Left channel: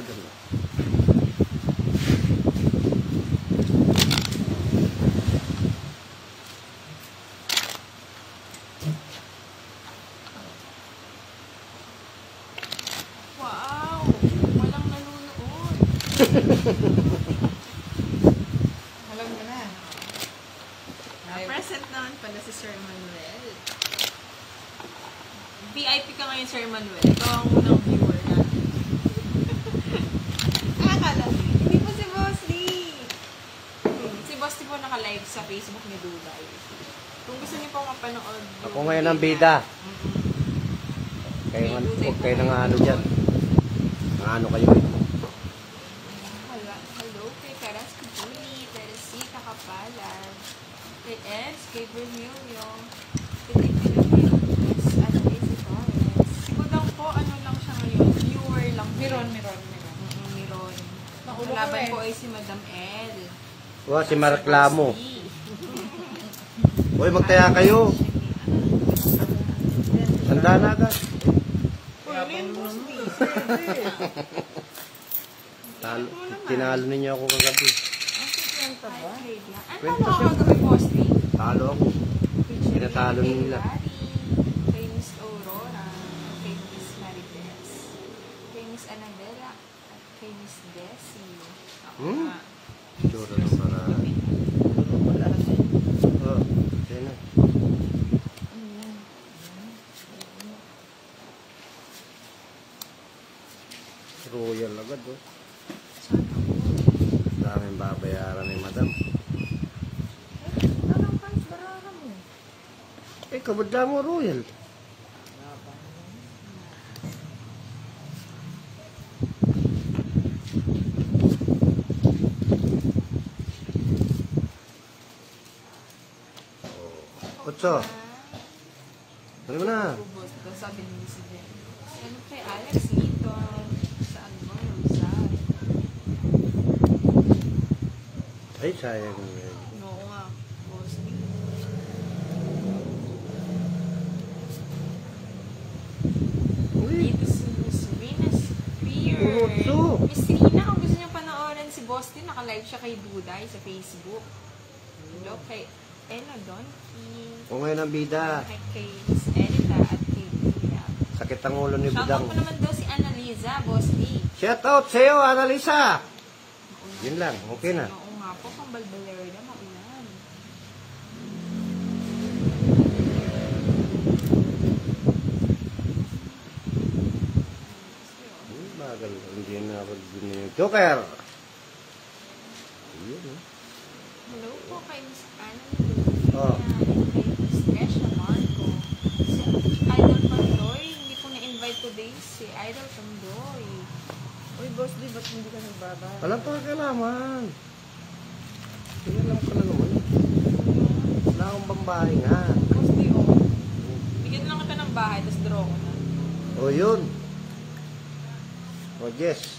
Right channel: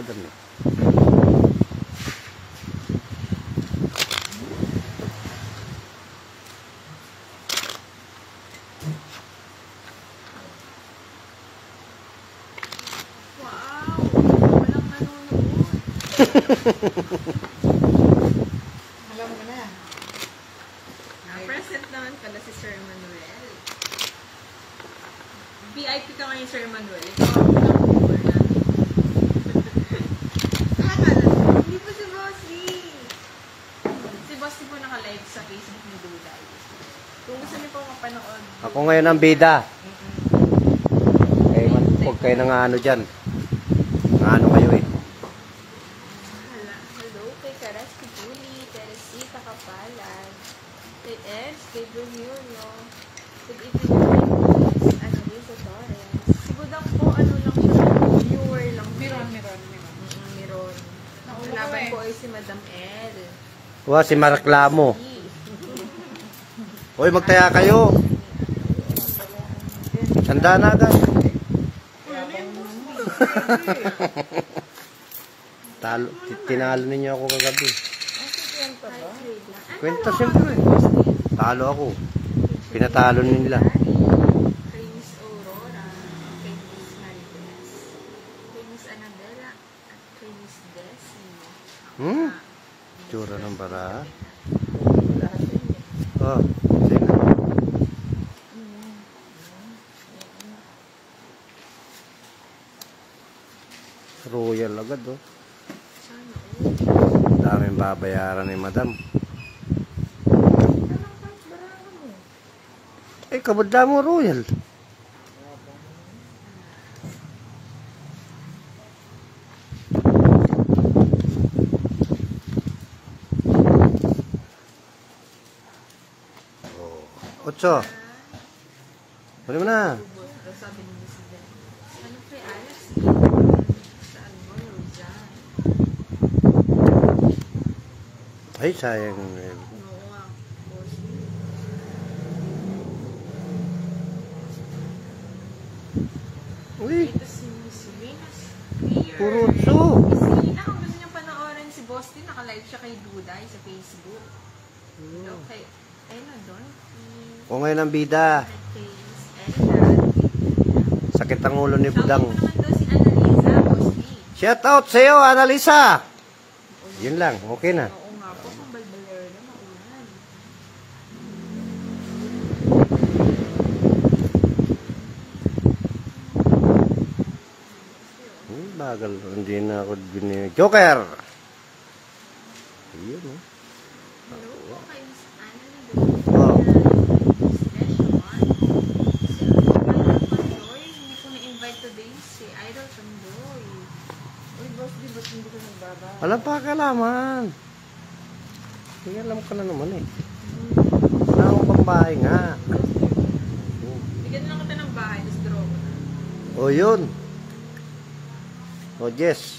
madam. Alam mo na. Present naman pala si Sir Manuel. VIP ka ngayon, Sir Manuel. Ikaw ang unang viewer na. Akala mo, hindi pa si Boss Lee. Si Boss Lee po naka-live sa Facebook ni Duday. Kung gusto niyo po kapanood. Ako ngayon ang bida. Huwag kayo nang ano dyan. Ano kayo eh. Hello, kay Caras Kujuli, Teresita Kapalan, kay Eds, kay Bermulio, kay Tipinas, at kay Sotores. Siguro lang po, ano lang siya, viewer lang. Miron. Nakalaban po ay si Madam El. Wow, si Maraklamo. Uy, magtaya kayo. Tanda na agad. Tinalo ninyo ako kagabi. Kwenta siyempre. Talo ako. Pinatalo nila. Kay Miss Aurora, kay Miss Marites, kay Miss Annabella, at kay Miss Desi. Tsura ng bara. Oh, sino? Royal agad, oh. Daming babayaran ni madam. Eh, kabadla mo royal. Otso. Pwede mo na. Sabi ni Miss Desi. Ano kay Alex? Ay, sayang. Dito si Miss Venus Clear. Puro Miss Rina, kung gusto niyo panoorin si Boston, naka-live siya kay Duday sa Facebook. Hello, kay Ella Donkey. O ngayon ang bida. Kay Miss Elida. Sakit ang ulo ni Budang. Shoutout naman daw si Annalisa, Boston. Shout out sa'yo, Annalisa. Yun lang, okay na. Oo nga po, kung balbalero na maulan. Bagal, hindi na ako Joker. Yun, oh. Hello po kay Miss Anna. Wow. Kay Miss Desha Marco. Si Idol Pandoy. Hindi po na-invite today si Idol Pandoy. Uy, Boss, di ba't hindi ka nagbaba? Walang pakalaman. Kaya lang ka na naman eh. Wala akong pambahay nga. Bigyan lang kita ng bahay, tapos draw ko na. O yun. O Jess.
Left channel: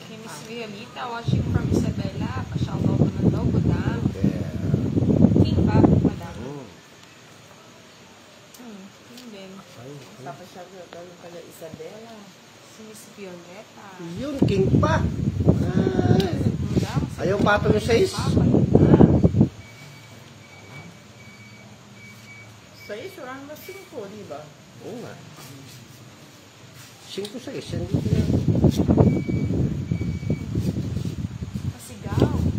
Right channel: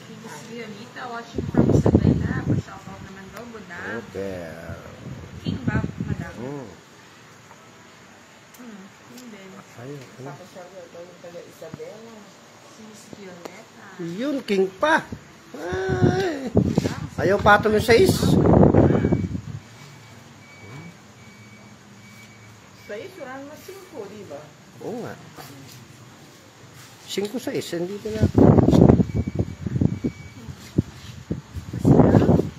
Kay Miss Violeta, watching from Isabela. Shoutout naman daw, Budang. Okay. King Bob, Budang. Yun din. Sabi siya, gawin pala Isabela. Si Miss Violeta. Yun, king pa. Ay. Ayaw patong yung 6. 6, wala naman 5, di ba? Oo nga. 5-6, hindi ko na.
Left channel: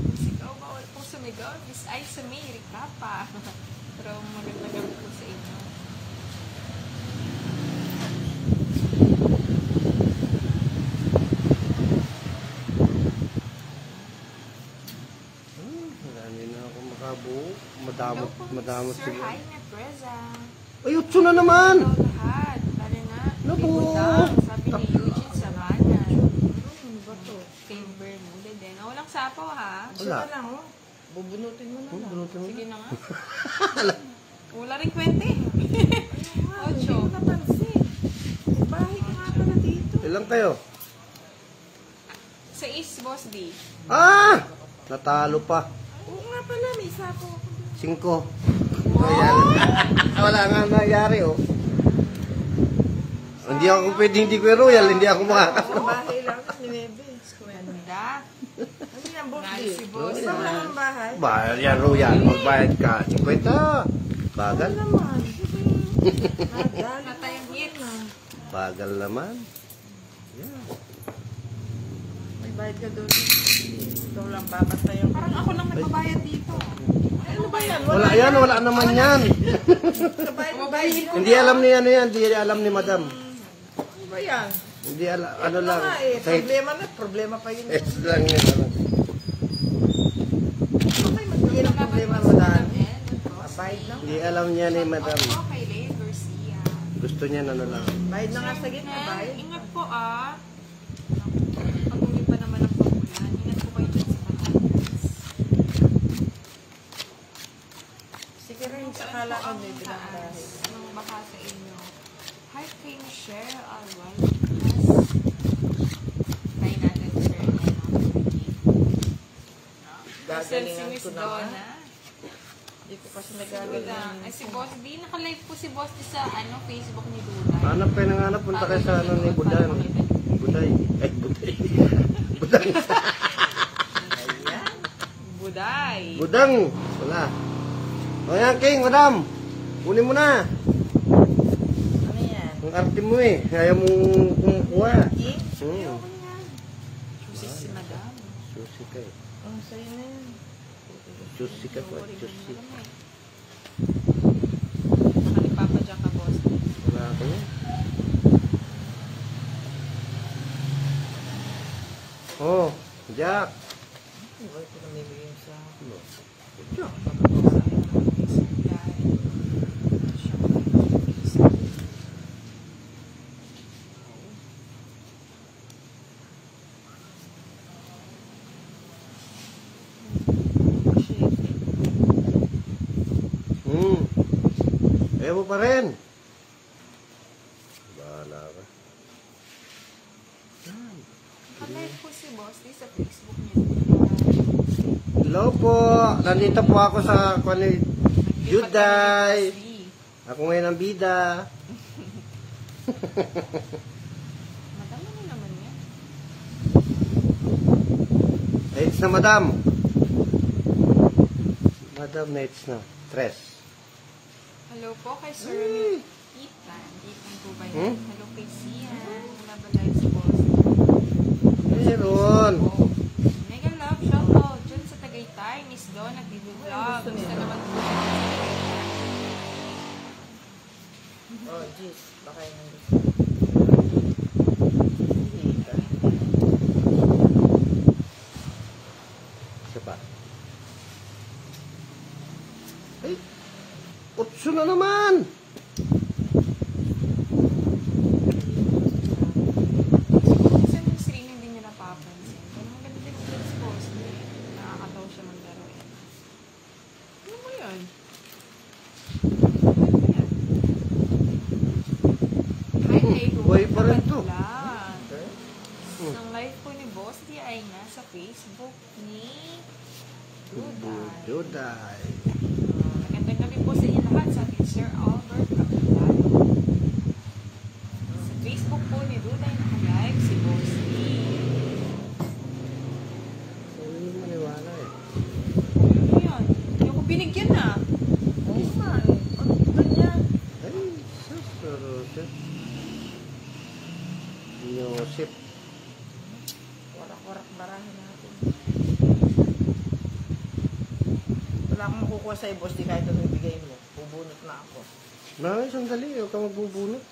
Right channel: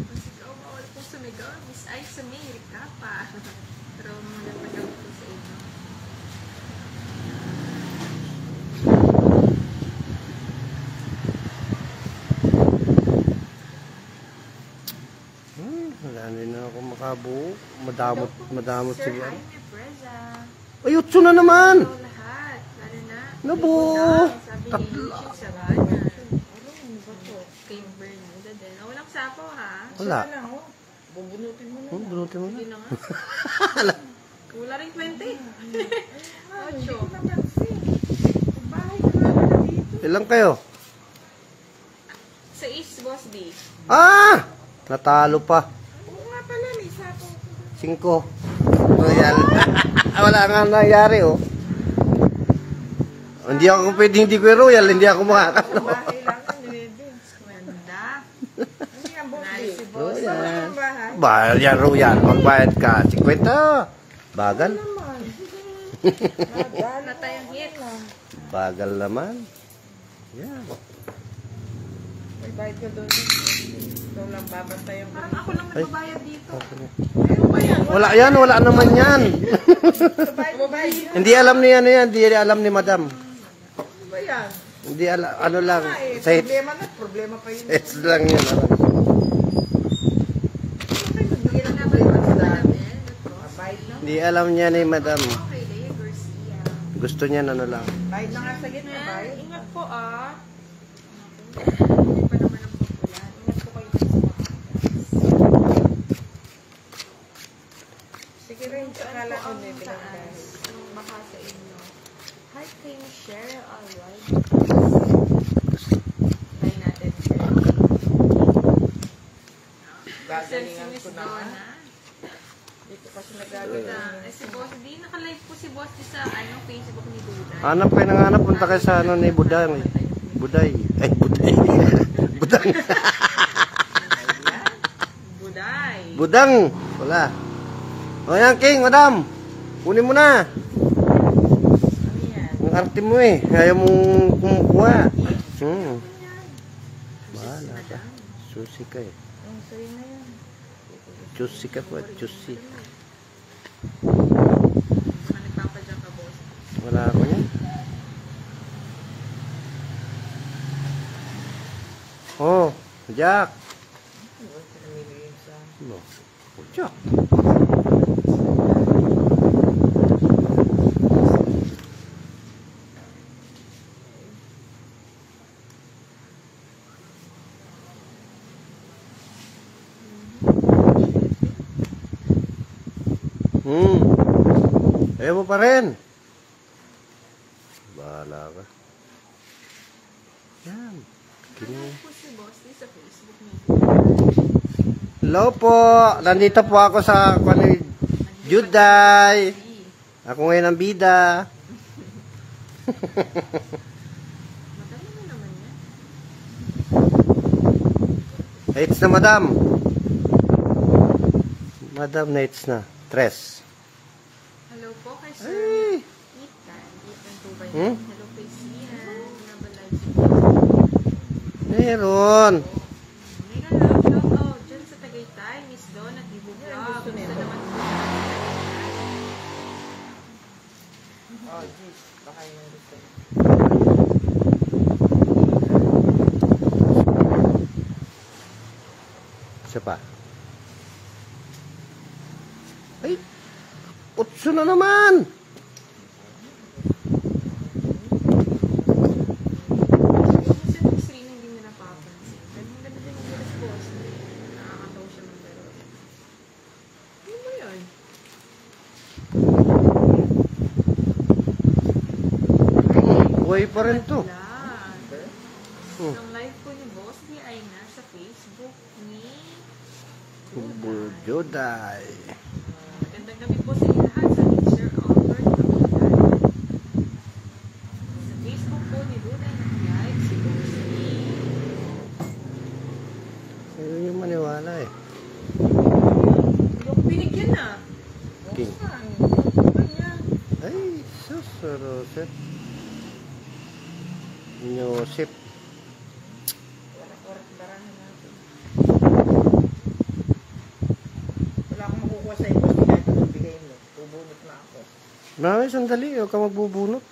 Masigaw, bawal po sumigaw. Miss Aiza May, Ricapa. Pero magandang po sa inyo. Wala na ako makabuo. Madamot Sir siya. Jaime Preza. Ay, 8 na naman. Hello lahat. Paano na? Nabuo. Sabi ni Eugene Sabana. Ano ba to? Kay Bermuda din. Walang sapaw ha? Wala. Sana ho. Bubunutin mo na lang. Bunutin mo. Sige na nga. Wala rin kwente. Hindi 8. ko napansin. Bahay ka na dito. Ilang kayo? Sa East Boss D. Ah! Natalo pa. Oo nga pala, may sapo. 5. Nangyari. Wala nga nangyari, oh. Hindi ako pwedeng hindi ko royal, hindi ako makakasama. Bahay lang. bahay? Bahal yan, Royan. Magbayad ka. 50. Bagal. Naman. Natay ang hits. Bagal naman. Yan. May bayad ka doon. Ikaw lang babasta yung... Parang ako lang nagbabayad dito. Ano ba yan? Wala yan, wala naman yan. Babayad. Hindi alam ni ano yan, hindi alam ni madam. Ano ba yan? Hindi alam, ano lang. Sa hits, Problema na. Problema pa yun. hits lang yan. Hindi na problema sa dami. Bayad na. Hindi alam niya ni madam. Okay, Lea Garcia. Gusto niya ano lang. Bayad na nga sa gitna. Bayad. Ingat po ah. Hindi pa naman ang yan. Ingat po kayo sa mga. Sige rin. Akala ko may pinagdaan. Baka sa inyo. Hi kay Michelle Alwal. Hi natin, sir. Kasi si Gagalingan Miss ko na. Donna. Dito kasi Duda. nagagalingan. Ay, si Boss, di naka-live po si Boss di sa Facebook ni Duda. Hanap kayo ng hanap, punta kayo sa ano ni Buday. Buday. Ay, Buday. Budang. Buday. Budang. Wala. O yan, King, madam. Kunin mo na. Ano yan? Ang arte mo eh. Ayaw mong kumukuha. Si Madam. Susi ka eh. Ang sa'yo na yan. Juicy ka po. Juicy. Nagpapadya ka, Boss. Wala ako yan. Oh, Jack. Ano pinamili sa... No. Jack. Ayaw mo pa rin. Bahala ka. Yan. Naka-live po si Boss di sa Facebook niya. Hello po. Nandito po ako sa Juday. Ako ngayon ang bida. Madami mo naman yan. Nights na, madam. Madam, nights na. Tres. Hello po kay Sir Ay. Ethan. Ethan po ba Hmm? yan? Hello kay Sian. Nag-live si Boss. Meron. Mega love shoutout dyan sa Tagaytay. Miss Dawn at Ibubwa. Gusto naman po siya sa Tagaytay. Oh, jeez. Baka yun ang gusto. Isa pa. Ay, 8 na naman. Kasi kung sila hindi nyo napapansin. Pero maganda din maganda si Boss. Nakakataw siya maglaro eh. Ano mo yun? Buhay pa rin to. Hmm. Ang live po ni Boss di ay nasa Facebook ni Juday. Magandang gabi po sa inyo lahat sa ating Sir Albert Tequila. Sa Facebook po ni Duday na live si Boss Lee. Ano yung maniwala eh. Hindi ako binigyan na. King. Kanya. Ay, sus. Yosip. Warak-warak barang natin. Wala akong makukuha sa ibos. Di kahit pinabigay mo. Bubunot na ako. Mami, sandali. Huwag ka magbubunot.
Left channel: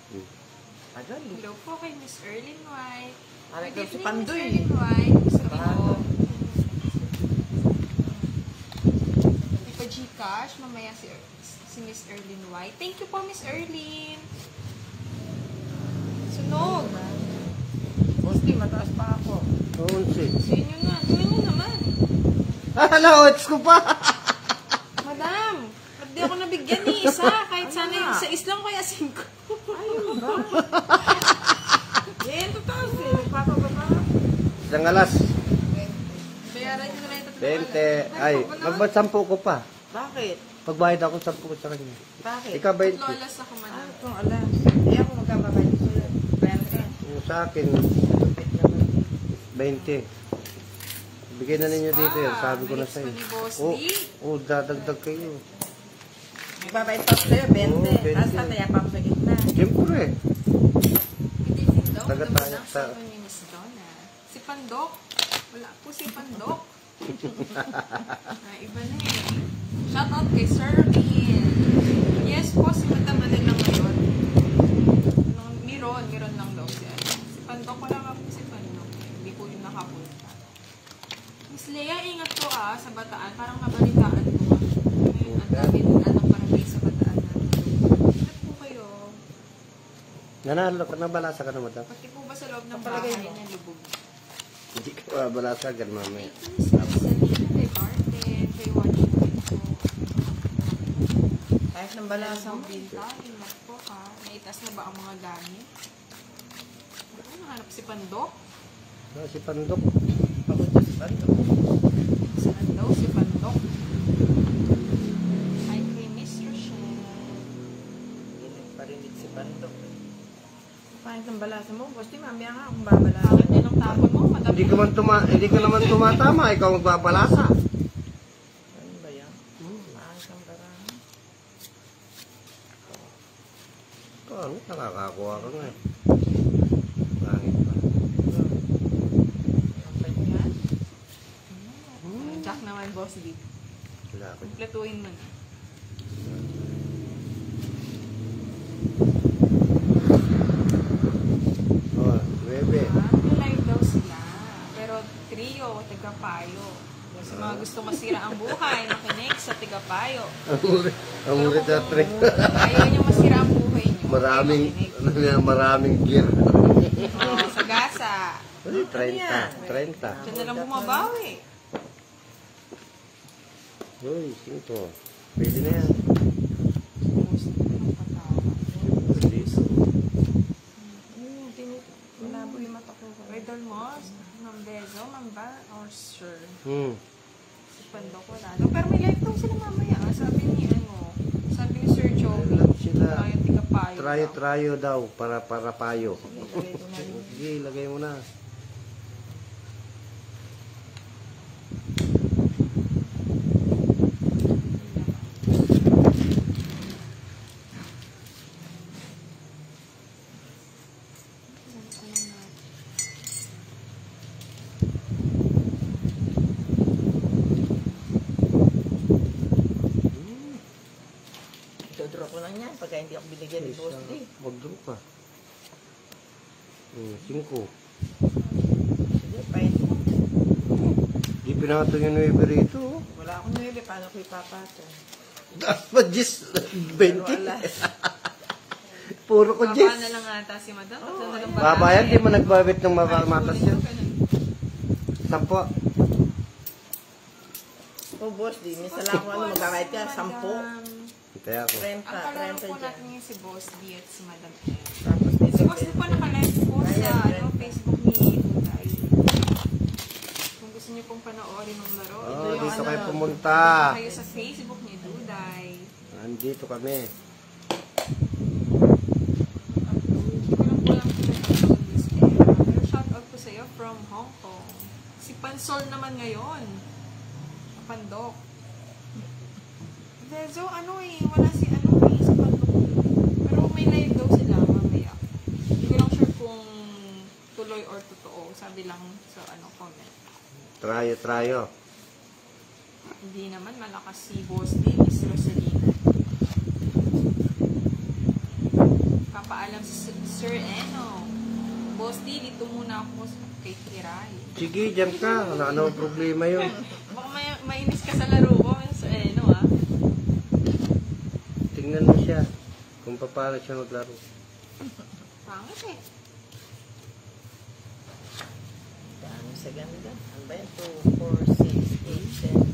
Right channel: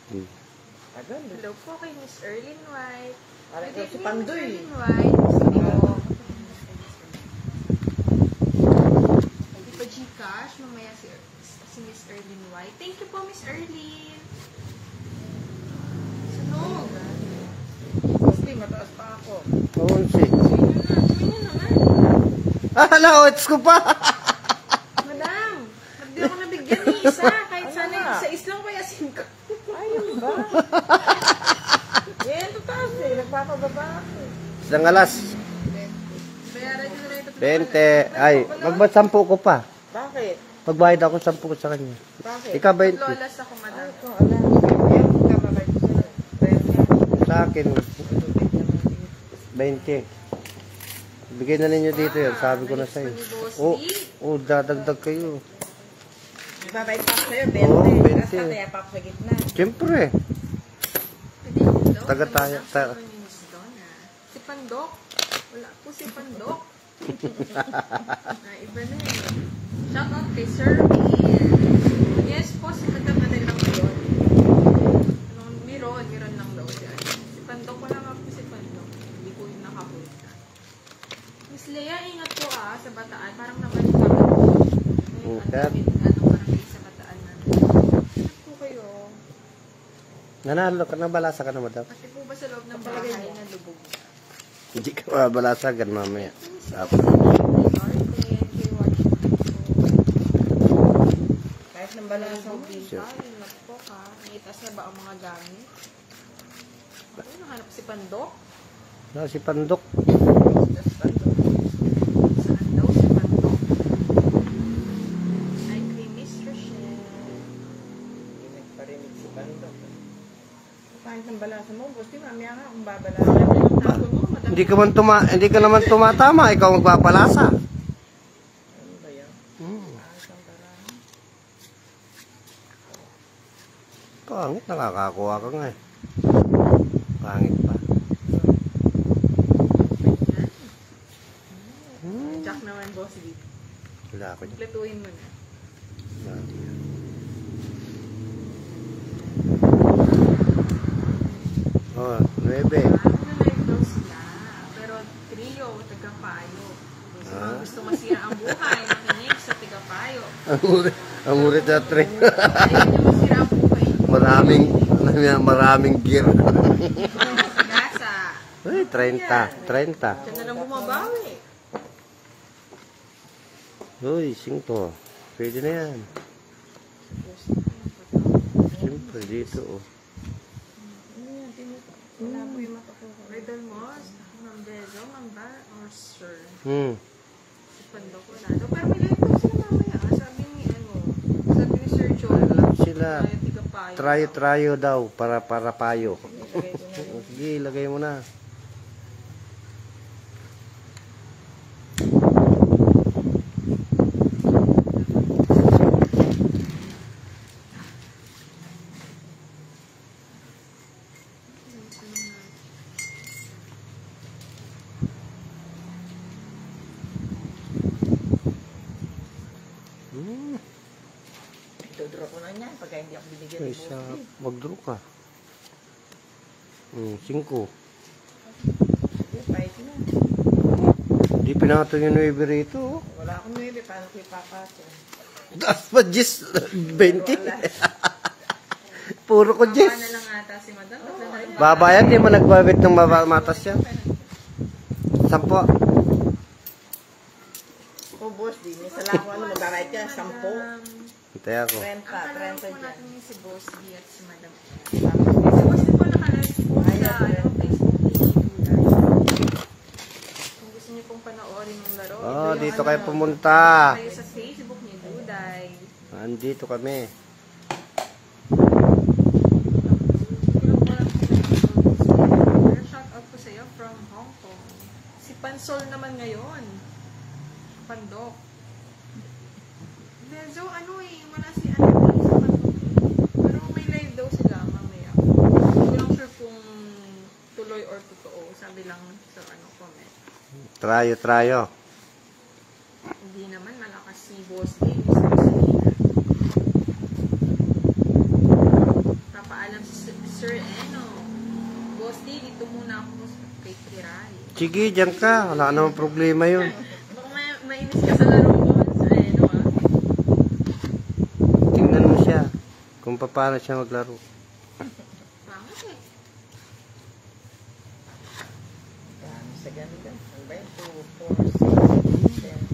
Agad. Hello po kay Miss Erlyn White. Aray ko Good si evening, Pandoy. Miss Erlyn White. Gusto niyo po. Hindi pa Gcash. Mamaya si Miss Erlyn White. Thank you po, Miss Erlyn. Sunog. Sige, mataas pa ako. Oo, si. Sa inyo na. Sa inyo naman. Ah, na-oats ko pa. Madam, hindi ako nabigyan ni isa. Kahit sana yung sa islang ko yasin ko. Ayun ba? Yan, tataas eh. Nagpapababa. Isang alas. Bayaran nyo na ito. 20. Ay, magbasampu ko pa. Bakit? Pagbayad ako 10 ko sa kanya. Bakit? Ikaw 20. Lolas ako, Ano madam. itong alam? Ayaw ko kapabay ko sa'yo. Pwede. Sa akin, 20. Bigay na ninyo dito yan. Sabi ko na Mix sa'yo. ko ni Boss Oh, D. oh, dadagdag kayo. Nagbabayad pa ako sa'yo, 20. Oo, 20. Tapos tataya pa ako sa gitna. Siyempre. Taga Taga-tayo. Si Pandok. Wala po si Pandok. Iba na eh. Shout out kay Sir Ian. Yes po, si Madam na din ng loob. Miron ng loob dyan. Si Pandok, wala nga po si Pandok. Hindi ko yung nakapunta. Miss Lea, ingat po sa Bataan. Parang nabalik kami po. Ang dami ng parang sa Bataan na. Ingat po kayo. Nanalo ka na, balasa ka na, madam. Pati po ba sa loob ng bahay na lubog? Hindi ka balasagan mamaya. Kahit nang balang sa po ka. Naitas na ba ang mga gamit? Ano nahanap si Pandok? Si Pandok. Saan daw si Pandok? Ay kay Miss Rochelle. Hindi nagparinig si Bando. Kahit nang balasa mo, boss, di mamaya nga akong babalasa. Yan yung tapo mo, madami. Hindi ka naman tumatama, ikaw magpapalasa. Ano ba yan? Ayos ang barang. Pangit, nakakakuha ka nga. Pangit pa. Jack naman, boss D. Wala ka dyan. Kompletuhin mo na. Oh, 9. Live daw sila. Pero trio, tagapayo. Sa mga gusto masira ang buhay, nakinig sa tagapayo. Ang ulit na 3. Ayaw niyo masira ang buhay niyo. Maraming gear. Sa gasa. Ay, 30. Diyan na lang bumabawi. Uy, 5. Pwede na yan. Siyempre dito. Wala mo yung makakuha. Medal Moss, Ma'am Dezo, Ma'am Bar, or Sir. Pandok wala. Pero may live daw sila mamaya. Sabi ni Sir John. Sila. Ayaw tigapayo. Trayo daw para payo. Sige, lagay mo na. Dodro ko na niyan pagka hindi ako binigyan ni boss D. Mag-draw ka. 5. Sige, pwede mo. Di pinato yung 9 rito. Wala akong nili, paano ko ipapato? Das pa 20. Puro ko Baba na lang ata si Madam. Babayan, di mo nagbabit ng matas yan. 10. Oh, boss D, may salamat ano, mag-kahit ka, 10. Hintay ako. 30, Ang pala 30 po dyan. natin yung si Boss D at si Madam M. Si Boss D po naka-live po sa Facebook ni Duday. Kung gusto niyo pong panoorin ng laro, ito yung Dito kayo ano, pumunta. kayo sa Facebook ni Duday. Andito kami. Shout out po sa iyo from Hong Kong. Si Pansol naman ngayon. Pandok. So, wala si sa Pandok. Pero may live daw sila mamaya. Hindi lang sure kung tuloy or totoo. Sabi lang sa comment. Trayo. Hindi naman malakas si Boss D, Miss Rosalina. Papaalam si Sir Eno. Boss D, dito muna ako kay Kiray. Sige, dyan ka. Wala namang problema yun. Baka mainis ka sa laro ko. Sa Eno Tingnan mo siya. Kung paano siya maglaro. Pangit eh. Dami sa ganito. Ang ba yun? 2, 4, 6, 8, 10,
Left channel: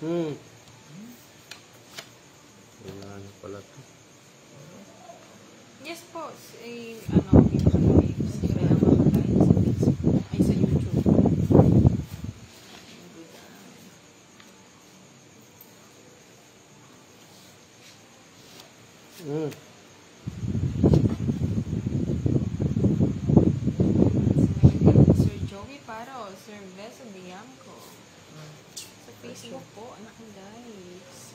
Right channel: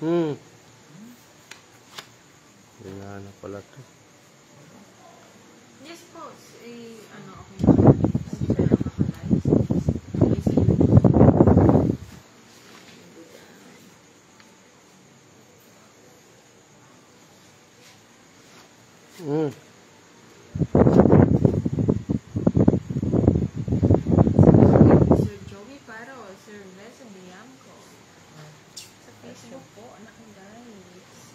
12. Wala na pala to. Yes po. Okay sa YouTube. Sir Joey Paro, Sir Ves Bianco. Sa Facebook po, anak ng guys.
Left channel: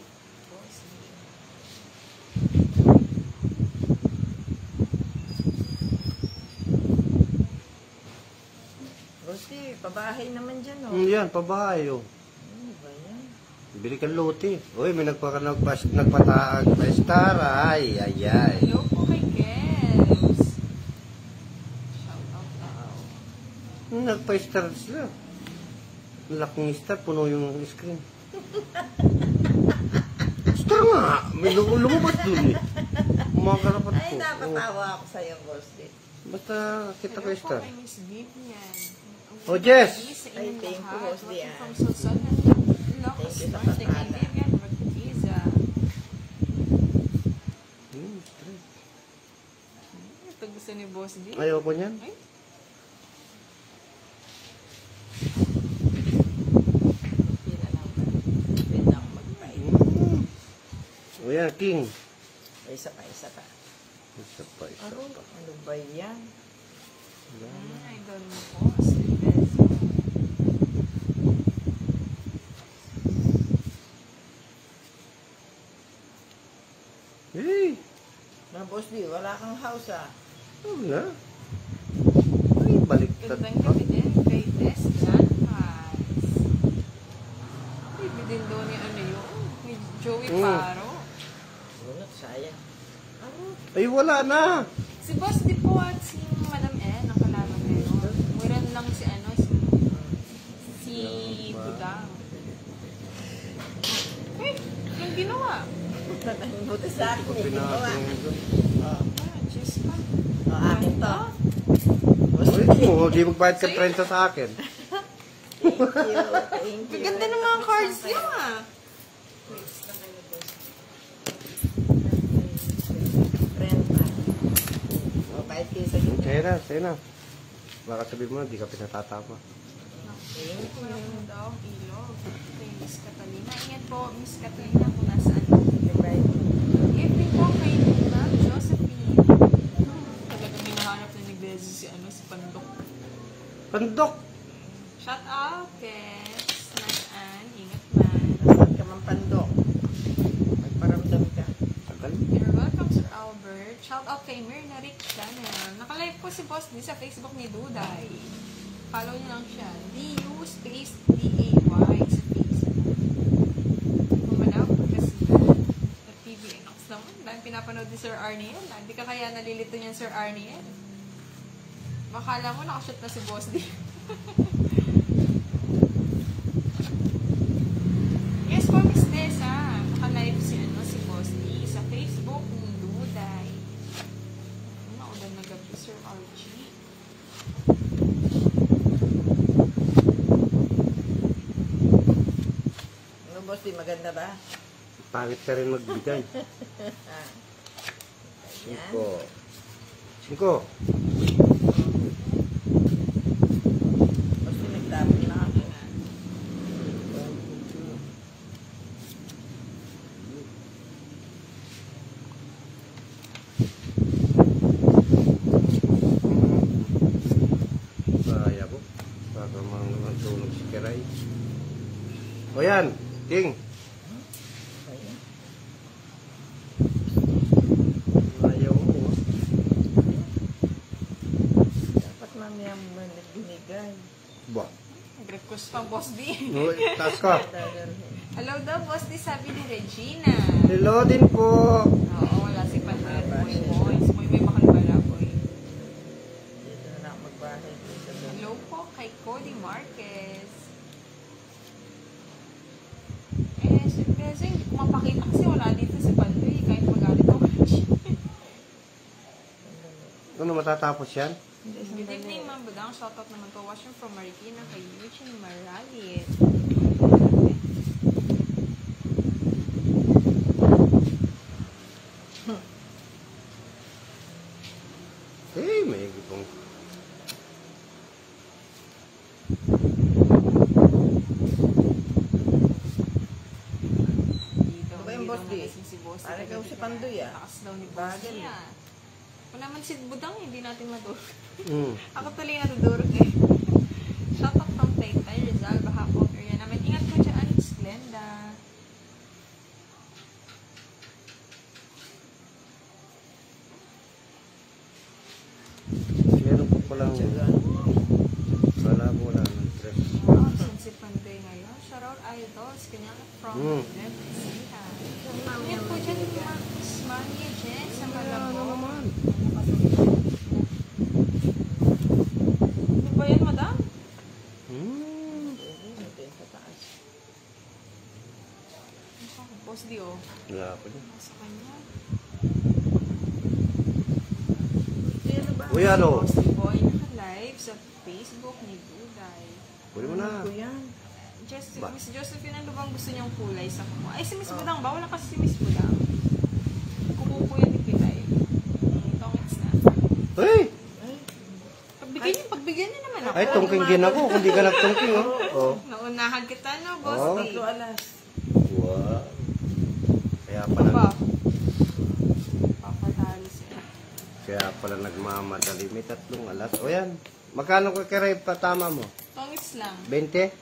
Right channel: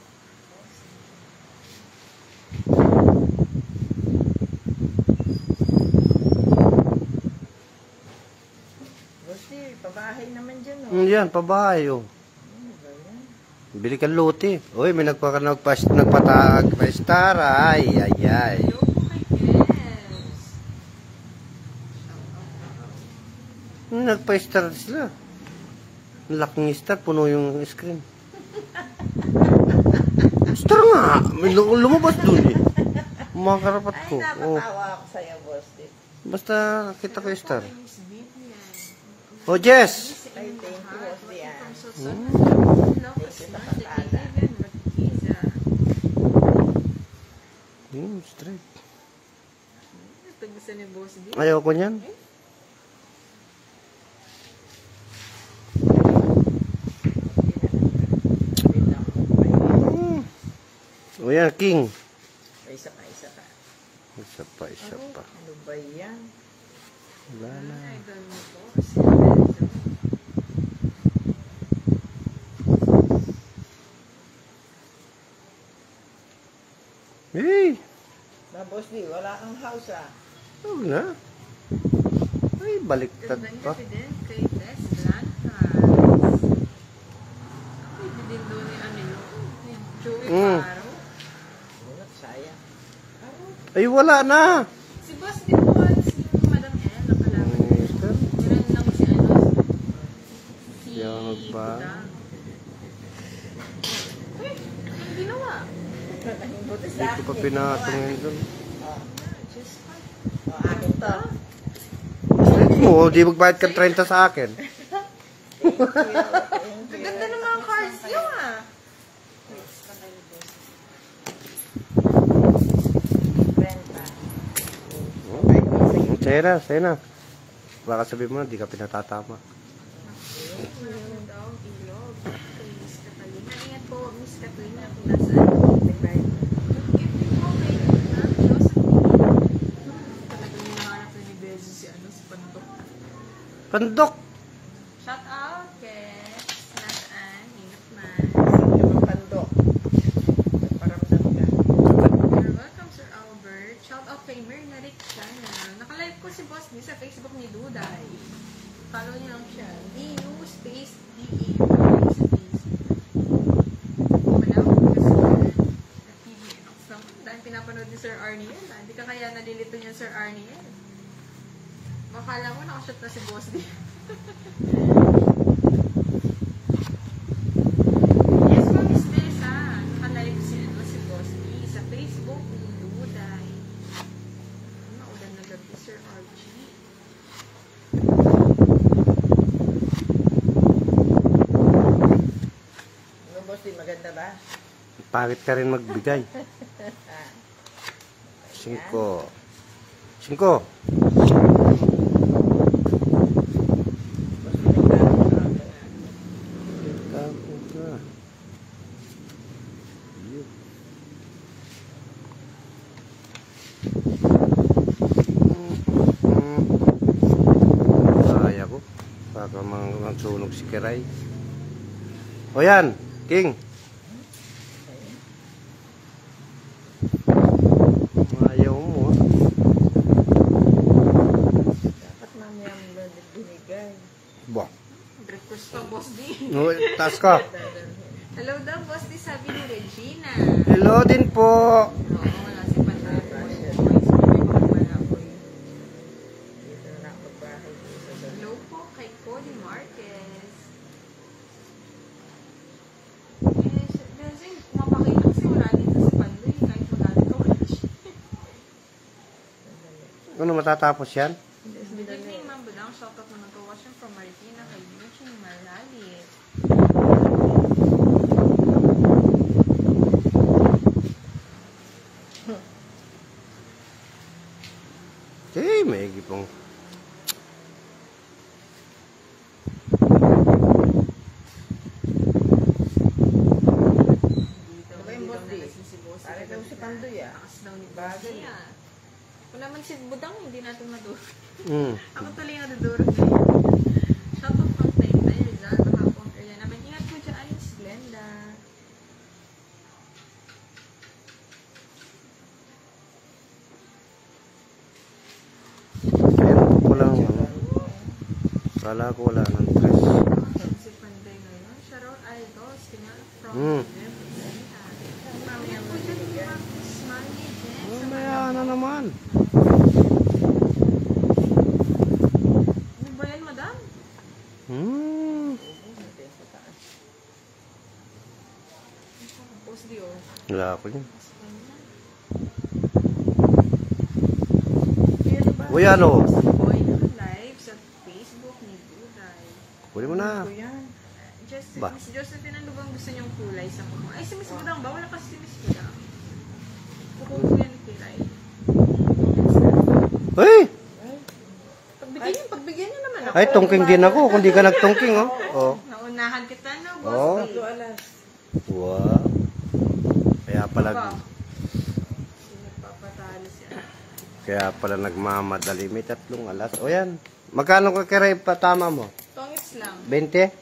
Boss niya. Bosti, pabahay naman dyan, no? Yan, pabahay, oh. Bili ka luti. Uy, may nagpatag pa star. Ay. Ayaw po kay Kevs. Nagpa-star sila. Ang laking star, puno yung screen. Star nga! May lumabas dun eh. Umakarapat Ay, ko. Oh. napatawa ako sa'yo, Bosti. Basta kita ko star. Ayaw po kay Miss Vivian. Oh, Jess! Ay, thank you, Bosti, ah. From Susan. Thank you sa Kay kakala. Vivian Rapugiza. Straight. Ito gusto ni Boss D. Ayaw ko niyan. Wait lang. O yan, king. Isa pa, isa pa. Isa pa. Ano ba yan? Wala na. Idol mo po. Si Benzo. Hey! Na, Bosti, wala kang house, ah. Wala. Ay, baliktad Gandang pa. gabi din kay Tess Blancas. Pwede din doon ni ano yun. Ni Joey Paro. Wala, sayang. Ay, wala na. Si Boss di po at si Madam L. Ang kalaban na yun. Meron lang si ano. Si Yan ba? Buda. Yung ginawa. Buti sa akin. Pag pinatong ito. Diyos ko. Akin to. Straight mo, di magbayad ka 30 sa akin. Thank you. Ang ganda ng mga cards niya. Friend na. Mabait niya sa'yo. Sa'yo na. Baka sabihin mo, di ka pinatatama. Meron daw ilog. Kay Miss Catalina. Ingat po, Miss Catalina, kung nasaan. Evening po kay Ma'am Josephine. Talagang hinahanap na ni Bezo si ano, si Pandok. Pandok! Shout out, Kes. Nasaan? Ingat man. Yung pandok. Paramdam ka. You're welcome, Sir Albert. Shout out kay Myrna Rick sana. Nakalive po si Boss ni sa Facebook ni Duday. Follow niyo lang siya. DU space DAY sa Facebook. Manaw, kasi na TVNX naman. Dahil pinapanood ni Sir Arnie yan. Hindi ka kaya nalilito niyan, Sir Arnie yan. Makala mo nakashot na si Boss D. Yes po, Miss Desa. Nakalive si ano si Boss D sa Facebook ni Duday. Maulan na gabi, Sir Archie. Ano, Bosti, maganda ba? Pangit ka rin magbigay. Ah. 5. 5. Bosti, nagdaan na akin, ah. Kaya ko. Para mangsunog si Kiray. O yan, King. Ayaw mo. Dapat mamaya mo binigay. Bok. Nag-request pa, Boss D. Taas ka. Hello daw, Boss D, sabi ni Regina. Hello din po. Oo, wala si Patata. Boys, may mahal ko eh. Dito na ako bahay. Hello po kay Cody Marquez. Siyempre, mapakita kasi wala dito si Pandoy. Kahit magalit ako. Ano matatapos yan? Good evening, Ma'am Budang. Shoutout naman ko. Watching from Marikina kay Eugene Maralit. Eh, may gipong. Dito, Ano ba yung Boss D? Lasing si Boss. Ayaw daw si Pandoy, ah. Lakas daw ni Boss. Bagal, eh. Kung naman si Budang, hindi natin madurog. Mm. Ako tuloy na dudurog eh. Shout out from Taytay, Rizal, Bahapong area namin. Ingat po dyan, Alex Glenda. Meron ko lang yun. Kala ko wala ng stress. Saan si Panday ngayon? Shout out idols. Kanya from Mm. Ingat po dyan, Smiley, Jen. Sa Mamaya na Malabo. naman. Ano ba yan, madam? Boss Dio. Wala ako yun. Sa kanya. Ano ba? Uy, ano? Sa boy live sa Facebook ni Duday. Huli mo na. Ano yan? Just, Ba? Miss Josephine, ano bang gusto niyong kulay sa kamo? Ay, si Miss Budang ba? Wala kasi si Miss Budang. Kukukuya ni Pilay. Comments na. Hey! Pagbigyan niyo naman ako. Ay, tungking din ako. Kung di ka nagtungking, oh. Oh. Naunahan kita, no, Oh. Boss D? Ito, alas. Wow. Kaya pala, Ba? Papatalo siya. kaya pala nagmamadali. May 3 alas. O yan. Magkano ka kaya patama mo? Tongits lang. 20?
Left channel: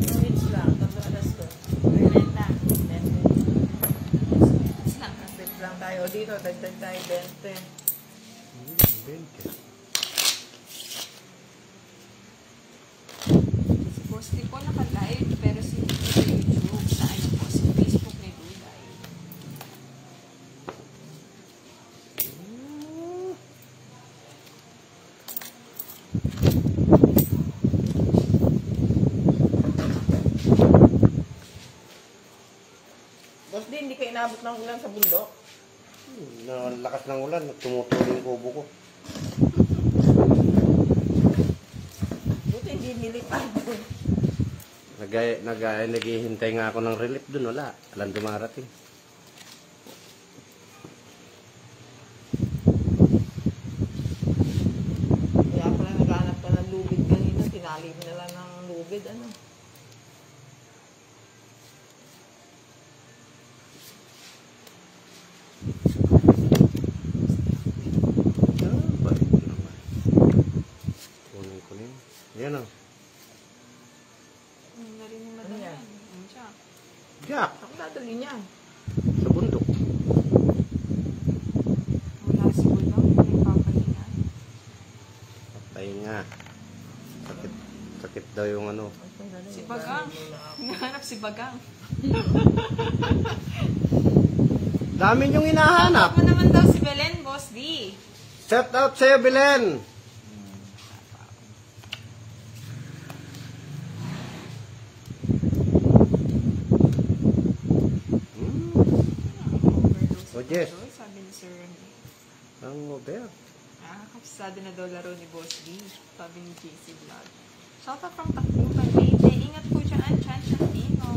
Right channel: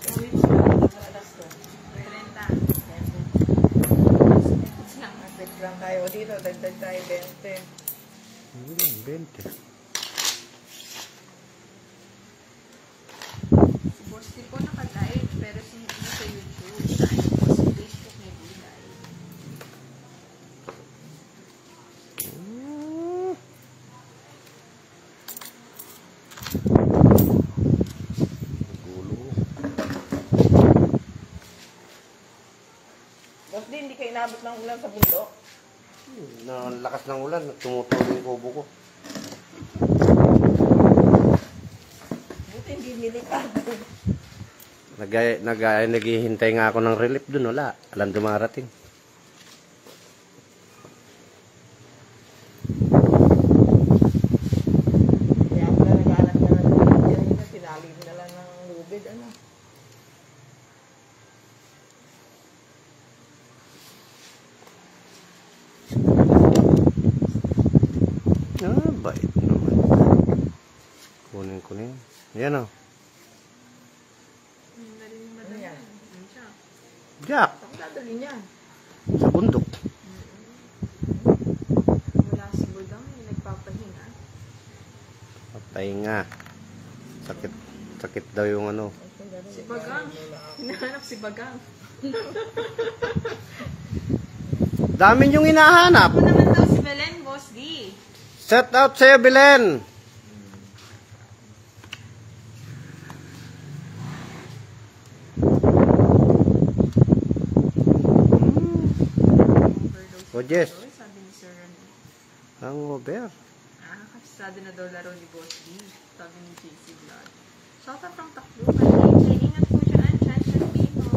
Minutes lang. Alas ko. 30. Tongits lang. Dagdag lang tayo dito. Dagdag tayo 20. 20. Si Boss D po naka-live, pero si sa YouTube, sa ano po, sa Facebook ni Duday. Boss D, hindi ka inabot ng ulan sa bundok? Nalakas ng ulan. Tumutuloy yung kubo ko. Buti hindi nilipad. Naghihintay nga ako ng relief dun. Wala. Alam dumarating. Kaya pala naghanap ka na lubid. Kanina, tinali mo na lang ng lubid. Ano? Bait naman. Kunin. Ayan o. Dali ni Ano Madam. yan? Ano siya? Jack. Ang dadali niya. Sa bundok. Wala si Budang. Nagpapahinga. Patay nga. Sakit daw yung ano. Si Bagang. Hinahanap si Bagang. Dami niyong hinahanap. Ako naman daw si Belen, Boss D. Set out sa'yo, Belen. Overdose. Oh, Jess. Sabi ni Sir Remy. Ang over. Kapsado na daw laro ni Boss D. Sabi ni JC Vlog. Shout out from Takbuhan, Leyte. Ingat po dyan, Chan Chantino.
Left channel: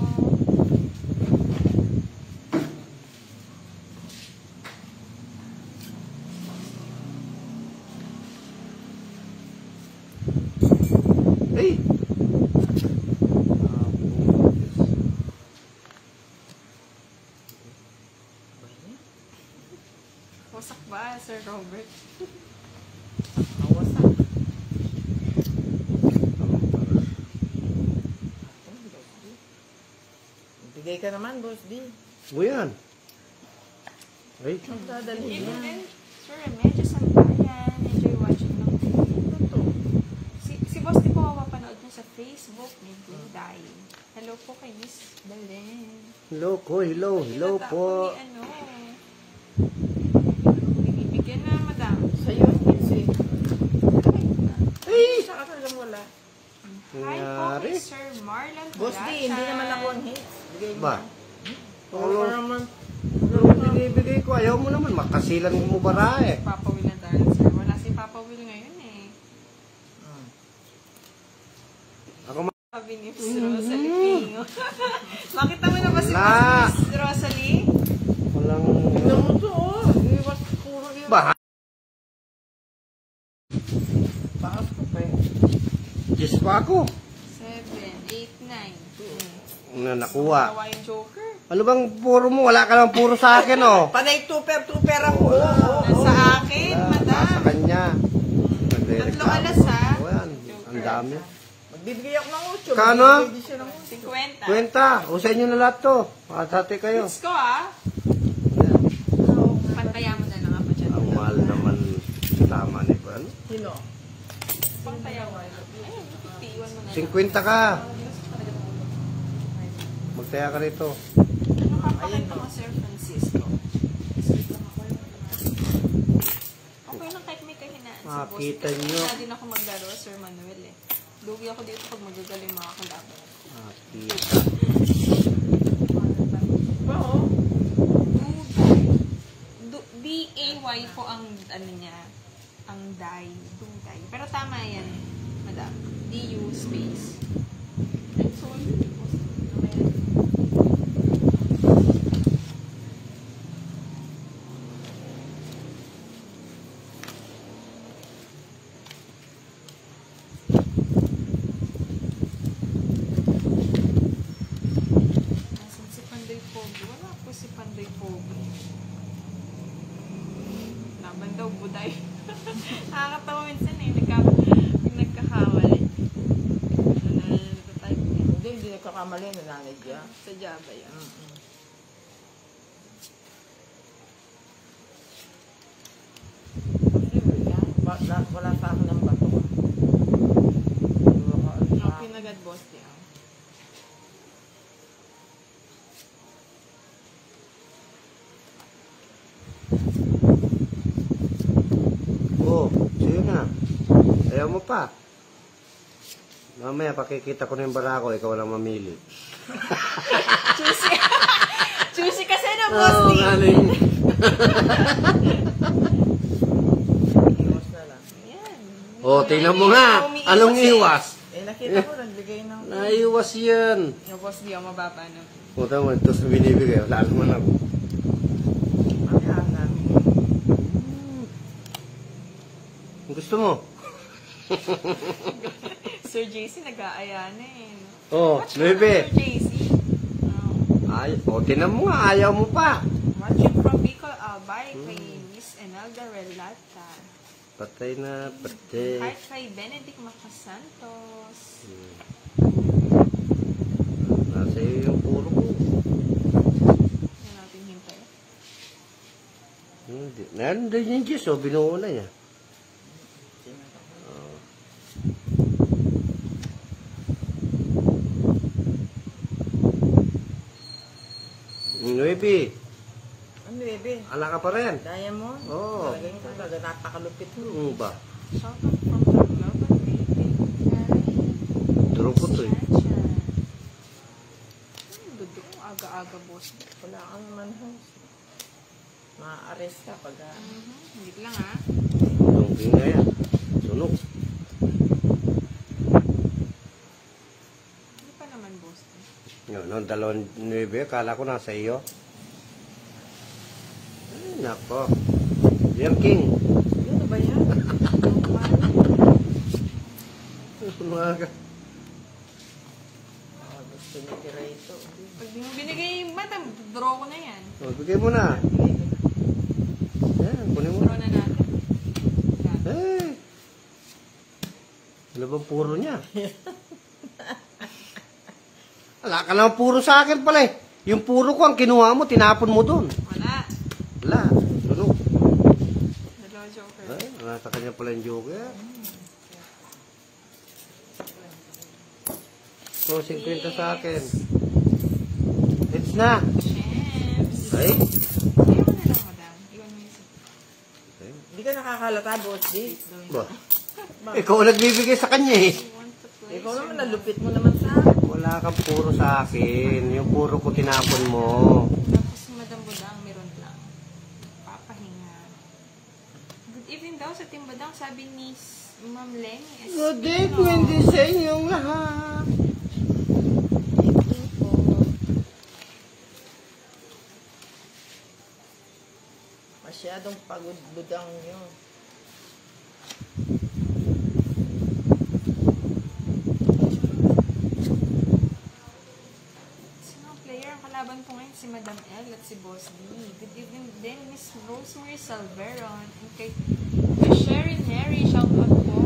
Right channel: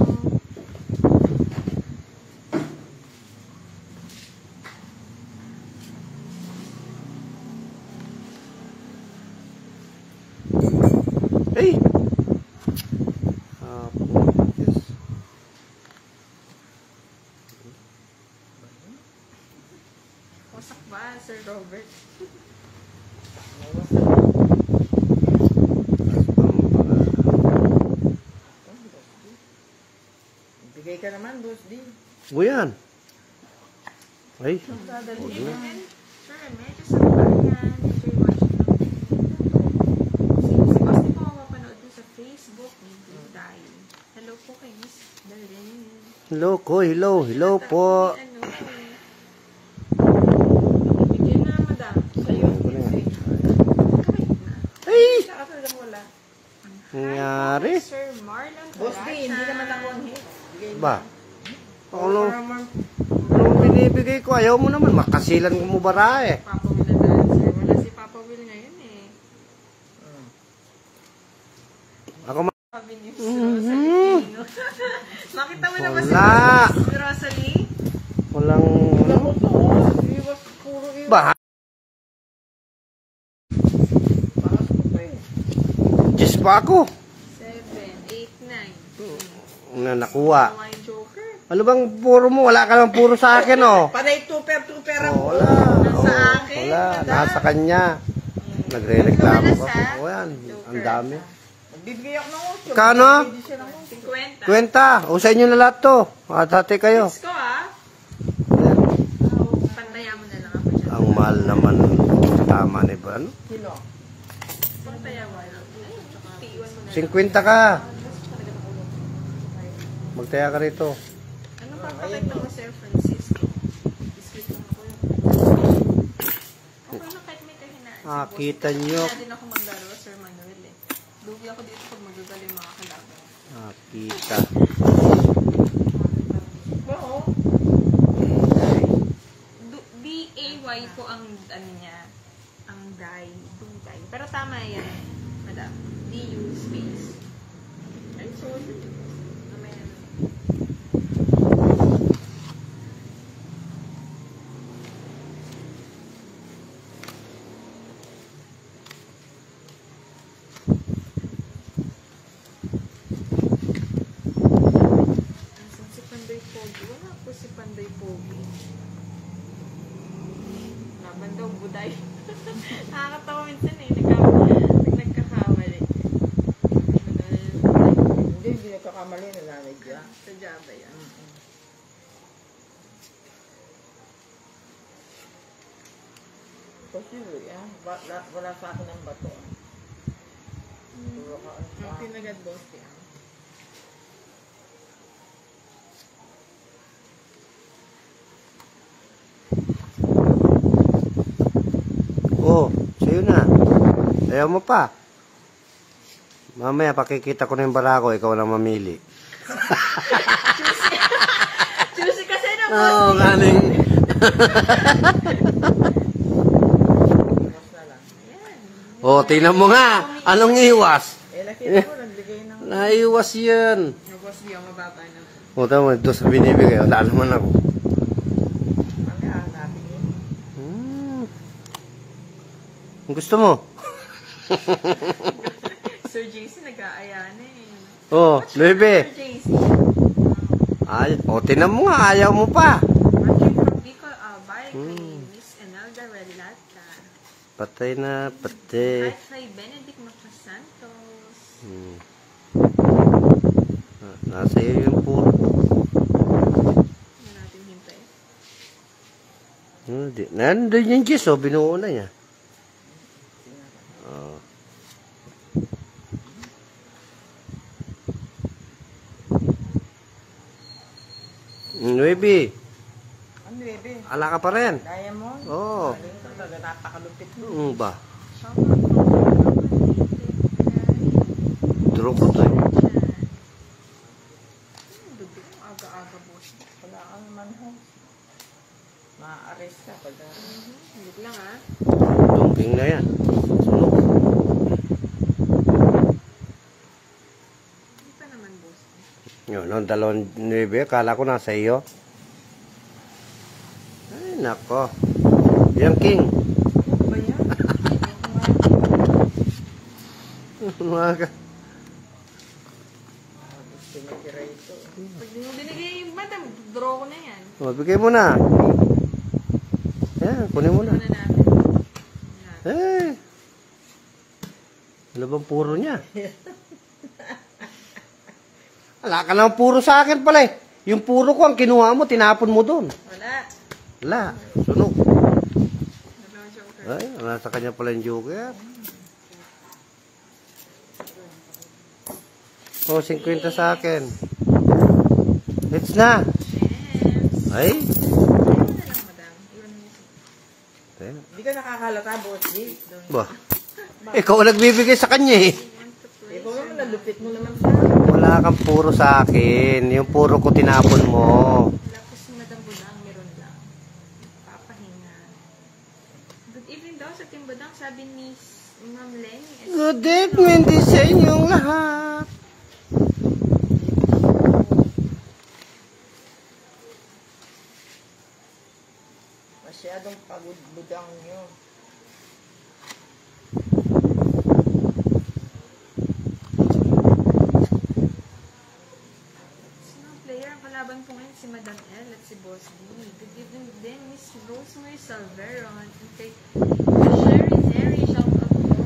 Hey! Wasak ba, Sir Robert? Awas na. Bigay ka naman, Boss D. O yan. Ay, Dadali Even niya. then, Sir Remedios sa Marian. Enjoy watching the si Boss di po ako mapanood mo sa Facebook ni Duday. Hello po kay Miss Belen. hello ko, hello po. Ano, Bibigyan na, madam. Sa'yo, kasi. Ay! Sa akin lang wala. Nangyari? Hi po, Sir Marlon Boss D, hindi naman ako ang hits. Bigay mo. Ba? Ano? Ano binibigay ko? Ayaw mo naman. Makasilan mo bara eh. Papa Will na tayo, sir. Wala si Papa Will ngayon eh. Ako Sabi ni Miss Rosalie. Makita mo na ba si Wala. Miss Rosalie? walang... Bigyan mo to, oh. Iwas, puro iwas. Ba? Tapos, okay. Diyos pa ako. 7, 8, 9. Na nakuha. Hawaiian Joker. Ano bang puro mo? Wala ka lang puro sa akin, oh. Panay tuper ang Oh, ulo. wala. Nasa akin, Wala, madam. nasa kanya. Nagre-reklamo. Lumalas, ha? Oh, yan. Ang dami. Bibigay ako ng 8. Kano? Bibigay din siya ng 50. Kwenta. O sa inyo na lahat to. Makatati kayo. Let's go, ah. Pantayan mo na lang ako dyan. Ang mahal naman. Tama ni Bran. 8. Sino? Pantayan mo. Ayun, tiiwan mo na. 50 ka. Magtaya ka rito. Ano papakita mo, Sir Francisco? Isipin ako. Okay na kahit may kahinaan sa Ah, boss. kita Kasi nyo. wala din ako maglaro, Sir Manuel, eh. Lugi ako dito pag magagaling mga kalaban. Kita. Oo. B-A-Y po ang ano niya, ang die. Pero tama yan, madam. D-U space. I'm sorry. Mamaya. Asan si Pandoy Pogi? Wala po si Pandoy Pogi. Laban daw buday. Nakakatawa minsan eh. Nagkakawali. Hindi nagkakamali na nanay niya. Sa Java yan. Wala sa akin ng bato. Okay na agad, boss. Yan. Oh, sa'yo na. Ayaw mo pa. Mamaya pakikita ko na yung barako. Ikaw na mamili. Choosy kasi na, boss. Oh, galing. Iwas na lang. Ayan. Oh, tingnan mo nga. Anong iwas? Nakita ko, nagbigay ng... Naiwas yan. Yung boss, di ako mababa na. O, tama. Ito sa binibigay. Wala naman ako. Gusto mo? Sir JC, nag-aaya na eh. Oh, Sir 9. JC. Ay, o, tingnan mo nga. Ayaw mo pa. Watching from Bicol, Albay, kay Miss Enelda Relata. Patay na, patay. Hi kay Benedict Macasantos. Nasa iyo yung puro. Hindi natin hintay. Hindi. Nandun yung Diyos, oh. Binuo na niya. Nuebi, Ano, baby? ala ka pa rin. Daya mo? Oo. Talagang talaga, napakalupit mo. Ba? Someone from Durog ko tayo. Hindi ko aga-aga, boss. Wala ka naman, ha? Ma-arrest ka pag Hindi lang, ha? Dumping na yan. Hindi pa naman, boss. Yun, noong 2-9, akala ko nasa iyo. Ay, nako. Yan, King. Ano ba yan? Umaga. Gusto ni Kirito. Pag di mo binigay yung bata, draw ko na yan. O, bigay mo na. Yan, kunin mo Draw na. na natin. Eh. Ano bang puro niya? Wala ka naman puro sa akin pala eh. Yung puro ko, ang kinuha mo, tinapon mo doon. Wala. Wala. Sunog. Dalawang joker. Ay, nasa kanya pala yung joker. O, 50 sa akin. Hits na. Champs. Ay. Ayun na lang, madam. Iwan mo yung Ay. Hindi ka nakakalata, boss. Di. Ba? Ikaw ang nagbibigay sa kanya eh. Ikaw naman, nalupit mo naman sa Wala kang puro sa akin. Yung puro ko tinapon mo. Tapos si Madam Budang, meron lang. Papahinga. Good evening daw sa Team Budang, sabi ni Ma'am Lenny. Good evening din sa inyong lahat. masyadong pagod budang nyo. Sino ang player? Ang kalaban po ngayon, si Madam L at si Boss D. Good evening din, Miss Rosemary Salveron. And kay Sherry Mary, shout out po.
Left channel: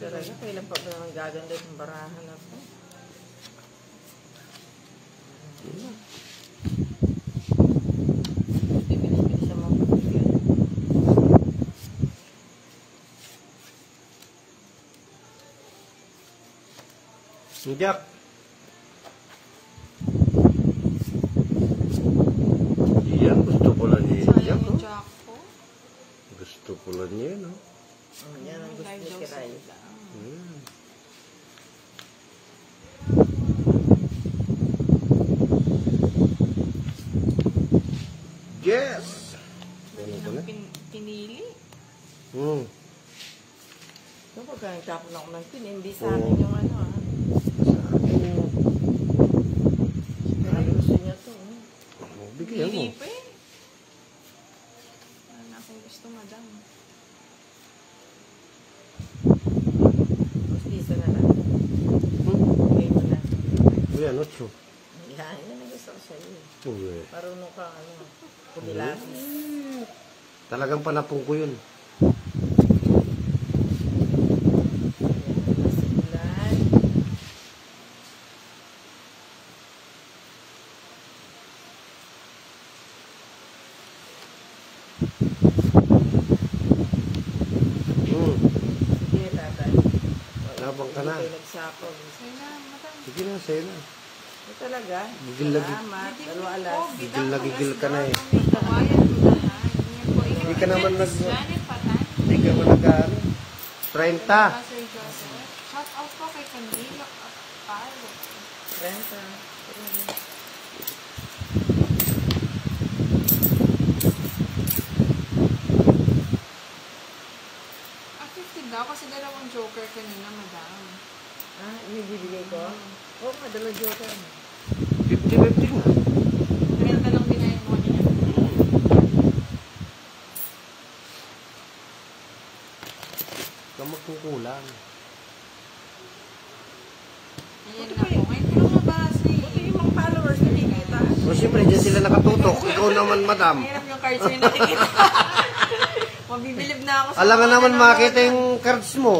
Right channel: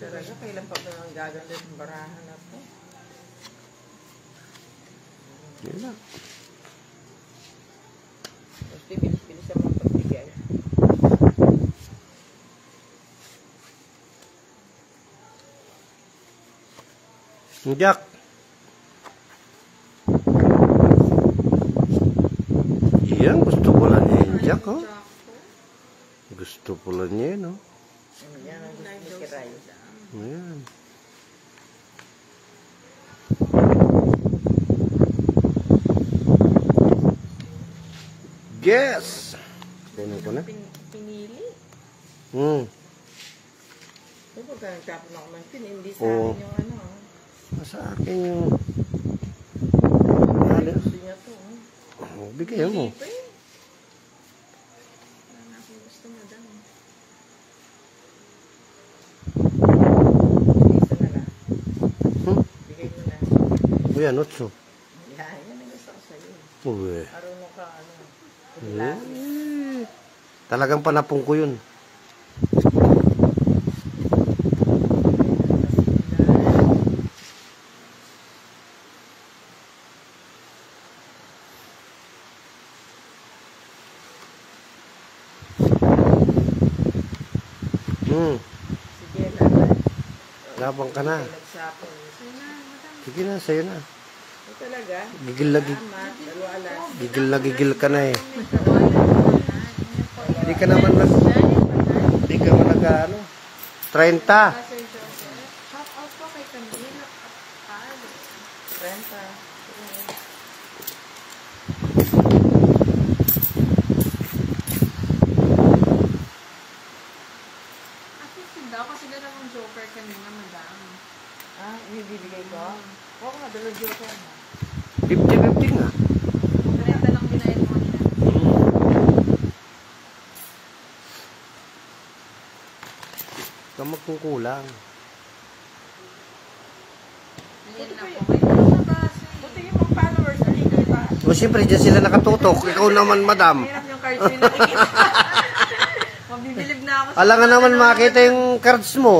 Talaga, kailan pa ba ang gaganda ng barahan ako? Yun na. Bibilis siya magbibigyan. Jack. Yan, gusto pula niya yun, Jack, oh. Jocko. Gusto pula niya yun, oh. Yan ang gusto ni Kiray. Ayan. Yes! Kunin ko na. Pinili. So, pagka nagkapon ako ng tin, hindi sa Oo. akin yung ano ah. Sa akin. Ay, gusto niya to. Oh, bigyan mo. Pinili pa eh. Ayun ako gusto, Madam. Isa na lang. Bigay ko na. Ayan, 8. Yan, yan ang gusto ko sa'yo. Uwe. Marunong ka, ano, kumilatis. Talagang panapong ko yun. Sige, laban. Labang ka na. Hindi kayo nagsapon. Ayun na, Madam. Sige na, sa'yo na. Ito talaga. Gigil na gigil ka na eh. Hindi ka naman mas... Hindi ka naman nag ano. 30. Sir Joseph. Shout out po kay Camilo at Carlo. Renta. Ah, 50 daw kasi dalawang joker kanina, Madam. Ah, inibibigay ko? Oo, madalo joker. 50-50 nga. 30 lang binayad mo. Kamag kung kulang. Ayan na po. May bumabasi. Buti yung mga followers na nakikita. O siyempre, dyan sila nakatutok. Ikaw naman, madam. Mahirap yung cards mo yung nakikita. Mabibilib na ako sa Alangan mga naman nanonood. makita yung cards mo.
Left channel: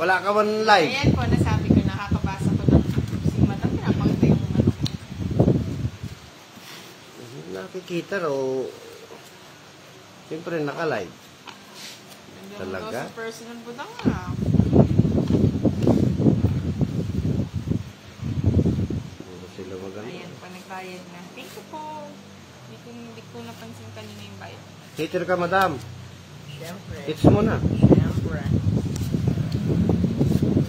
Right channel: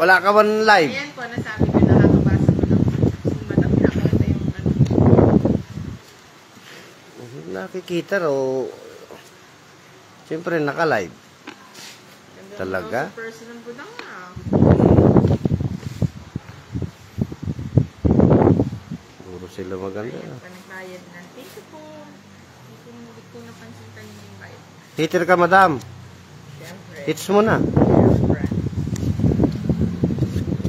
Wala ka man live. Ayan po, nasabi ko, nakakabasa ko lang. Si Madam, pinapakita yung ano. Nakikita ro. Siyempre, naka-live. Ganda Talaga? naman sa personal ko lang na. Puro sila maganda. Ayan pa, nagbayad na. Thank you po. Hindi ko napansin kanina yung bayad. Hater ka, madam. Siyempre. Hits mo na. Siyempre.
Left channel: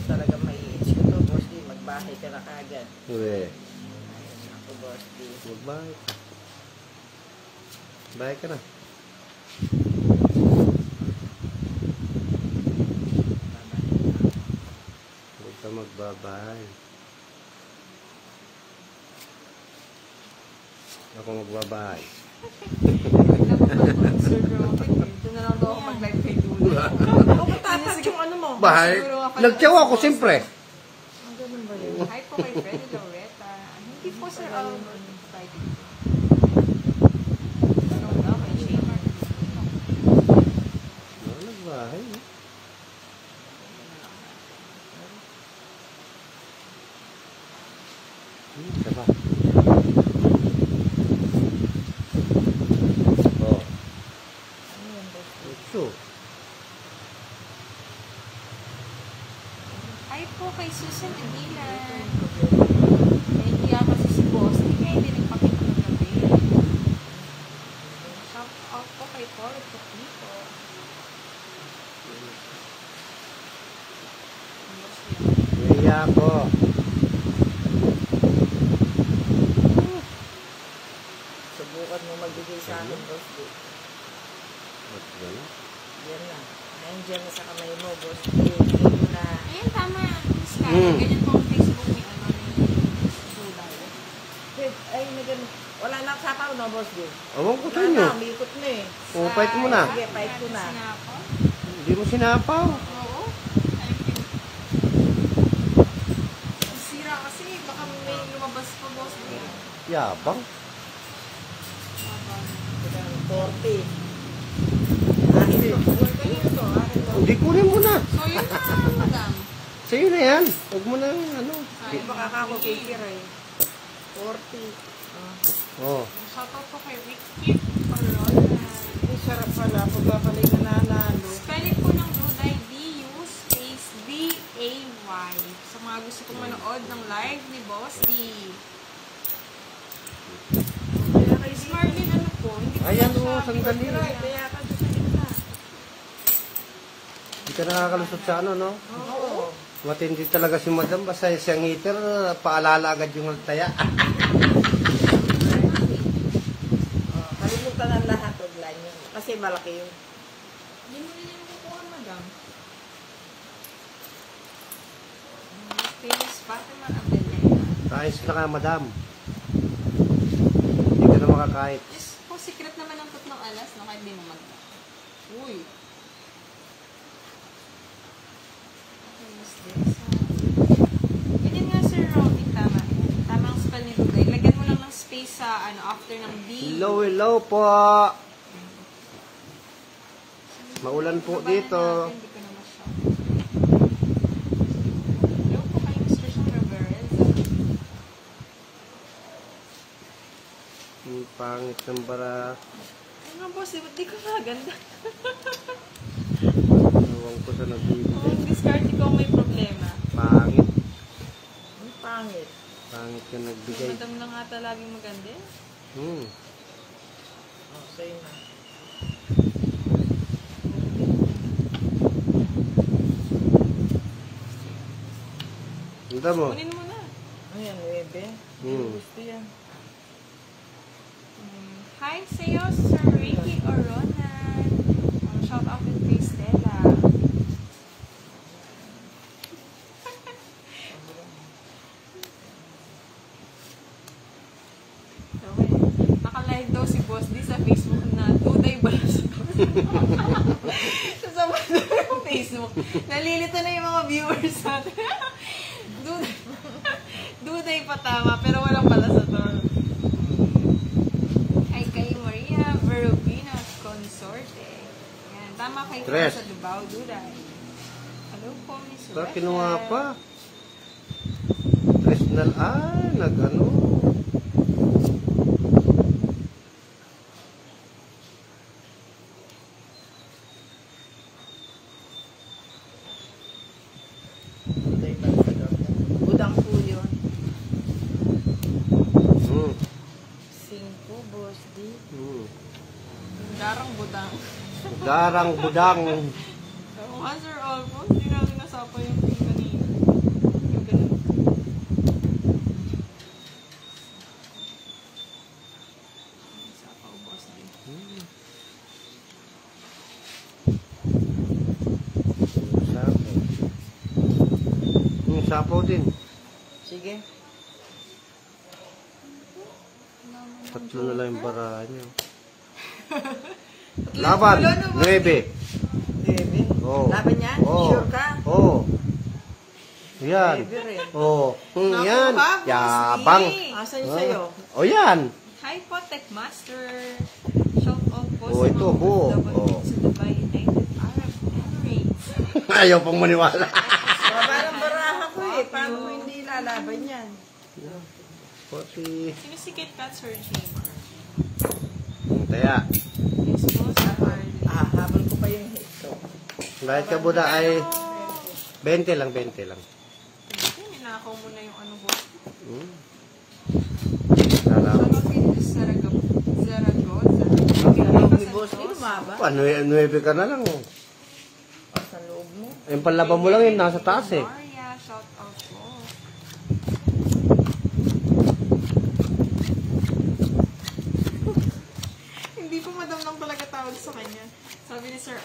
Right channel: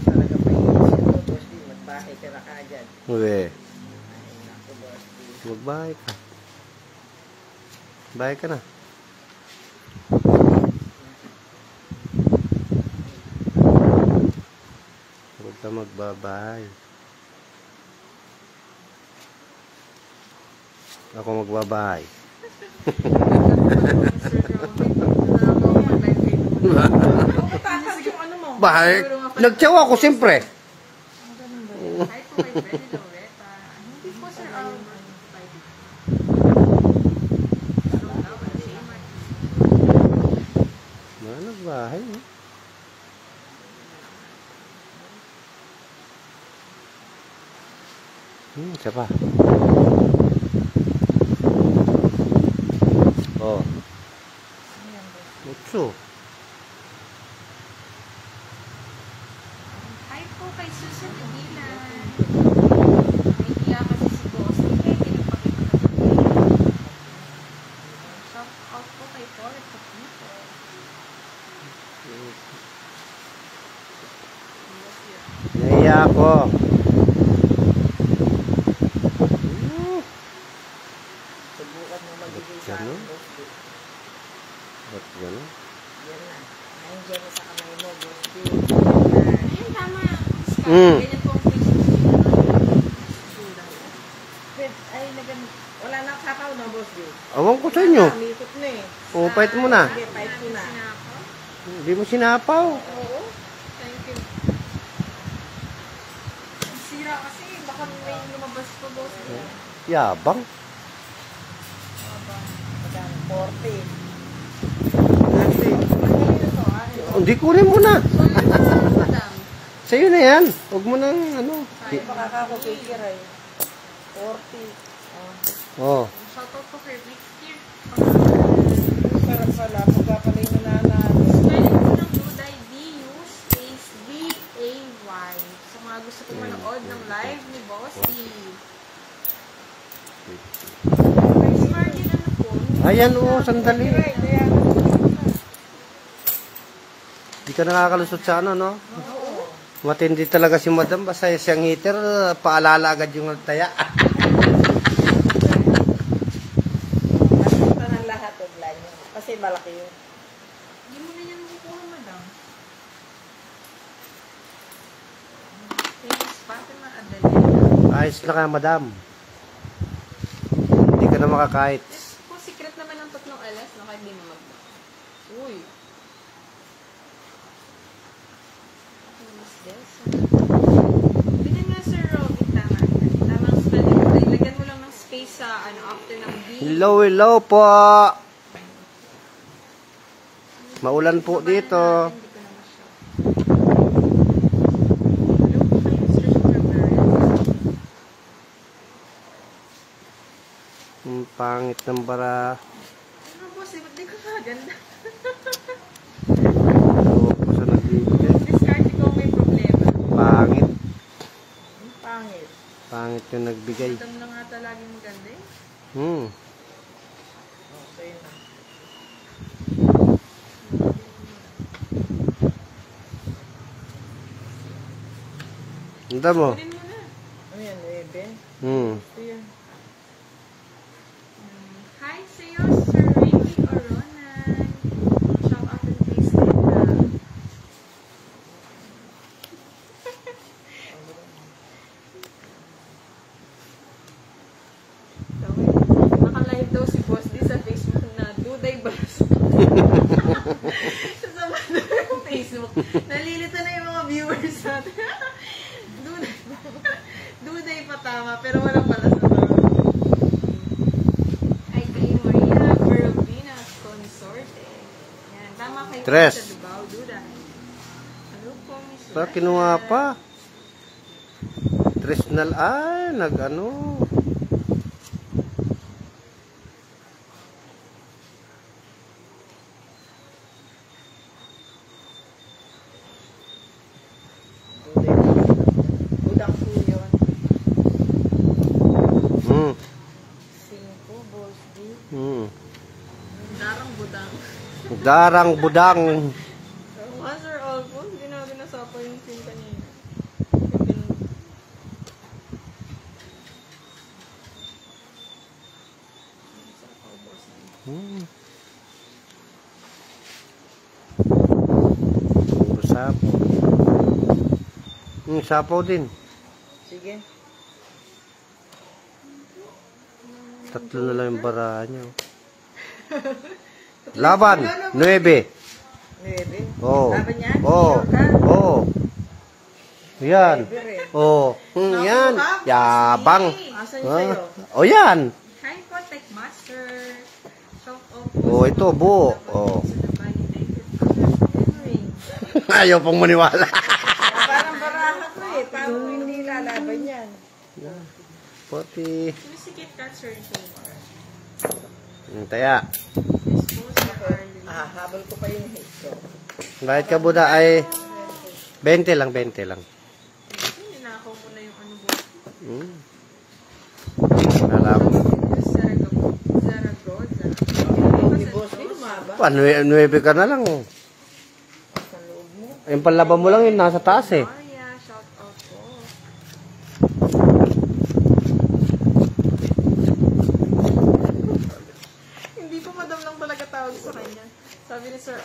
Talaga may hits ito, boss D. Magbahay ka na kagad. Uwe. Ako, boss D. Magbahay ka. Bahay ka na. Huwag ka magbabahay. Ako magbabahay. Sir Robin, ito na ako mag-live Facebook. Ako matatas yung ano mo. Bahay. Nagtsawa ko, siyempre. Ang ganun ba yun? Hi po kay Freddy Loretta. Hindi po, Sir Albert. Yan, nagbahay. No? Isa pa. Oh. Utso. Hi po kay Susan Edilan. Nahihiya kasi si Boss. Hindi nagpakita ng video. Shout out po kay Toret Katnipo. Naiya ako. Subukan mo magbigay sa akin, boss D. At gano'n. Yan na. Nandiyan na sa kamay mo, boss D. Ayun, tama. Mm. Ganyan po ang Facebook. Wait, ay, wala na sapaw, no, boss D? Awan ko sa inyo. Umikot na eh. O, fight mo na. Sige, fight mo na. Hindi mo sinapaw. Oo. Thank you. Ang sira kasi, baka may Yabang. 40. Hindi kunin mo na. So, yun na, madam. Sa'yo na yan. Huwag mo na ano. Ay, baka ako kikiray. 40. Oh. Shoutout po kay Rick here. Ang sarap pala. Pagpapaling na namin. Spelling po ng Duday, D-U space B-A-Y. Sa mga gusto kong manood ng live ni Boss D. Smart din ano po. Ayan o, sandali. Kaya, Hindi ka nakakalusot sa ano, no? oo. Matindi talaga si madam. Basta siyang heater, paalala agad yung taya. Nakita ng lahat of line yun. Kasi malaki yun. Hindi mo rin yan kukuha, madam. Famous Fatima Adelina. Ayos lang ka, madam. Hindi ka na makakahit. Kung secret naman ang tatlong alas, no? Kahit di naman. Uy. What's this? Bigyan nga, Sir Robby, tama. Tamang spelling ko. Ilagyan mo lang ng space sa, after ng D. Hello po. Maulan po dito. Hindi ko na masyado. Hello po kayo, Mr. Strawberry. Ang pangit ng bara. Ano boss, di ko maganda. Sunod dito. Ang discard ko may problema. Pangit. Ang pangit. Pangit yung nagbigay. Madam na nga talagang maganda eh. Hmm. Oh, sa'yo na. Ganda mo. Kunin mo na. Ano yan, 9? Hmm. Gusto yan. Hi sa'yo, Sir Ricky Oronan. Shout out to Kristen. Naka-live daw si Boss D sa Facebook na Duday Bars. Sasama daw yung Facebook. Nalilito na yung mga viewers natin. Duday. Duday pa tama, pero wala pala sa tawag. Ay kay Maria Perubina Consorte. Yan, tama kay Tres. Sa Dubaw, Duday. Hello po, Miss Pero Rebecca. kinuha pa. Tresnal. Ay, nag-ano. Budang po yun. Hmm. 5, boss, di. Hmm. Darang budang. Darang budang. Oo, Sir Alphonse, hindi natin nasapa yung team kanina. Yung ganun. Nasapa ko, boss. Hmm. Sapo. Hmm, sapo din. Sige. Tatlo na lang yung bara niyo. Laban. 9. 9. Oh. Laban yan? Oh. Sure ka? Oh. Yan. Pwede rin. Oh. Yan. Naku, Boss Yabang. D. Asan yung sa'yo? Oh, yan. Hi po, Tech Master. Shout out po Oh, sa ito, mga buo. laban Oh. sa Dubai United Emirates. Ayaw pong maniwala. Baba ng baraha ko eh. Paano hindi lalaban yan? Pati. Sino si Kit Kat, Sir Gamer? Taya. Yes po, sa Harley. Habol ko pa yung ito. Bakit ka Buda ay 20 lang, 20 lang. Ninakaw mo na yung ano po. Hmm. Salamat. Zaragoza. Si boss, di lumaba. Pa, 9 ka na lang. Sa loob mo. Yung panlaban mo lang yun, nasa taas eh. Maria, shout out po. Hindi po madam lang talaga tawag sa kanya. Sabi ni Sir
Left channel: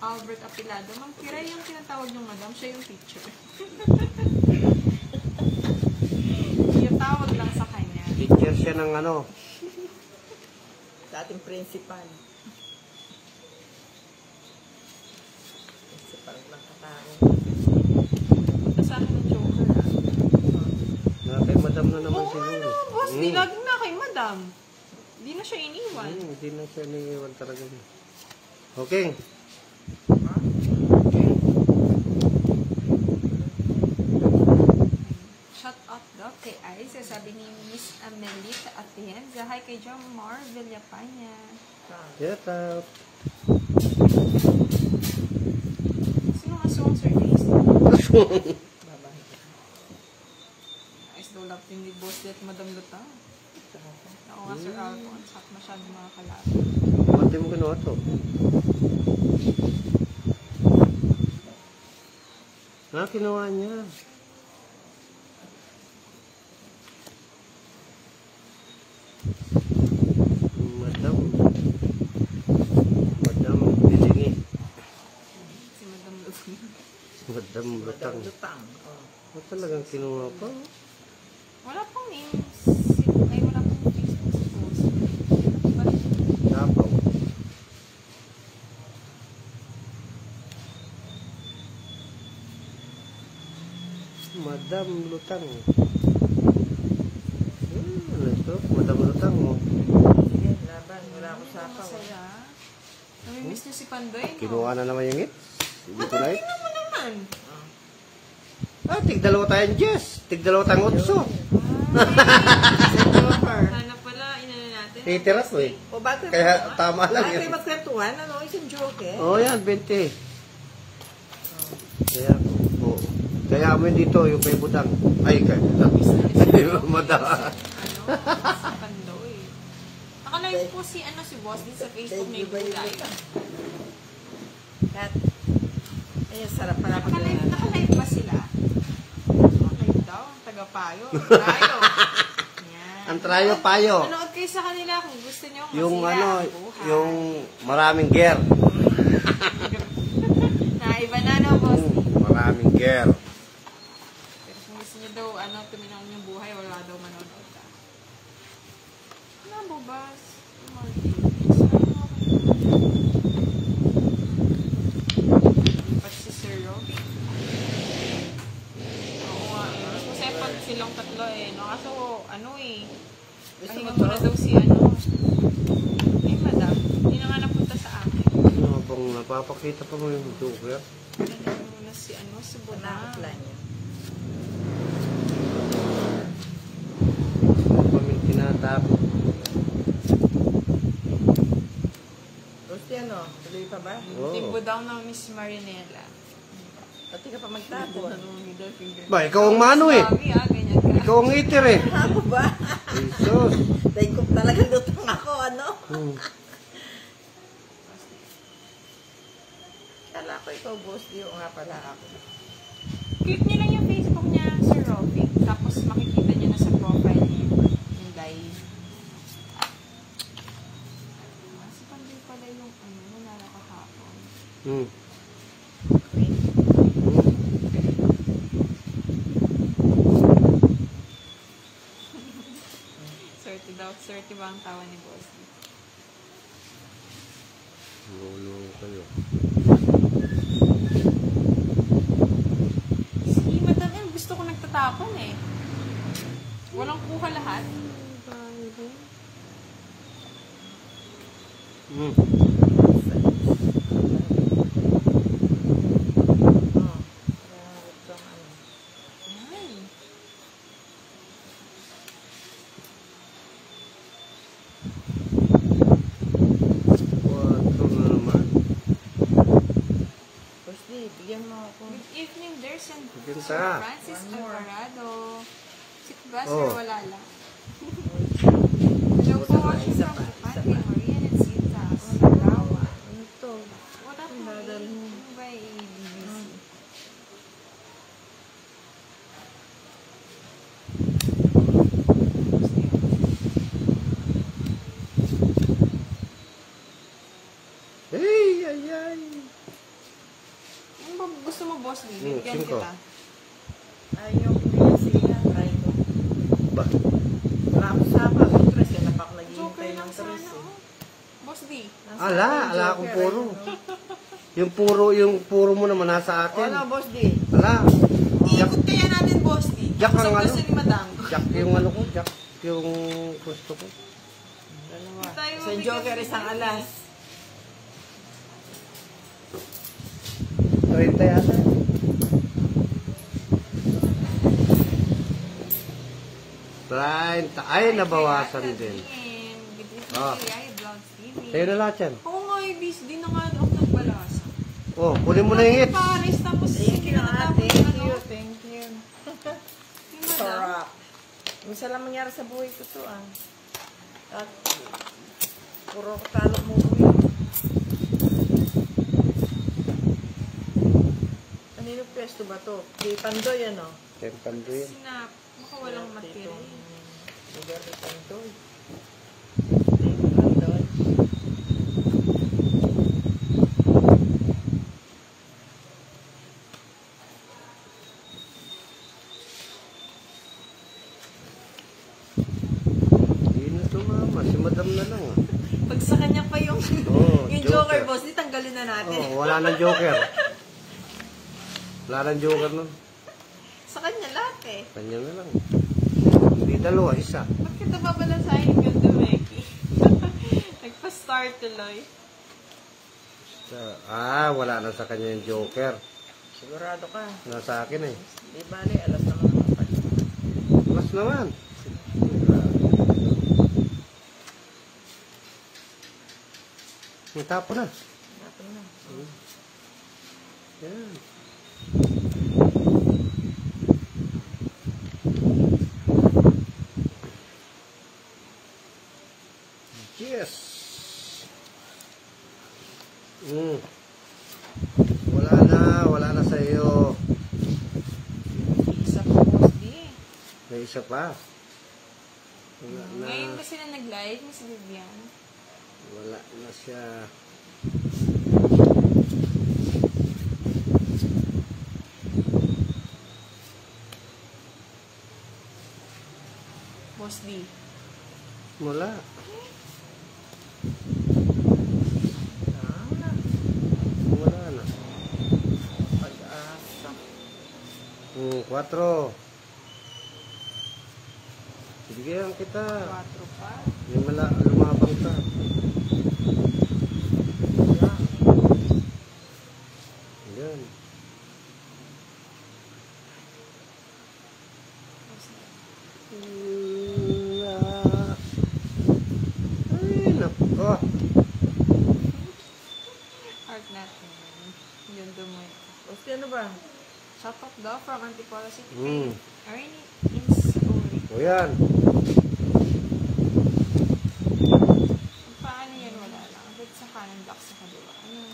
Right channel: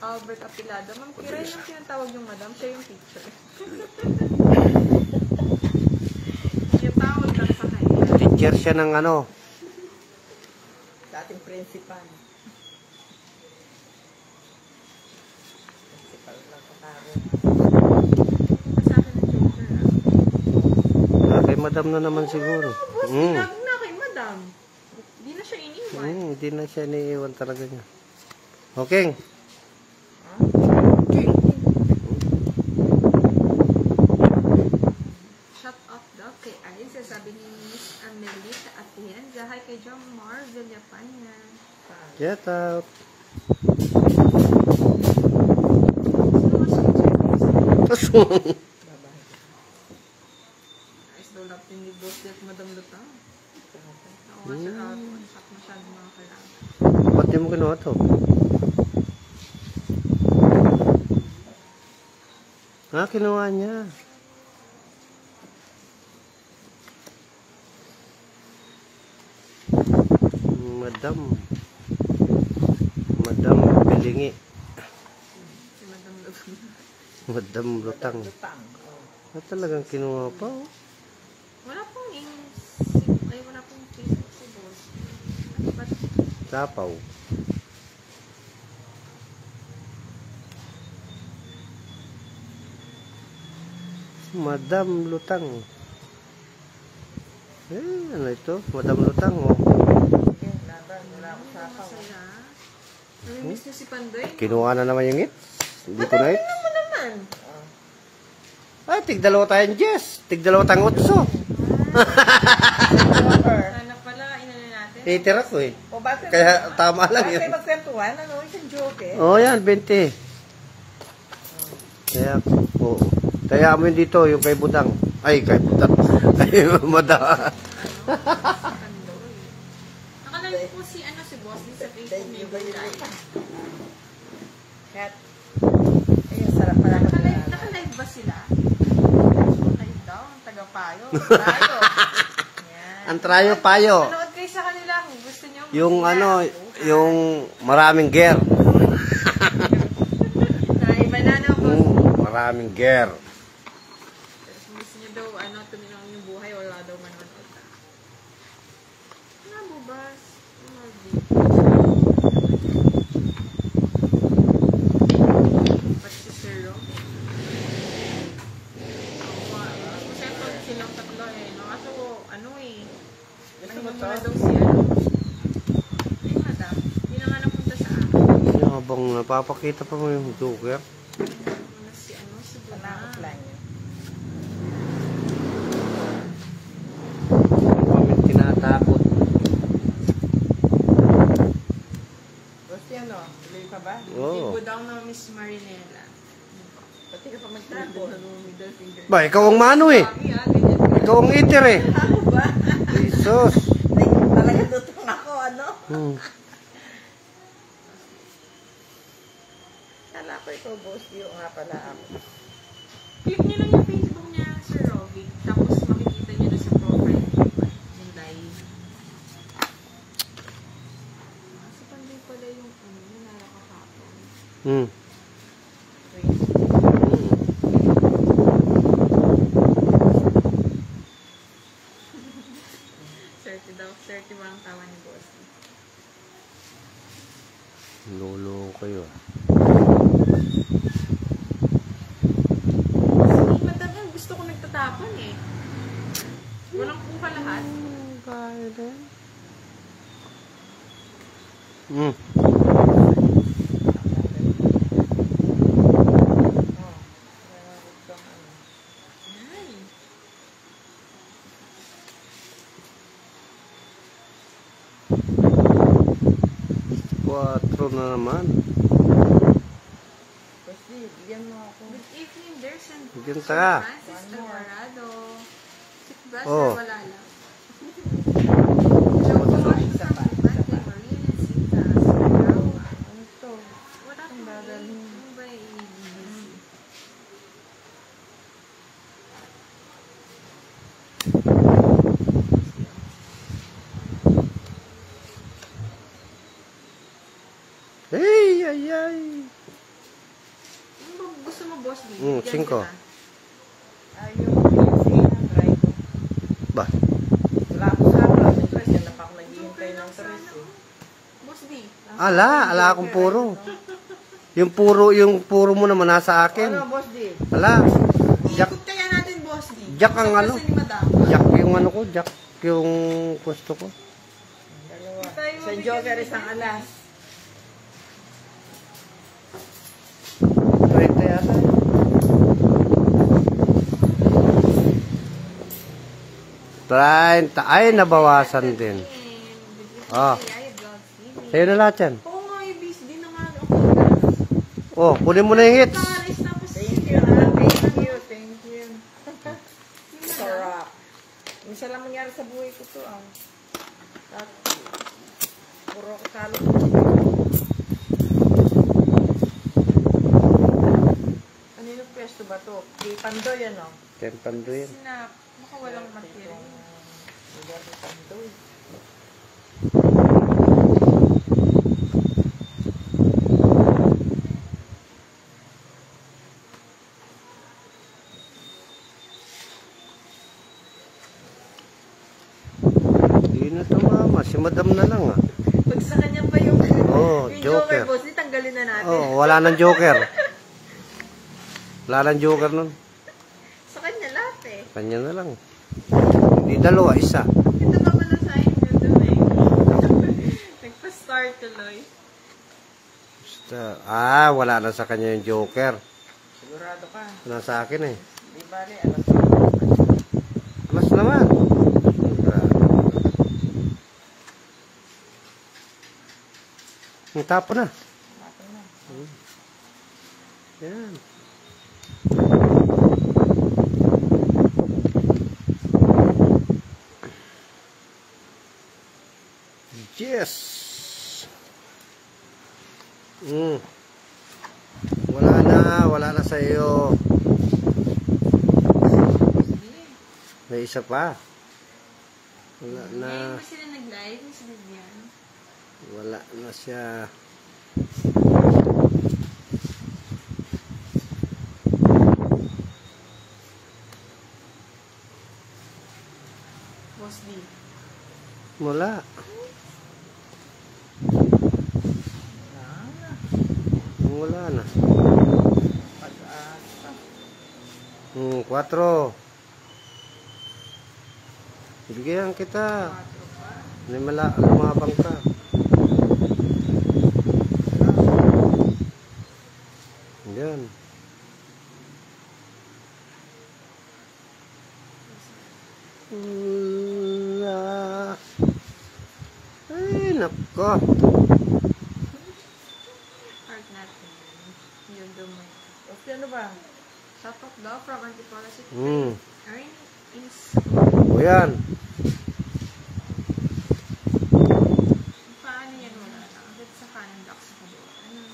Albert Apilado, Ma'am Kira yung tinatawag yung madam, siya yung teacher. Yung tawag lang sa kanya. Teacher siya ng ano. Sa ating principal. Principal ng Kataro. Kasama ng Joker. Kay madam na naman siguro. Boss, Hmm. lagi na kay lang. Hindi na siya iniwan. Hindi na siya iniiwan talaga niya. Okay. Shut up daw kay Ice. Sabi ni Miss Amelita Atienza. Hi kay John Mar Villapanya. Get out. Sino masawag service? Ice daw lapin ni Boss at Madam Lupa. Oo, kasi Alphonse. Sak masyado mga kalapit. Ba't di mo kinuha to? Kinuha niya. Madam Bilingi. Si Madam Lupa. Madam Lutang. Talagang kinuha pa. Wala pong names. Ay, wala pong Facebook si Boss. Dapaw. Madam Lutang. Ano ito? Madam Lutang. Masaya. Namimiss niyo si Pandoy. Kinuha na naman yung hits. Dito na hits. Ano naman? Ay, tig-dalawa tayong Jess. Tig-dalawa tayong Otso. Sana pala, inano natin. Titira to eh. O bakit? Kaya tama lang Bakit yun. tayo magkwentuhan? Ano? Isang joke eh. Oo yan, 20. Kaya, oo. Kaya mo yun dito, yung kay Budang. Ay, kay Budang. Ay, Mada. Pandoy. Nakalive po si Boss din sa Facebook Neighbor Live. Ayun, sarap pala. Nakalive ba sila? Live daw, ang taga-payo. Payo. Yan. Ang trayo payo. Manood kayo sa kanila kung gusto nyo. Yung Masaya. ano, Buhay. yung maraming gear. Naiba na na, Boss. Maraming gear. Pero kung gusto nyo daw, tuminang yung buhay, wala daw manood kita. Wala mo, Boss. Ba't si Sir Robbie? Oo, kasi pag silang tatlo no? Kaso, pahinga mo na daw si ay, madam. Hindi na nga napunta sa akin. Habang napapakita pa mo yung Joker. Ano si Buna. Nakakaplan niya. May tinatakot. Gusto yan o? Tuloy pa ba? Oo. Timbo daw ng Miss Marinela. Pati ka pa magtago. Middle finger. Ba, ikaw ang mano eh. Sabi ganyan ka. Ikaw ang eater eh. Ako ba? Jesus. Talagang lutang ako, ano? Kala ko ikaw, boss. Di ko nga pala ako. Click niyo lang yung Facebook niya, Sir Robbie. Tapos makikita niyo na sa profile yung live. Kasi panday pala yung nakakapon. Swerte ba ang tawa ni Boss? Lolo kayo. Si Madam M, gusto ko nagtatapon eh. Walang kuha lahat. Ay. Quatro na naman. Kasi, bigyan mo ako. Good evening, there's an Bigyan ka. Francis Alvarado. Si Kugas, Oh. wala lang. Hello po, sa Michael, Marian, and Sintas. Hello. Ito. Wala po. Ano ba i-busy? Hey, ay, ay. Ano ba gusto mo, Boss D? Bigyan 5. kita. Ayaw ko kasi try ko. Ba? Wala ko sa ako. Kasi napak naghihintay Joker lang ng sana. tres eh. Boss D. Ala akong puro. Yung puro mo naman nasa akin. Ano, boss D? Ala. Ikot kaya natin, Boss D. Jack ang Tapos ano? gusto ni Madam. Jack yung ano ko, Jack. yung gusto ko. Dalawa. Tayo Sa Joker, isang alas. 30 yata. 30. Ay, nabawasan din. Ah. Sa'yo na lahat yan. Oo nga, ibis. Di na nga ako nagbalas. Oh, kunin mo na yung hits. Paris tapos Thank you. Thank you. Sarap. Minsan lang mangyari sa buhay ko to, ah. At, puro ko talo ko. Ano yung pwesto ba to? Di Pandoy, ano? Tempanduin. Sinap. Baka walang material. Lugar ni Pandoy. Hindi na to mama. Si madam na lang ah. Pag sa kanya pa yung, Oh, yung Joker. Joker boss, di tanggalin na natin. Oh, wala nang joker. Wala nang joker nun. Sa kanya lahat eh. Kanya na lang. Hindi dalawa, isa. Ito pa pala sa akin yung tuloy. Nagpa-start tuloy. Basta, ah, wala na sa kanya yung joker. Sigurado ka. Nasa akin eh. Di bali, alam ko. Mas naman. Ang tapo na. Mato na. Yan. Yes. Wala na sa iyo. Hindi. May isa pa. Wala na. Ngayon ba sila nag-live, Miss Vivian? Wala na siya. Boss D. Wala. Wala na. Pag-asa. 4. Bigyan kita. 4 pa. May lumabang ka. Yan. Ay, nako. Art natin. Yun dumay. O, ano ba? Shout out daw from Antipolo City. Ernie is... O yan. Paano yan? Wala lang. Ba't sa kanan block sa kabila? Ano?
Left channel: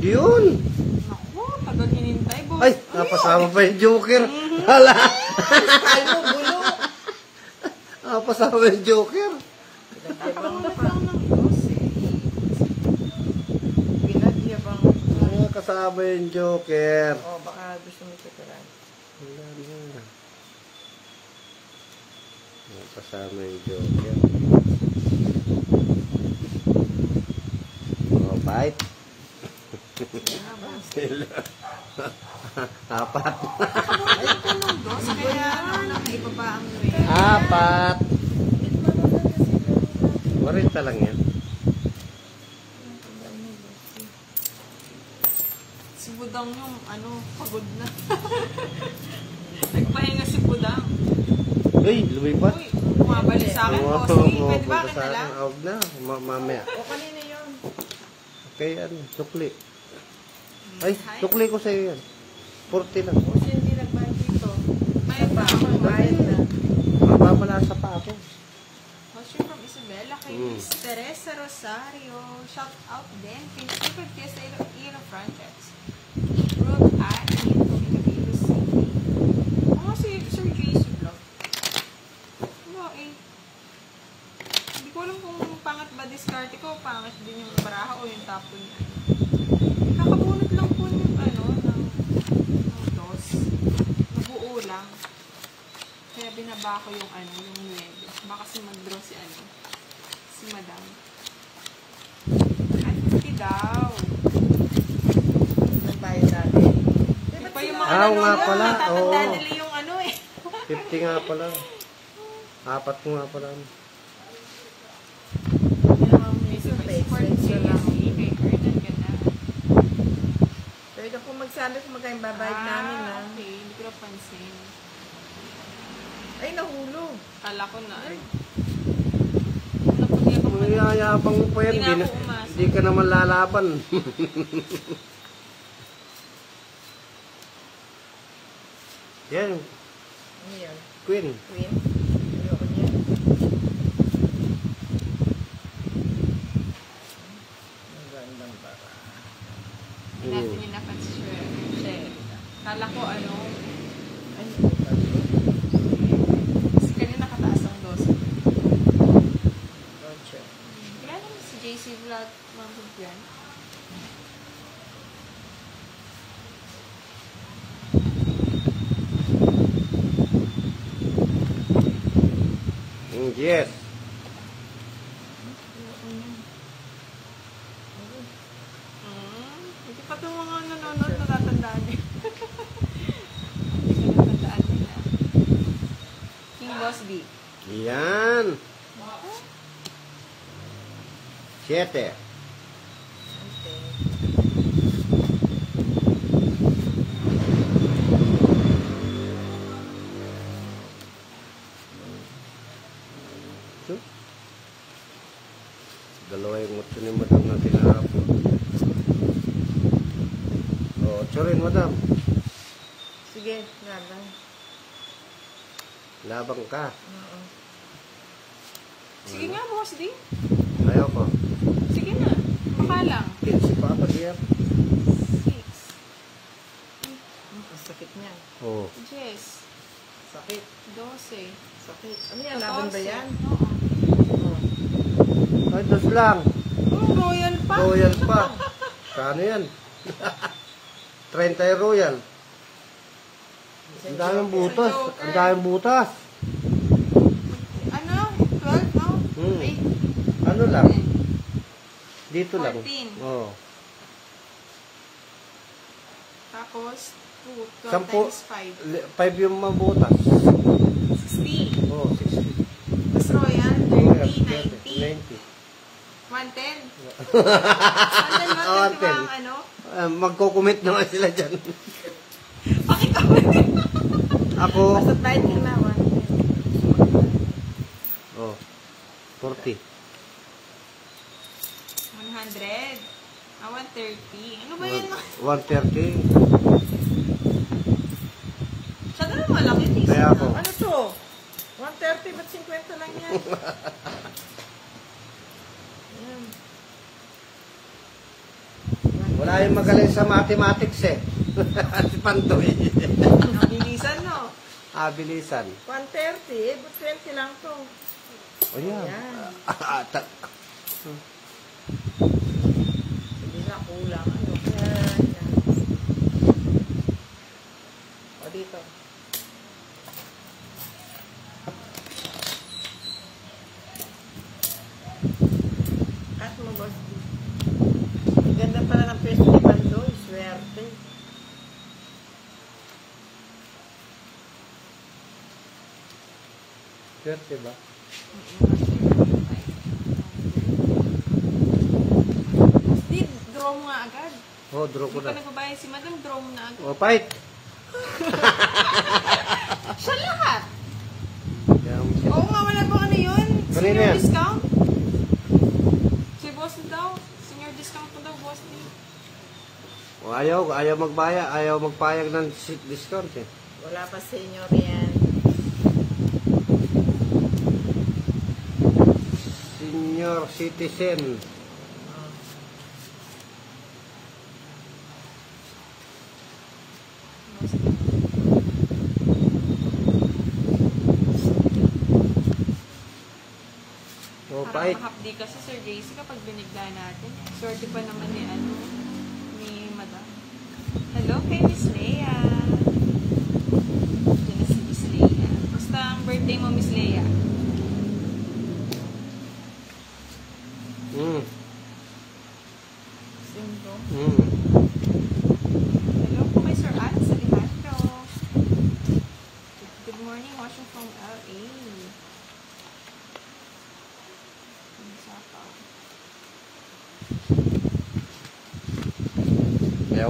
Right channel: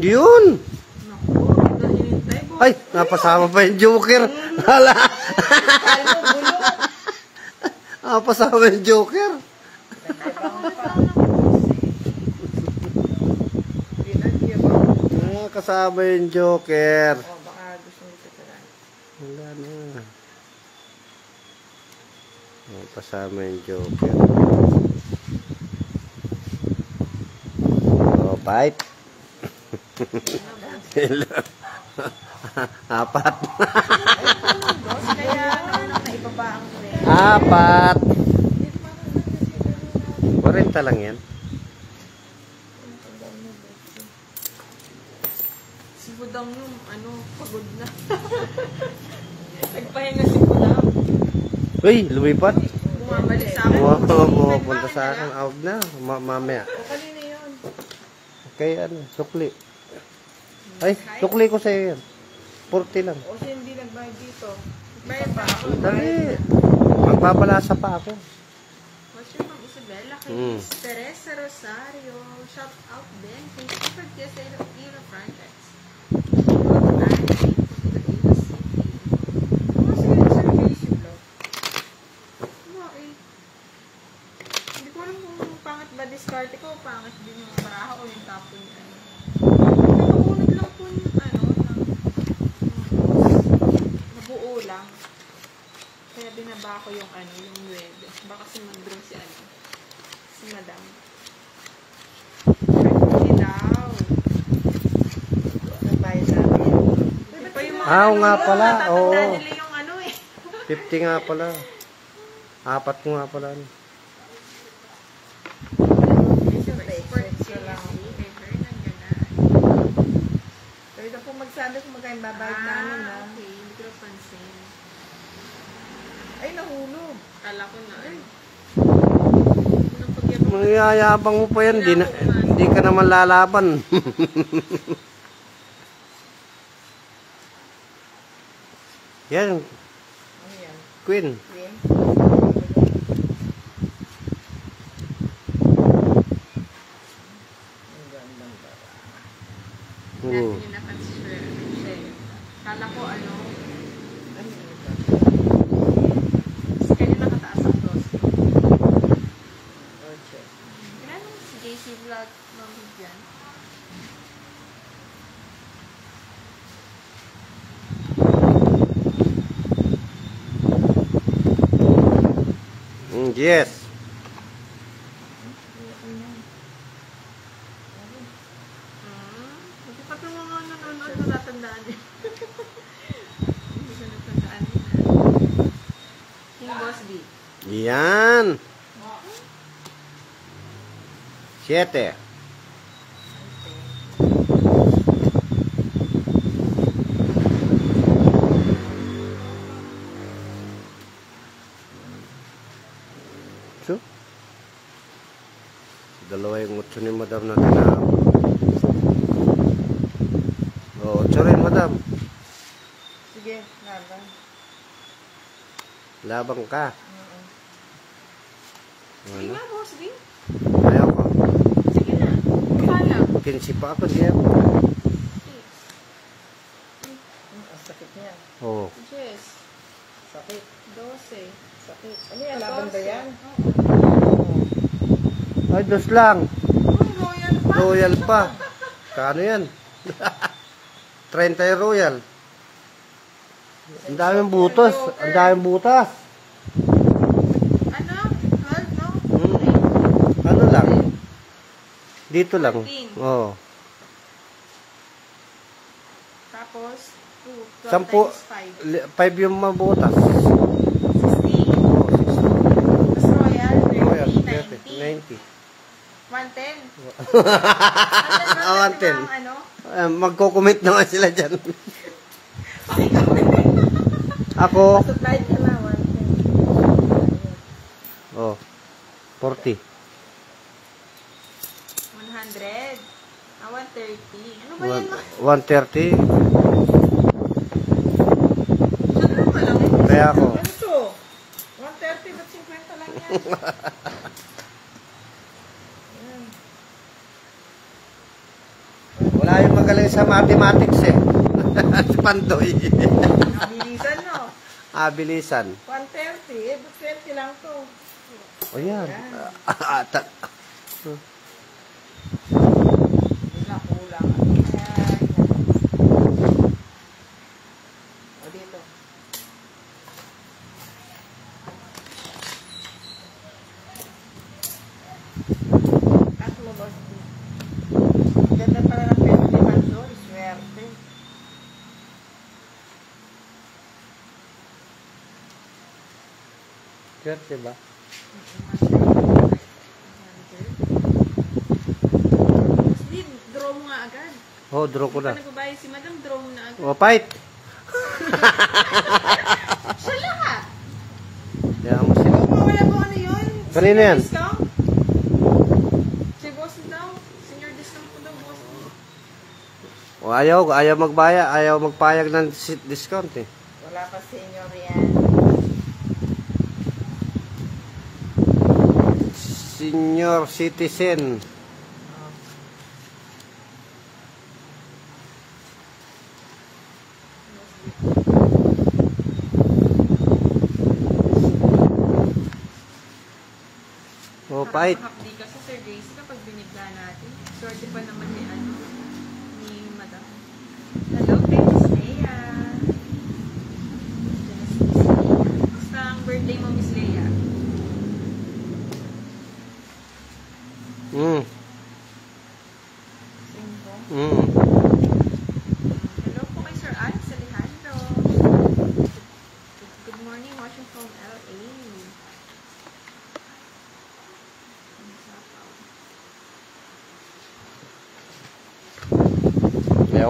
Yun. Naku, iba hinintay. Ay, napasama pa yung joker. Hala. Kalbo, bulo. Napasama yung joker. Pinadya ba? Kasama yung joker. O, baka gusto mo titulan. Wala na. Kasama yung joker. Oh, bite. Apat. Dos, kaya naibaba ang way. Apat. 40 lang yan. Si Budang yung, pagod na. Nagpahinga si Budang. Uy, lumipat. Bumabalik sa akin. Pumunta sa akin. Awag na. Mamaya. O, kanina yun. Okay, sukli. Ay, sukli ko sa'yo yan. 40 lang. O, hindi nagbayad dito. Kaya ba? Dali. Magbabalasa pa ako. Question from Isabella kay Miss Teresa Rosario. Shout out din kay Stephen Kiesa Ino Franchise. Ana in Iloilo City. Ano si Sir Casey Vlog? Ano eh? Hindi ko alam kung pangit ba discard ko o pangit din yung baraha o yung tapo niya. Nakabunot lang po yung toss. Nabuo lang. Kaya binaba ko yung yung Nueves. Baka kasi mag-draw si Madam. 50 daw. Nagbayad na. Oo nga pala, oo. Natatandaan nila yung ano eh. 50 nga pala. 4 ko nga pala. Kay Erdan ka na. Pwede ako magsabi kung magkayong babayad namin ha. Okay, hindi ko napansin. Ay, nahulog. Kala ko na. Nangyayabang mo pa yan, di ka naman lalaban. Yan, Ano yan? Queen. Queen? Natin yung nakanswer. Kala ko ano. Ay, Kasi kanya nakataas ang dos. Roger. Kailan naman si JC Vlog nandun yan? Yes. Hindi pa ito mga nanonood matatandaan din. Hindi ko natandaan din na. King Boss B. Yan. 7. So, dalawa yung 8 ni Madam na tinalo. O, 8 rin, Madam. Sige, lalang. Labang ka. Oo. Sige nga, Boss B. Ayaw ko. Sige na. Kala. 15 pa ako diyan. 6. Ang sakit niya. Oo. Yes. Sakit. 12. Sakit. Ano yan? Laban ba yan? Ay, dos lang. Royal pa. Royal pa. Kano yan? 30 yung Royal. Ang daming butas. Ang daming butas. Ano? 12, no? Ano lang? Dito lang. 14. Oo. Tapos, 2. 12 Sampu, times 5 yung mabutas. 5. 60. Oo, 60. Mas Royal, Royal, 30, 90. 90. 110. Ah, 110. Ano? Magko-commit naman sila dyan. Ako, Basta night ka naman. oh, 40. 100. 130. Ano ba yan? 130. Siya na malaki. Kaya ako. Ano to? 130 ba't 50 lang yan? Ayan. Wala yung magaling sa mathematics eh. Si Pandoy. Bilisan no? Bilisan. 130, 20 lang to. O yan. Yan. Ata. Hindi na kulang. Ayan. O dito. Cut mo boss. Ganda pala ng festival doon. Swerte. Swerte ba? Steve, draw mo nga agad. Oh, draw ko Hindi na. pa nagbabayad si Madam, draw mo na agad. Oh, fight. Siya lahat. Kaya mo siya. Oo nga, wala ba ano yun? Kanina Senior yan. discount? Si Boss daw. Senior discount po daw, Boss. O, ayaw magbaya, ayaw magpayag ng discount eh. Wala pa senior yan. Senior citizen. Oh, fight. Makapdi ka sa Sir JC kapag binigla natin. Swerte pa naman ni ano, ni Madam. Hello kay Miss Leia. Diyan na si Miss Leia. Basta ang birthday mo, Miss Leia. Singko. Mm. Hello po kay Sir Anne Salihan.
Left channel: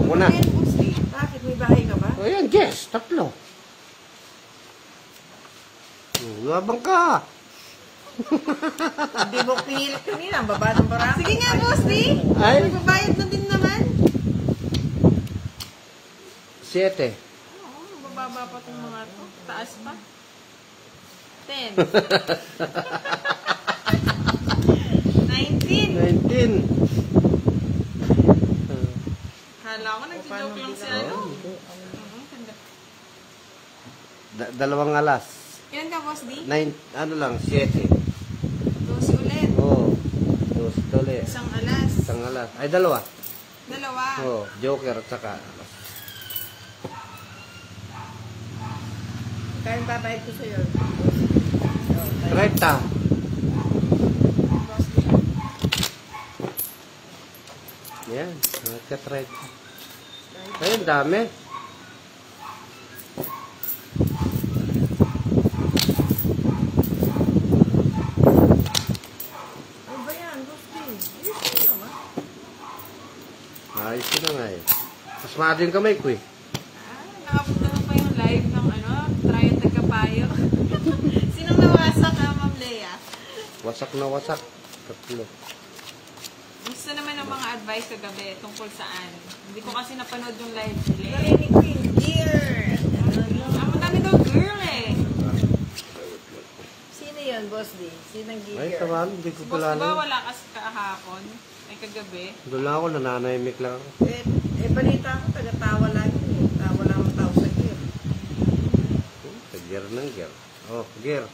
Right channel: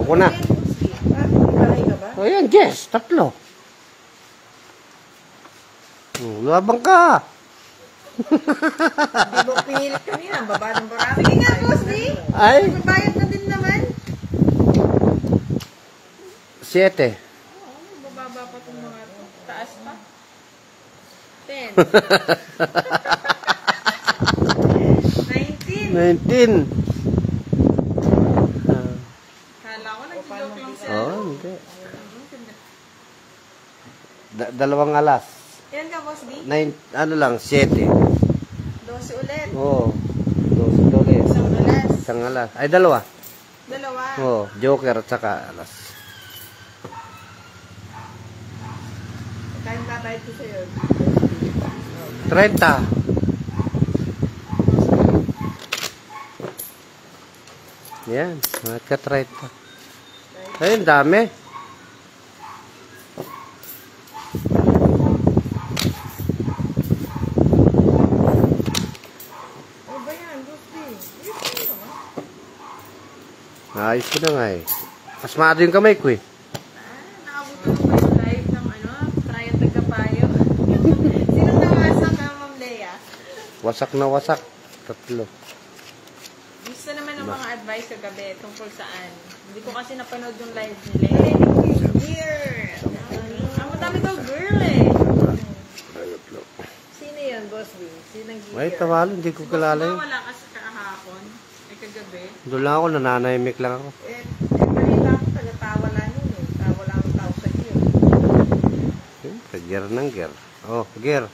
Ako na. Ayan, Boss D. Bakit may bahay ka ba? Ayan, yes, 3. Labang ka. Hindi mo pinilit kanina. Ang baba ng bara. Sige nga, Boss D. Ay. Magbabayad na din naman. 7. Oo, bababa pa itong mga to. Taas pa. 10. 19. 19. Kala ko nagsijoke lang siya. Oh, hindi. Dalawang alas. Ilan ka, Boss D? 9, ano lang, 7. 12 ulit. Oo. 12 dollars. Isang alas. Isang alas. Ay, dalawa. Dalawa. Oo, joker at saka alas. Kaya babayad ko sa'yo. 30. Yan, nagka-30. Ayun, dami. Ano ba yan, Boss D? Ayos mo naman. Ayos ko na nga eh. Mas maado yung kamay ko eh. Nakapunta na ba yung live ng ano? Trial Tagapayo? Sinong nawasak ka, Ma'am Lea? Wasak na wasak. 3. Gusto naman ng mga advice kagabi tungkol saan. Hindi ko kasi napanood yung live nila. Gear! Ang madami daw girl eh. Sino yan, Boss D? Sino ang Ay, geeker? tawalo. Hindi ko kilala Diba yun. wala kasi kahapon? Ay kagabi? Doon lang ako, nananahimik lang ako. Balita ko, taga-tawa lang yun. Tawa lang ang tao sa iyo. Sa gear ng gear. Oh, gear.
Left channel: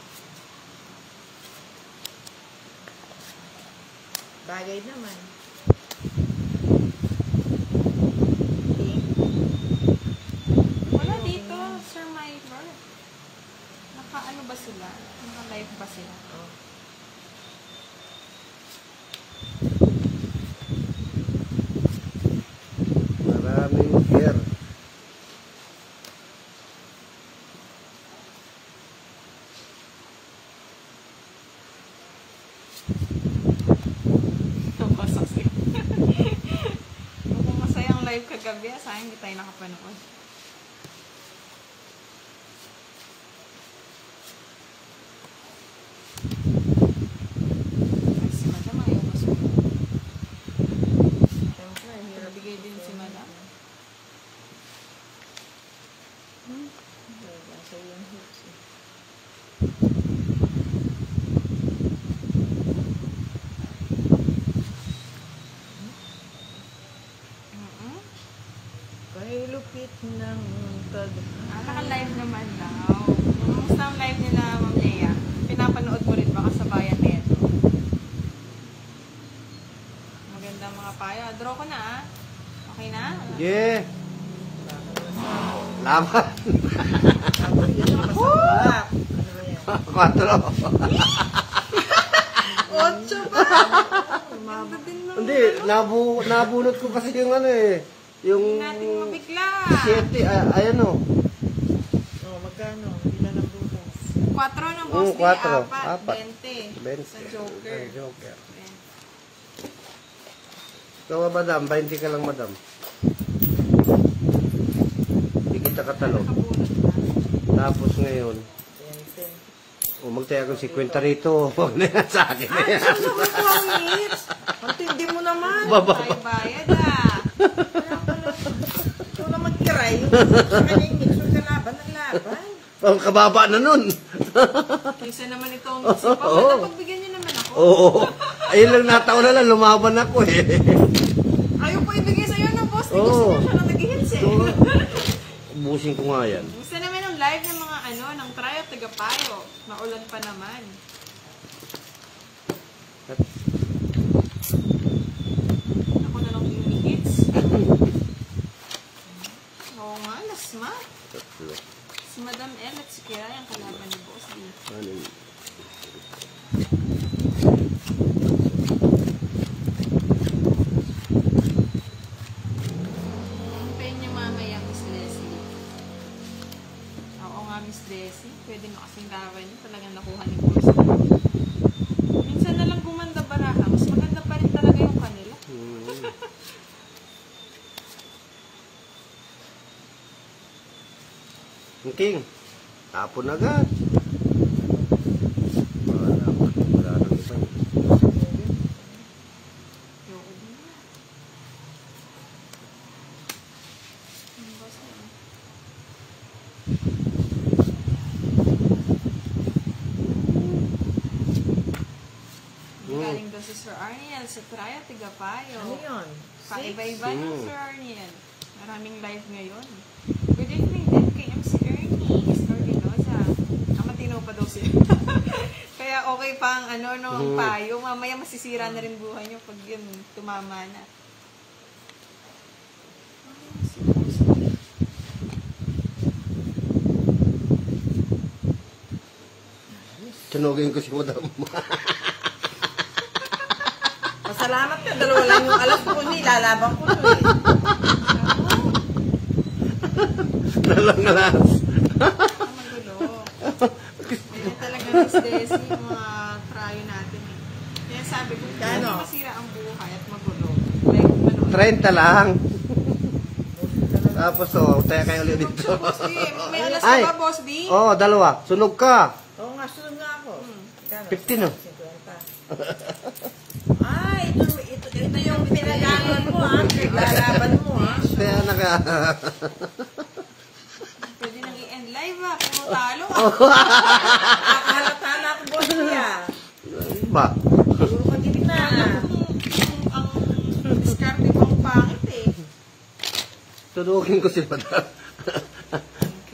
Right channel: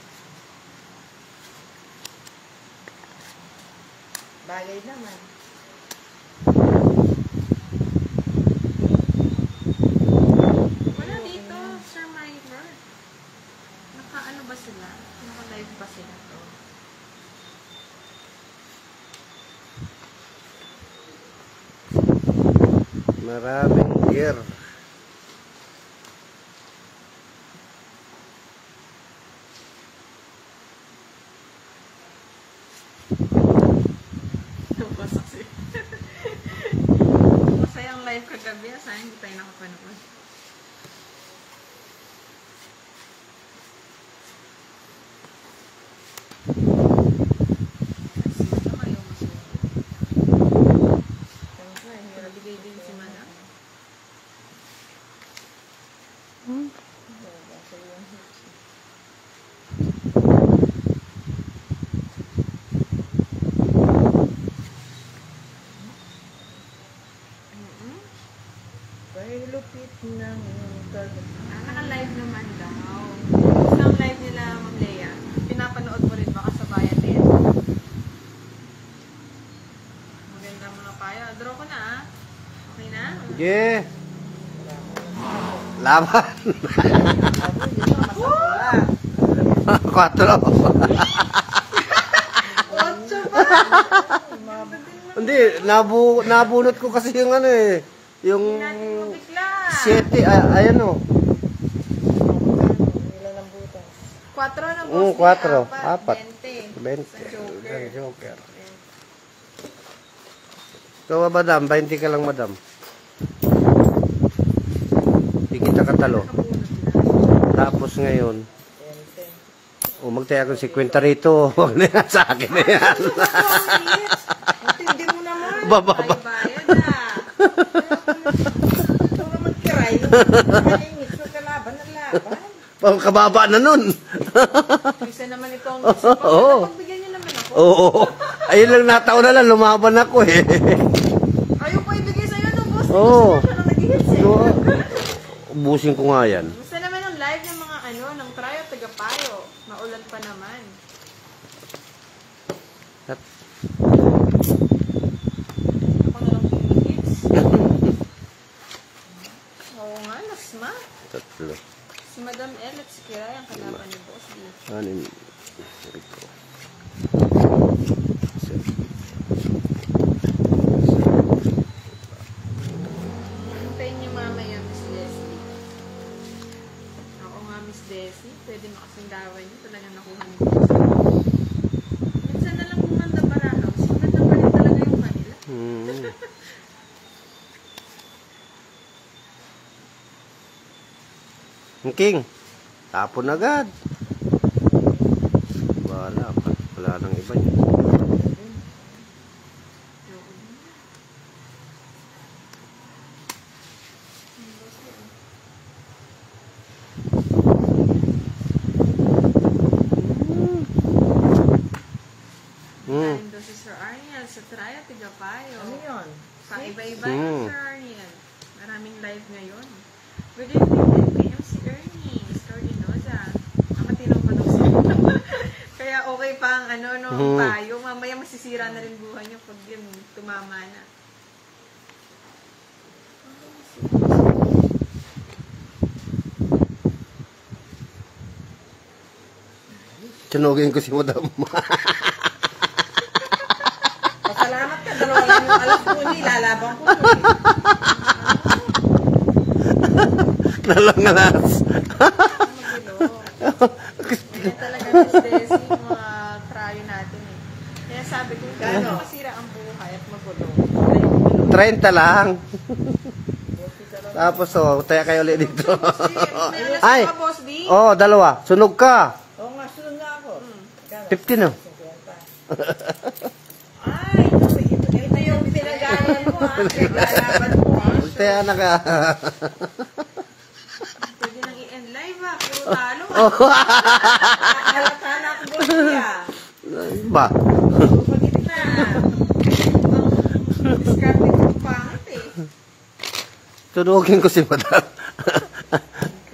Bagay naman. Wala dito, Sir Myler. Naka-ano ba sila? Naka-live ba sila? Maraming gear. Masayang live kagabi. Sayang hindi tayo nakapanood. Ay, si Madam ayaw masuot. Nabigay din si Madam. Kaya lupit ng Naka-live naman daw. Gusto ang live nila, Ma'am Lea. Pinapanood mo rin baka sa bayan din. Magandang mga payo. Draw ko na ah. Okay na? Yeah. Laban. Kwatro. Otso pa! Hindi, nabunot ko kasi yung ano eh. Yung Hindi natin mabigla. 7, ayan o. Nilalambutan. 4 ng Oo, boss. 4. 4. 20. 20. Sa Joker. Joker. Ikaw, madam, 20 ka lang, madam. Hindi kita katalo. Tapos ngayon, magtaya akong 50 rito. Huwag na yan sa akin na yan. Ang tindi mo naman. Baba. Ay, bayad ah. Ito naman kiray. Kanyang mix mo kalaban ng laban. Pang kababa na nun. Isa naman itong isa pa. Oo. Pagbigyan niyo naman ako. Oo. Ayun lang nataon na lang, lumaban ako eh. Ayaw po ibigay sa'yo ng boss. Oo. Gusto na siya na nag-hits eh. Ubusin ko nga yan. Gusto naman ang live ng mga ano, ng Cryo Tagapayo. Naulan pa naman. At, Ako na lang hits. Oo nga, lasma. 3. Si Madam L at si Kiray ang kalaban ni Boss D. 6. Hintayin niyo mamaya, Miss Leslie. Oo nga, Miss Leslie. Pwede na kasing gawa niyo. Talagang nakuha ni Boss. Minsan na lang kumanda pa na ako. Mas maganda pa rin talaga yung kanila. Ang king. Tapon agad. Wala nang iba niya. Galing doon sa Sir Arniel, sa Traya, Tigapayo. Ano yun? Pang-iba-iba yung Sir Arniel. Maraming live ngayon. Good evening din kay MC Ernie, Sir Dinoza. Matino pa daw siya. Kaya okay pa ang payo. Mamaya masisira na rin buhay niyo pag yun tumama na. Tunugin ko si madam. Pasalamat ka, dalawa lang yung alas ko niya, ilalabang ko niya. Nalangalas. Kaya talaga yung stress yung mga prayo natin eh. Kaya sabi ko, gano'n masira ang buhay at magulo. Like, 30 lang. Tapos tayo kayo ulit dito. May alas Ay! ka ba, Boss D? Dalawa. Sunog ka. Oo nga, sunod nga ako. 50 na. Ay, ito yung pinagalan mo ha. Pinagalan mo ha. Kaya naka. Pwede nang i-end live ah. Puro talo. Nakahalata ko boss niya. Ba? Pag-ibig na. Ang discarding ng pangit eh. Tunugin ko si madam.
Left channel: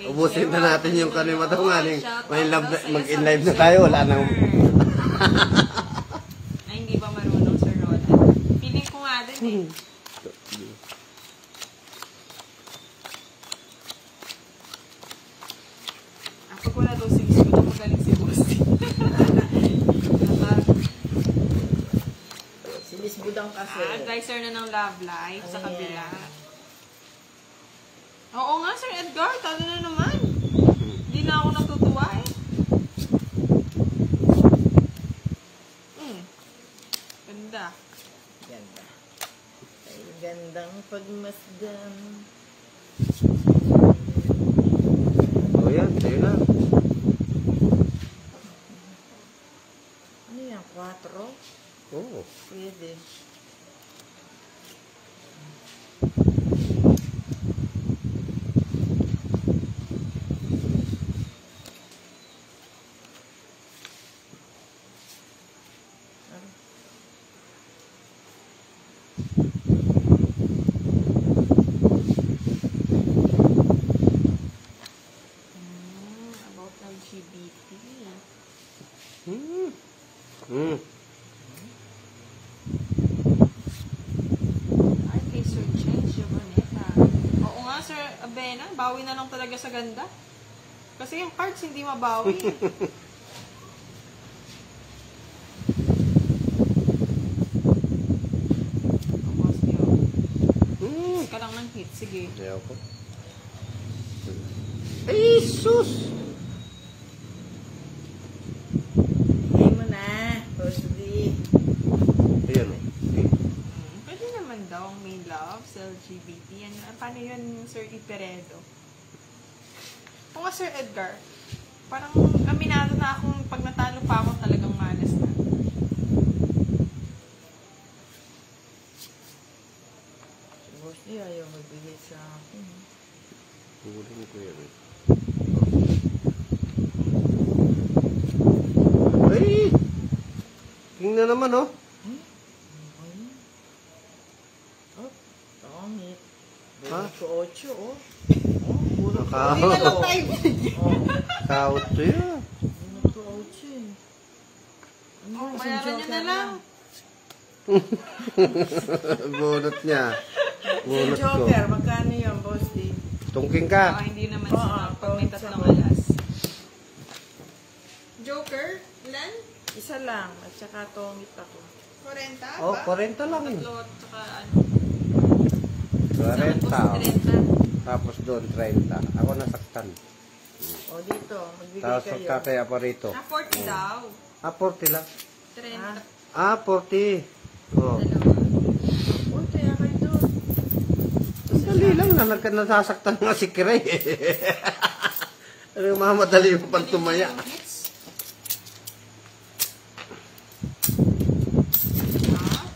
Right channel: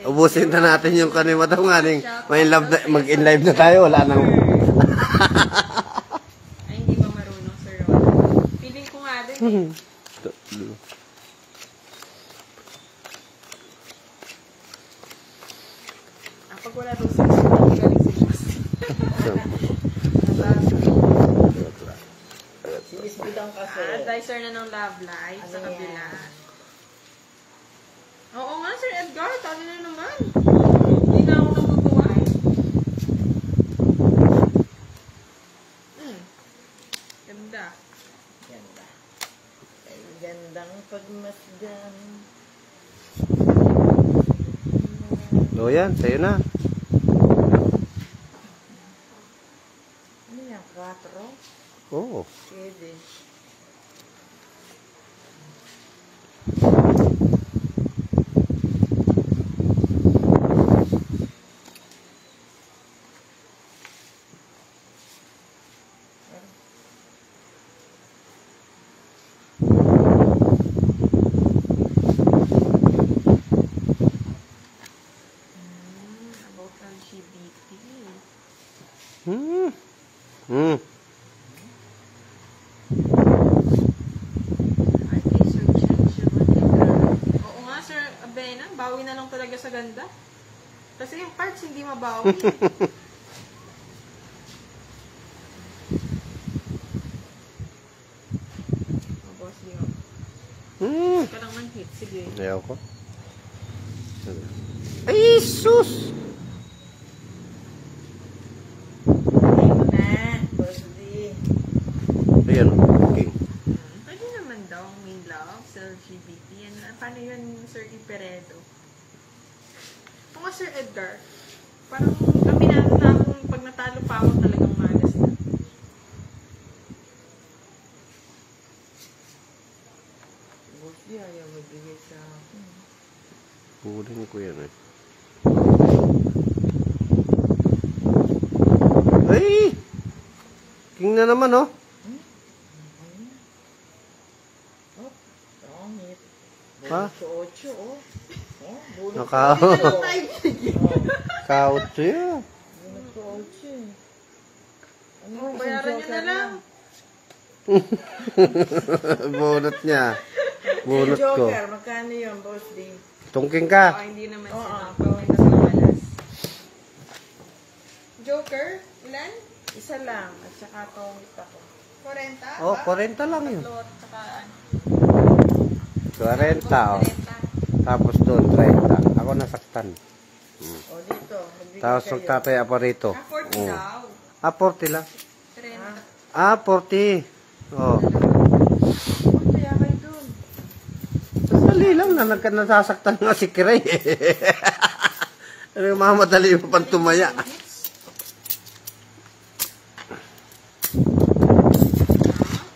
Ubusin na natin yung kanil madam nga. Mag-in-live na tayo. Wala nang. Ay, hindi ba marunong si Ron? Feeling ko nga din eh. Pag wala daw sa school, galing si Boss D. Si Miss Bidong kasi. Advisor na ng Love Life sa Ano kabila. yan? Oo nga, Sir Edgar. Talo na naman. Hindi na ako natutuwa eh. Ganda. Ganda. Ay, gandang pagmasdan. Yan. Sa'yo na. Ano yan? 4? Oo. Pwede. About LGBT. Ay, kay Sir Chencho. Oo nga, Sir Abena. Bawi na lang talaga sa ganda. Kasi yung parts hindi mabawi. Boss niyo. Ka lang ng hit. Sige. Ayaw ko. Ay, sus! Okay mo na. Boss D. Ayan. Okay. Pwede naman daw may love sa LGBT. Paano yun, Sir Iperedo? O nga, Sir Edgar, parang aminado na akong pag natalo pa ako talagang malas na. Boss D, ayaw magbihit sa akin. Hulin ko yan eh. Ay! King na naman oh. Oh, pangit. Ha? 8 oh. Naka... Kautso yan. 8 Oh, bayaran nyo na lang. Bunot niya. Bunot ko. Joker, magkano yun, Boss D? Tungking ka. Oh, hindi naman siya. Pag may basta malas. Joker? Ilan? Isa lang, at saka tongit ako. 40? Oh, 40 lang yun. Tatlo at saka ano. 40 oh. 40. Tapos doon, 30. Ako nasaktan. O dito, magbigay Tapos kayo. tatay ako rito. 40 daw. 40 lang. 30. 40. Oh. Kaya kayo doon. Sali lang na nasasaktan nga si Kiray. Ano yung mamadali mo pang tumaya?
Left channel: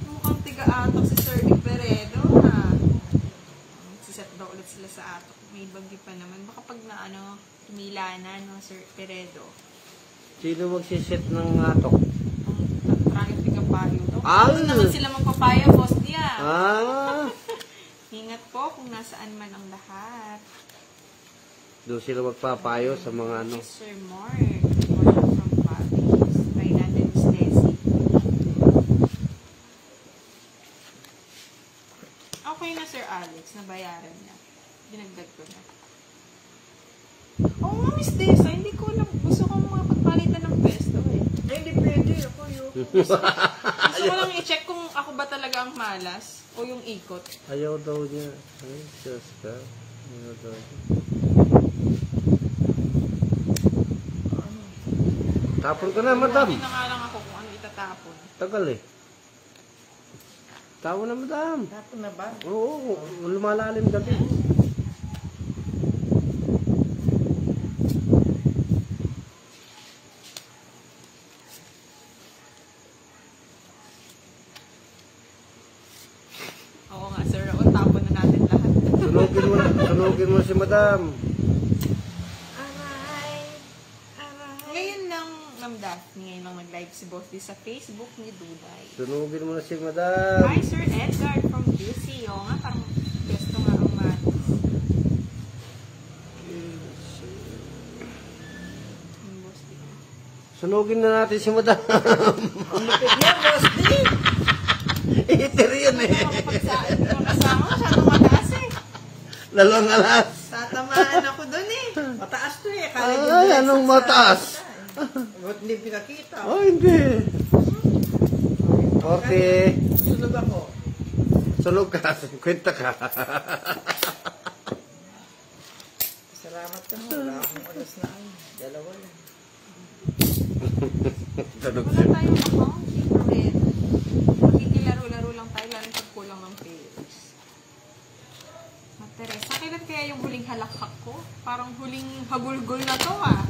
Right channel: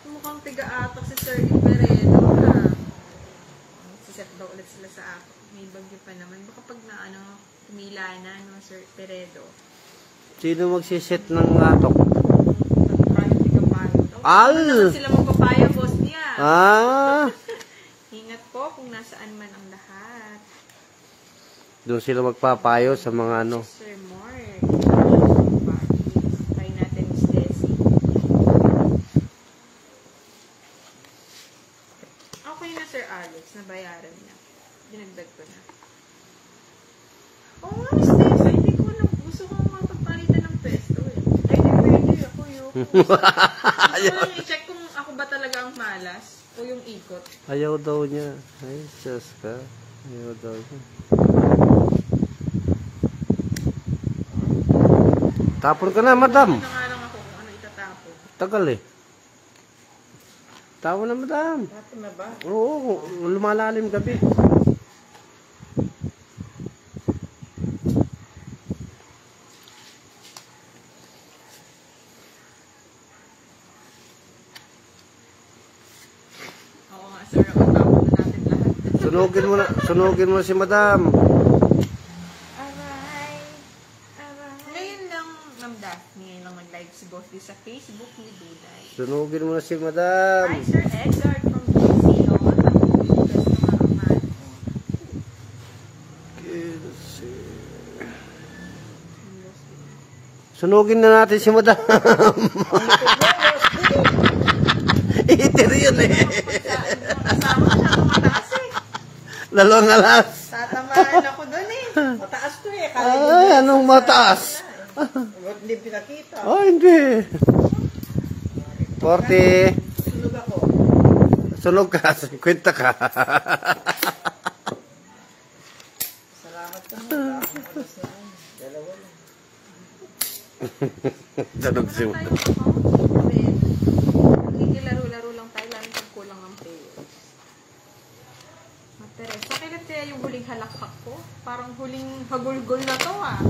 Mukhang tiga-atak si Sir Iperedo. Siset daw ulit sila sa atok. May bagyo pa naman. Baka pag na tumila na, no, Sir Iperedo. Sino magsiset ng atok? Maraming tiga-palo daw. Al! Ano naman sila magpapaya, boss niya? Ah! Ingat po kung nasaan man ang lahat. Doon sila magpapayo sa mga ano. Si Sir Mark. Try natin Miss Desi. Okay na Sir Alex, nabayaran na. Dinagdag ko na. Oo nga Miss Desi, hindi ko alam. Gusto ko makapagpalitan ng pesto eh. Depende ako yun. Gusto ko lang i-check kung ako ba talaga ang malas o yung ikot. Ayaw daw niya. Ay, Diyos ka. Ayaw daw niya. Tapon ka na, madam. Hindi na nga lang ako kung ano itatapon. Tagal eh. Tapon na, madam. Tapon na ba? Oo, lumalalim gabi. Oo nga sir, ang tapon na natin lahat. Sunugin mo si madam. Ngayon lang, Ma'am Daphne, ngayon lang nag-live si Boss D sa Facebook ni Duday. Sunugin mo si madam. Hi, Sir Edgar from Casino. Gusto mo naman. Sunugin na natin si madam. Itir yun eh. Kasama siya, mataas eh. Dalawang alas. Tatamaan ako dun eh. Mataas to eh. Ay, anong mataas? Ba't hindi pinakita? Oh, hindi. 40. Sunog ako. Sunog ka, 50 ka. Salamat ka mo. Wala akong alas na ano. Dalawa lang. Sunog si madam. Makikilaro-laro lang tayo lang pag kulang ng players. Teresa, kailan kaya yung huling halakpak ko? Parang huling hagulgol na to ah.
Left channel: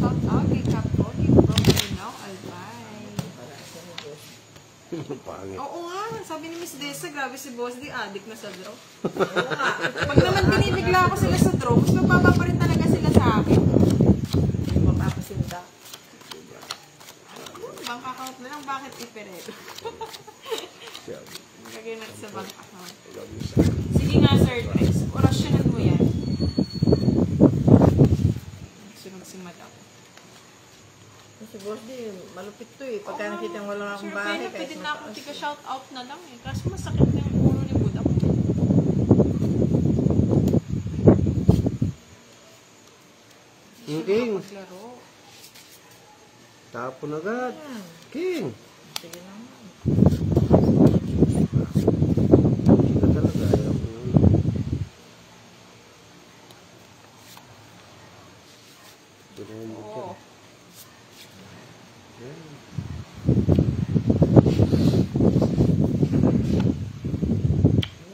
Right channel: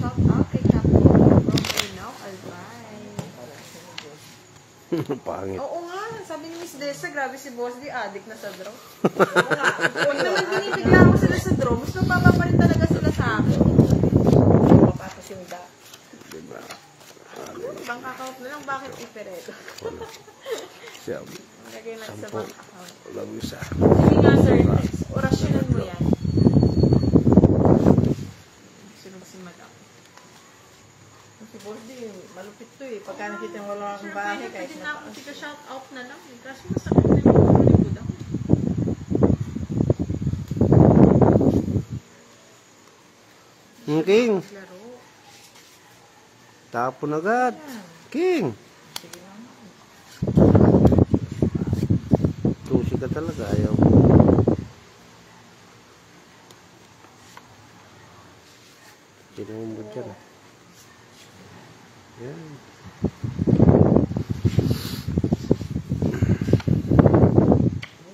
Shout out kay Capo. Pangit. Oo nga, sabi ni Miss Desa, grabe si Boss D, addict na sa draw. Oo nga, pag naman binibigla ako sila sa draw, mas mababa pa rin talaga sila sa akin. Makasimba. Bank account na lang, bakit iperedo? Siya. Lagay natin sa bank account. Love you, sir. Sige nga, Sir Chris, orasyonan mo yan. Sunod si Madam. Si Boss D, malupit to eh. Pagka nakita yung wala akong Sir, bahay, pero kahit pwede na ako mataas. tiga-shout out na lang eh. Kasi masakit na yung likod ako. King. Laro. Tapon agad. King. Sige na. Pusi ka talaga. Ayaw. Tinawin mo dyan. Yan.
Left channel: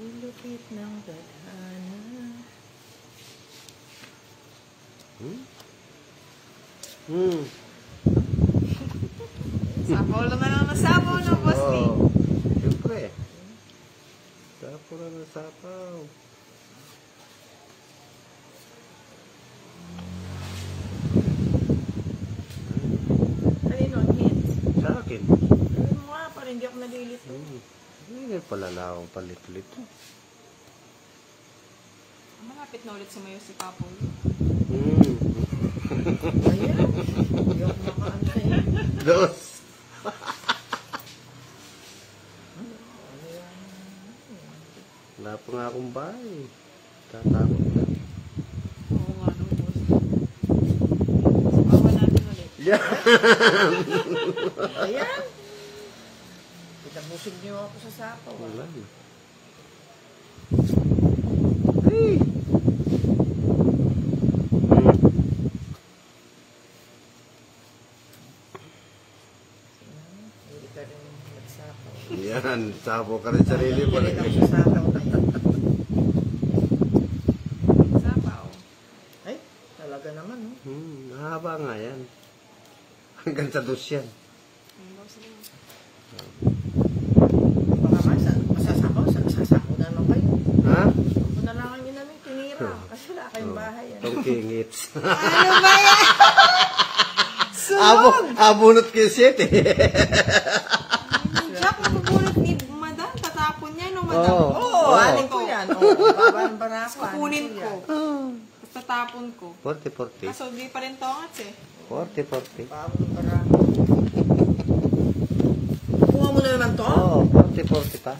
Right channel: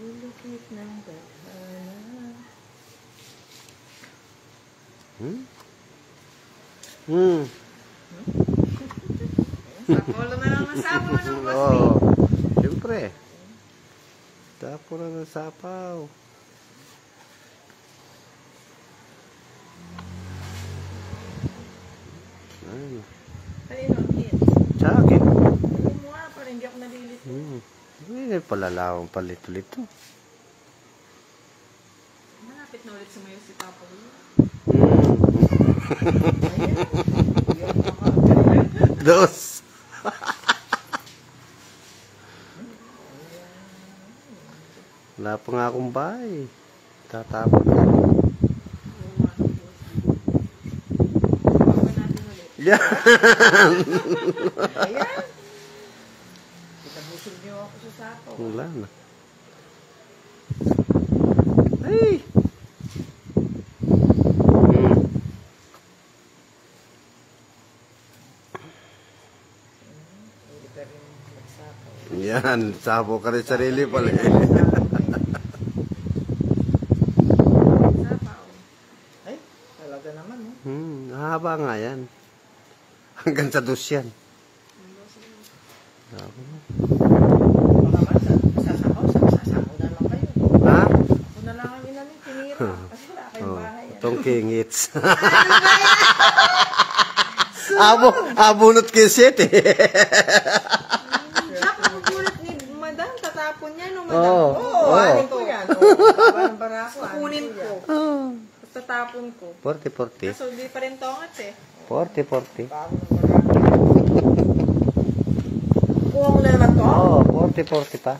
Ulupit ng gana. Sapaw lang na lang nasapaw ng Boss D. Oo. Siyempre. Tapon na ng sapaw. Kanino ang hit? Sa akin. Hindi mo nga, parang hindi ako nadilit. Hindi palalawang palit-ulit to. Malapit na ulit sumayo si Papa Will. Ayan. Yung maka. Dos. Wala pa nga akong bahay. Tatapon ka. Oo nga. Bawa natin ulit. Yan. Ayan. Itabusog niyo ako sa sako. Wala na. Ay! Hindi ka rin magsako. Yan. Sabo ka rin sarili pala. Sapaw. nga yan. Hanggang sa dos yan. Boss D. Sasako na lang kayo. Ha? Ako na lang ang inamin, tinira. Kasi wala kayong bahay. Tongking hits. Ano ba yan? Abunot ko yung set eh. Jack, nabubulot ni Madam. Tatapon niya, no, Madam? Oo. Oo, anin ko yan. Oo, barako. Kukunin ko. Tapos tatapon ko. 40-40. Kaso di pa rin tongats eh. 40-40. Kuha mo na naman to? Oo, 40-40 pa.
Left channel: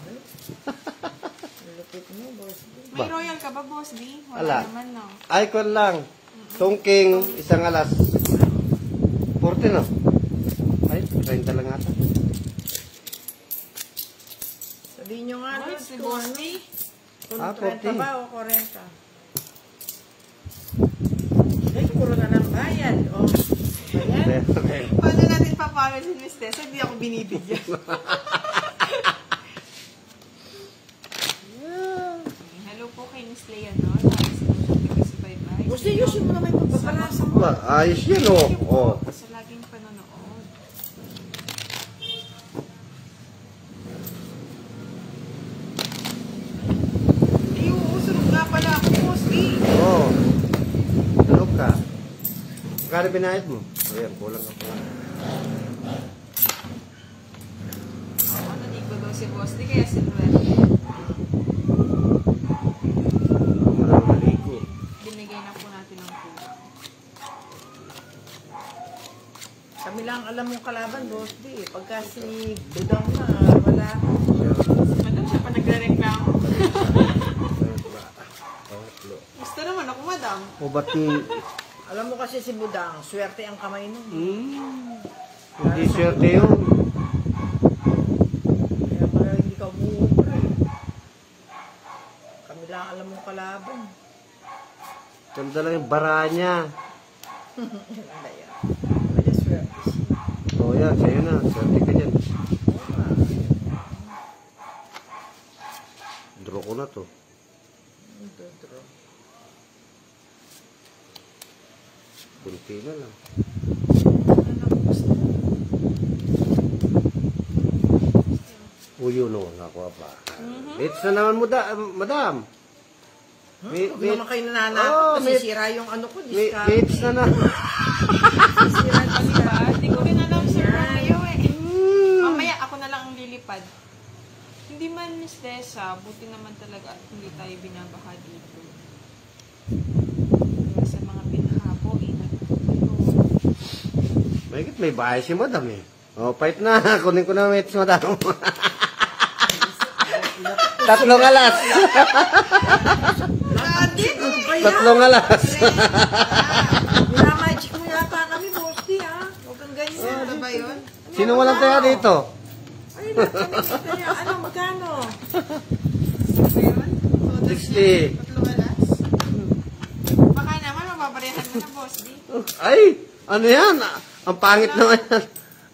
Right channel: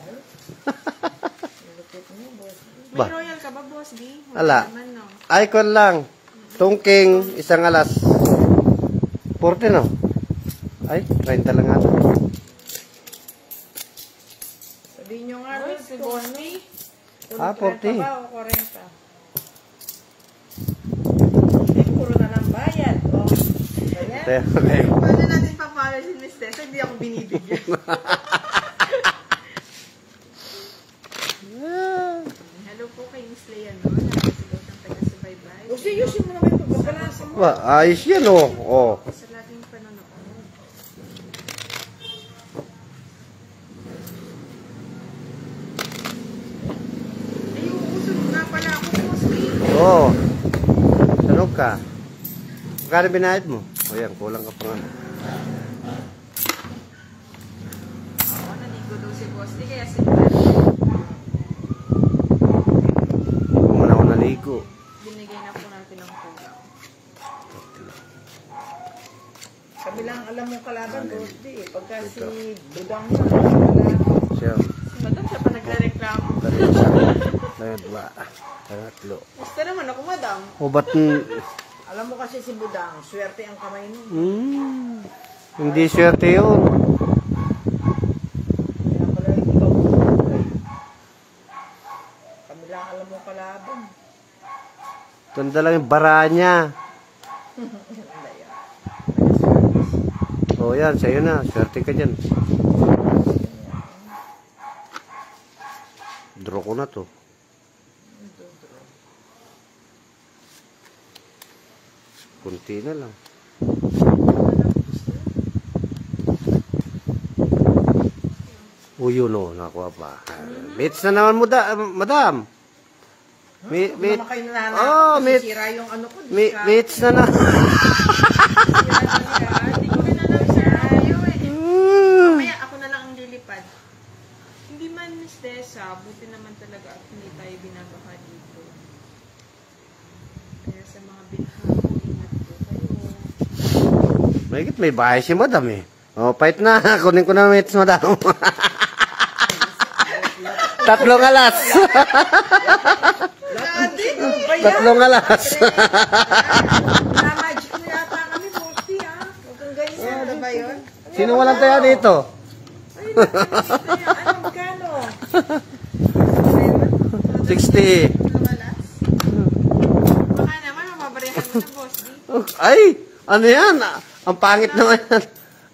May royal ka ba, Boss D? Wala. Naman, no? Icon lang. Tungking, isang alas. 40 no? Ay, 30 lang nga. Sabihin nyo nga, Ano, si Boss D? Ah, 40 40. ba o 40? Puro na ng bayan. O, ayan. Paano natin papawal si Miss Tessa? Hindi ako binibigyan. Hello po kay Miss Leon. Taga-subaybay. Gusto yun yung mga pagbabalasa mo. Ba, ayos yan oh. Oh. Sa laging panonood. Ay, uusulog nga pala ako, Boss D. Oh. Salog ka. Magkano binayad mo? Ayan, kulang ka pa. Ako, naligo daw si Boss D, kaya sinundan. Wala akong naligo. Binigay na po natin ang po. Kami lang alam mong kalaban, Rosdy. Pagka si Budang mo, kalaban. Siya. Madam, siya pa nagre-reklamo. Pangatlo. Gusto naman ako, Madam. O ba't Alam mo kasi si Budang, swerte ang kamay nun. hindi swerte yun. Pinapagaling ikaw. Kami lang alam mong kalaban. Tanda lang yung bara niya. Ano yan? O yan, sa'yo na. Swerte ka dyan. Draw ko na to. Kunti na lang. O yun o, nakuha pa. Mates na naman mo madam. Huwag naman kayo nananakot. Oh, Masisira yung ano ko. Mates na na. Hindi ko rin alam sa radio eh. Mamaya ako na lang ang lilipad. Hindi man, Miss Tessa, buti naman talaga at hindi tayo binabaha dito. Kaya sa mga pinuno ko, ingat po kayo. Mahigit may bahay si madam eh. O, pahit na. Kunin ko na mates madam. Tatlong alas. Tatlong alas. Magic mo yata kami, Rosdy, ha? Huwag kang ganyan. Ano ba yun? Sino walang tayo dito? Ay, ano, magkano? 60. Lumalas? Baka naman, mababarehan mo na, Boss D. Ay, ano yan? Ang pangit naman yan.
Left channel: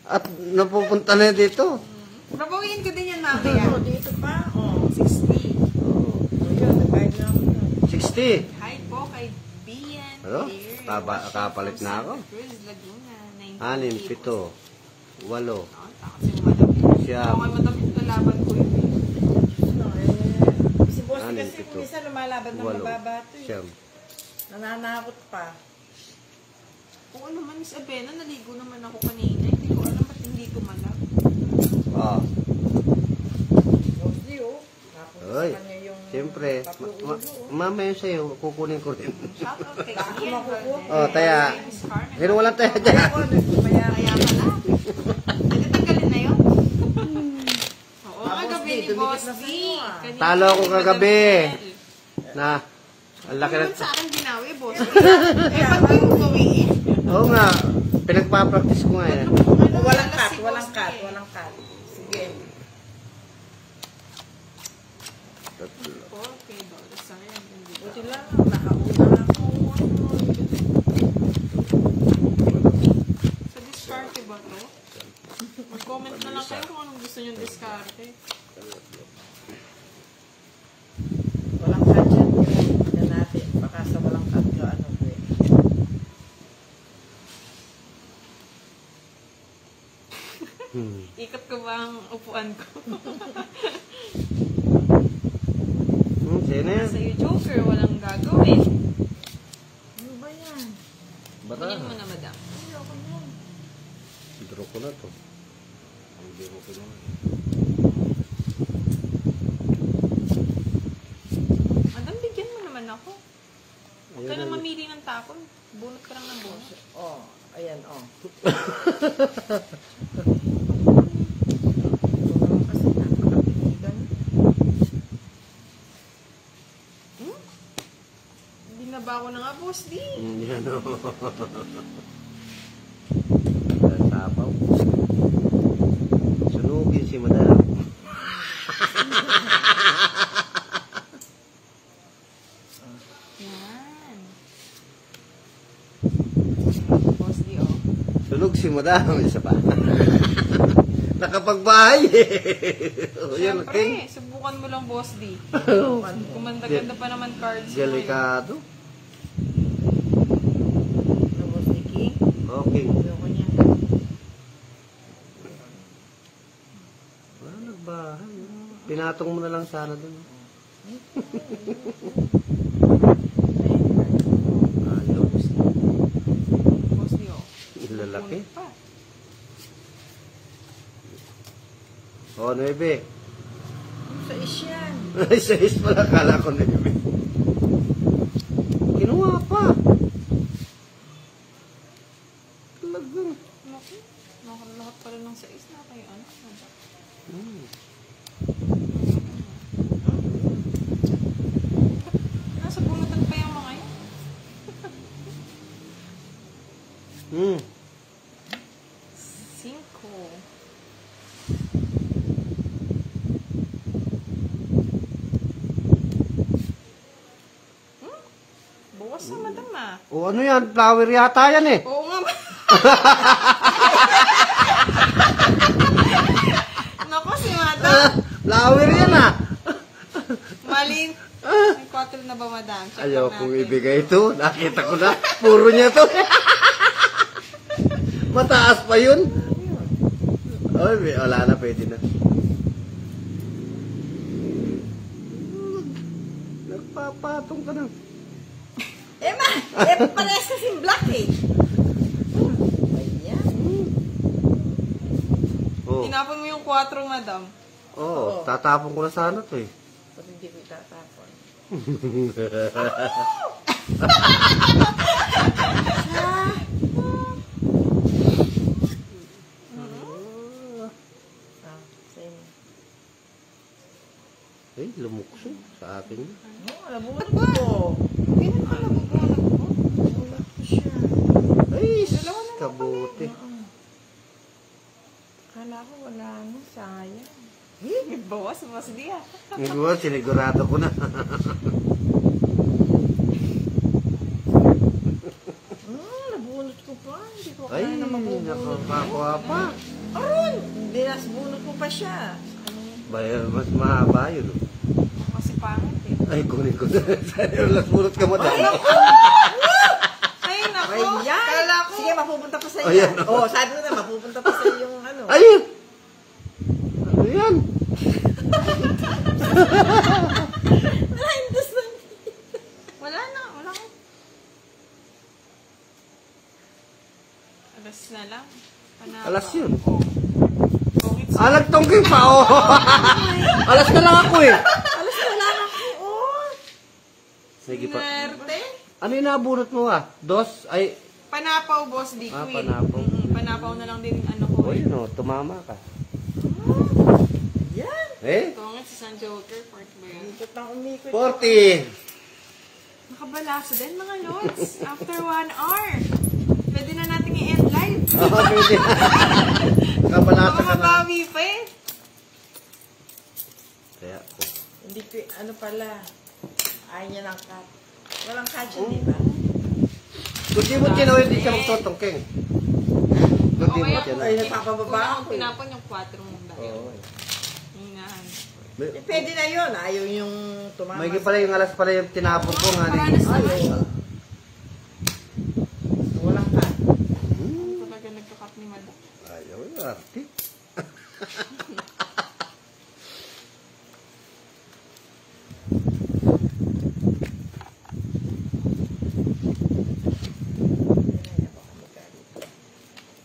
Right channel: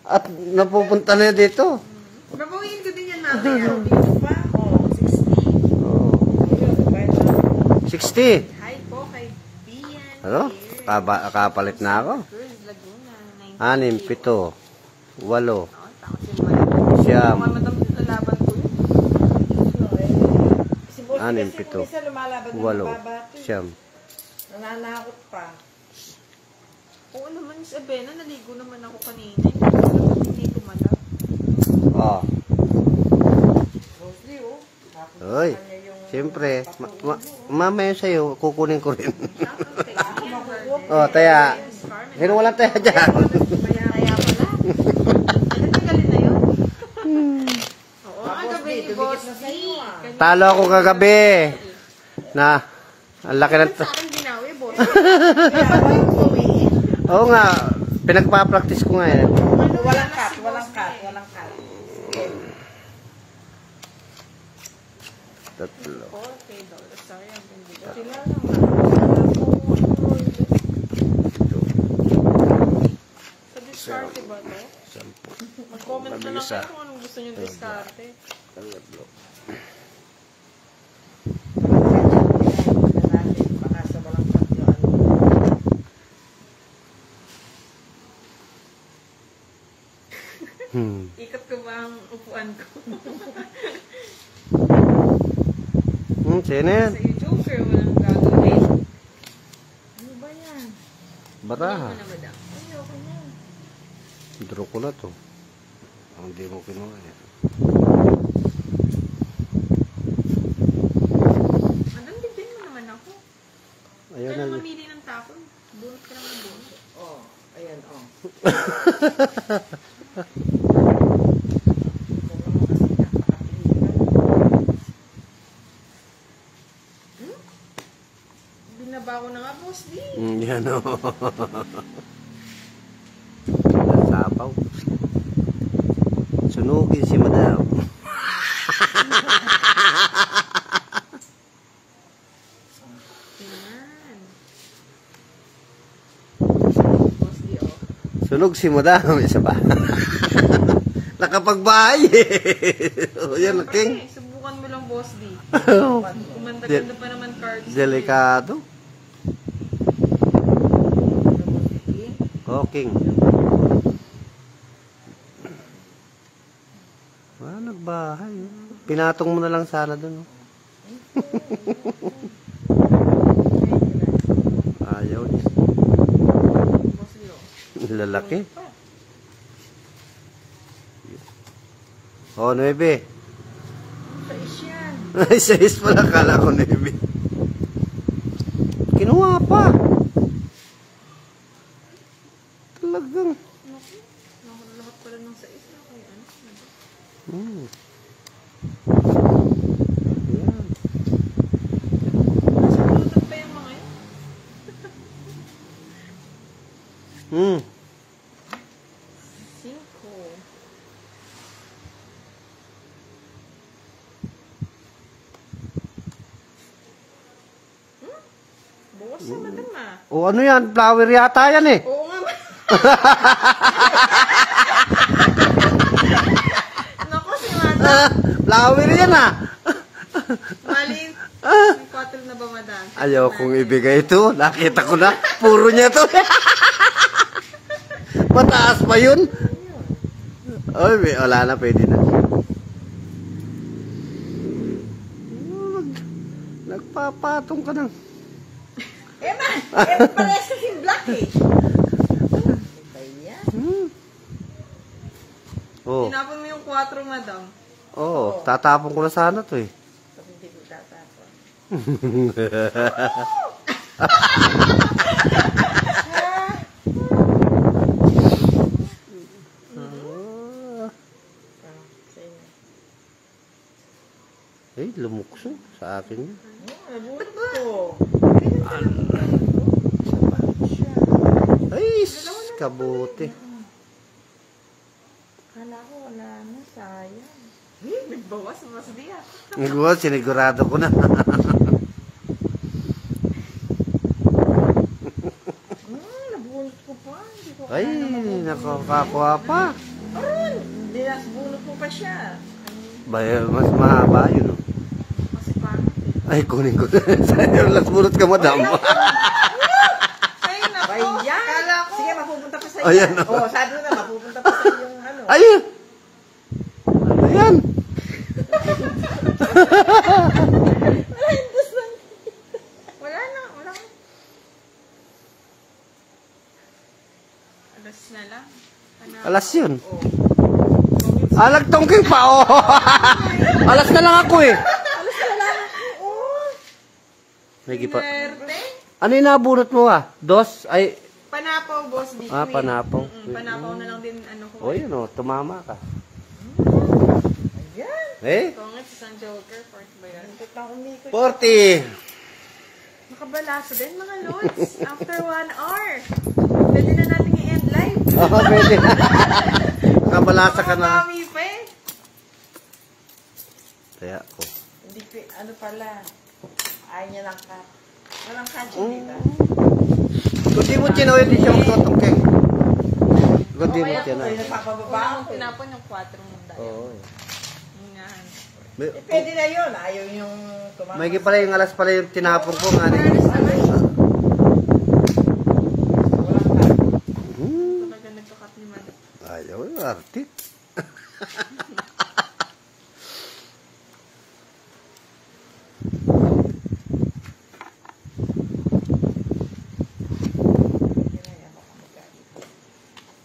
At napupunta na dito. Babawiin ko din yan mamaya. Dito ba? Oh, 60. 60. Hi po kay Bian. Ano? Kapalit na ako. Cruz, Laguna. 6, 7, 8, Siyam. 9, Mga madamit na laban ko yun. Si Boss, Anim, kasi pito, kung isa lumalaban ng 8, mababa to. 9. Nananakot pa. Oo naman, Miss Abena, naligo naman ako kanina. Hindi tumalab. Oh. Rosdy, oh. Napunta Oy. sa kanya yung Siyempre, mamaya sa'yo, kukunin ko rin. Shout out kay Ian. Oh, taya. Miss Carmen. Pero wala tayo dyan. Kaya pala. Nagtagaling na yun. Oo, kagabi ni Boss D. Kanina Talo ako kagabi. Na, ang laki ng... sa akin binawi, Boss D. Kaya ako yung gawin. Oo nga, pinagpa-practice ko nga yan. Walang cut, walang cut, walang cut. Sige. Tatlo. Okay, Dora. Sorry, ang ganda. Buti lang. Sa diskarte ba to? Mag-comment na lang kayo kung anong gusto nyo diskarte. Baka sa walang cut. Ikot ko ba ang upuan ko? Sino yan? Sa'yo, Joker, walang gagawin. Ano ba yan? Bata. Hindi mo na, madam. Ay, okay na. Draw ko na to. Hindi mo kinuha yan. Madam, bigyan mo naman ako. Ayan Kaya na. lang mamili ng tapon. Bunot ka lang ng bunot. Oh, ayan, oh. Binaba ko na nga, boss, di. Yan o. Sapaw. Sunugin si madam. Yan. Boss D, oh. Sunog si madam. Isa pa. Nakapagbahay o yan, King. Siyempre, subukan mo lang, boss, di. Kumanda-ganda pa naman cards. Delikado. Ano, Boss Vicky? O, King. Nagbahay. Pinatong mo na lang sana dun. Ayaw. Boss, di, oh. Lalaki. Pa. O, 9. Sa isyan. Ay, 6 pala. Kala ko 9. Kinuha pa. Talagang. Naku, lahat pala ng sais na kayo. Ano? Sabutan pa yung mga yun. Hmm. 5. Bukas na, madam, ah. O, ano yan? Flower yata yan eh. Oo nga, naku, si madam. Flower yan ah. Malin. May 4 na ba, madam? Check Ayaw natin. kong ibigay ito. Nakita ko na. Puro niya to. Mataas pa yun. Oy, wala na. Pwede na. Nagpapatong ka ng... Emma! Parehas kasing black eh. Ayan. Oh. Tinapon mo yung 4, madam. Oh, tatapon ko na sana to eh. So, hindi ko tatapon. Sa'yo na. Eh, lumukso sa akin yun. Nabunot ko. Ganyan ka lang magbunot ko. Siya. Ay, kabuti. Kala ko wala na, sayang. Bawas, mas diya. Nagawa, sinigurado ko na. Nabunot ko pa. Hindi ko Ay, kaya na mabubunot. nakakakuha pa. Aron! Binasbunot ko pa siya. Bayar, mas mahaba yun. Oh. Kasi pangit eh. Ay, kunin ko na. Sayang, lasbunot ka, madam. Ay, naku. Ayan! Kala ko. Sige, mapupunta pa sa iyo. Ayan. Oh, sabi mo na, mapupunta pa sa iyo yung ano. Ayun! Ano yan? Nahintos lang. Wala na, wala na. Alas na lang. Panalo. Alas yun. Bungit Ah, nagtongking pa, oh. Alas na lang ako eh. Alas na lang ako. Oh. Sige pa. Swerte. Ano yung nabunot mo ah? Dos? Ay, Panapaw, boss. Di Ah, queen. panapaw. Panapaw na lang din ano ko. oh, yun oh, tumama ka. Ayan. Eh, Tungit si San Joker, 4 ba yan? Ikot na umikot. 40. Makabalasa din mga lods. After 1 hour. Pwede na natin i-end live. Oo, pwede. Kabalasa ka na. Makabawi pa eh. Kaya, oh. Hindi ko, ano pala. Ayaw niya ng cut. Walang cut yun, di ba? Kung di mo tinoy, di ka magtongking. Kung di mo Okay, tinoy. Ay, napapababa Kung ako. pinapon ng 4 ng dahil. Oo. Hingahan. May- Pwede na yun. Ayaw yung tumama. May pala yung alas pala yung tinapon ko nga. Paranas na lang. Walang cut. Hmm. Talaga nagkakat ni madam. Ayaw, arte.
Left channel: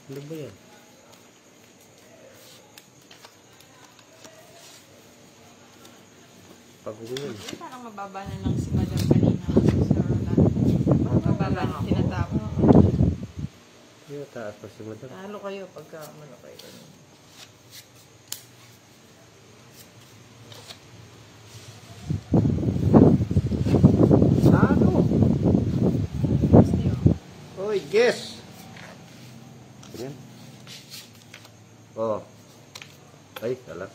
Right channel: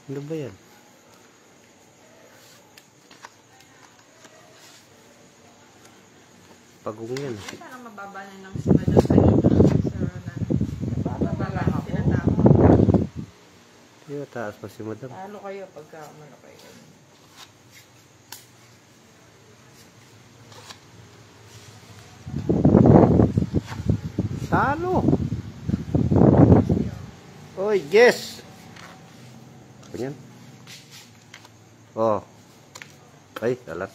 Ano ba yan? Pagong yan. Parang mababa na lang si Madam kanina. Sa mababa lang tinatapon. Yung taas pa si Madam. Ano kayo pagka malaki kayo? Ano? Oy, guess! Ganyan. Oh. Ay, alat.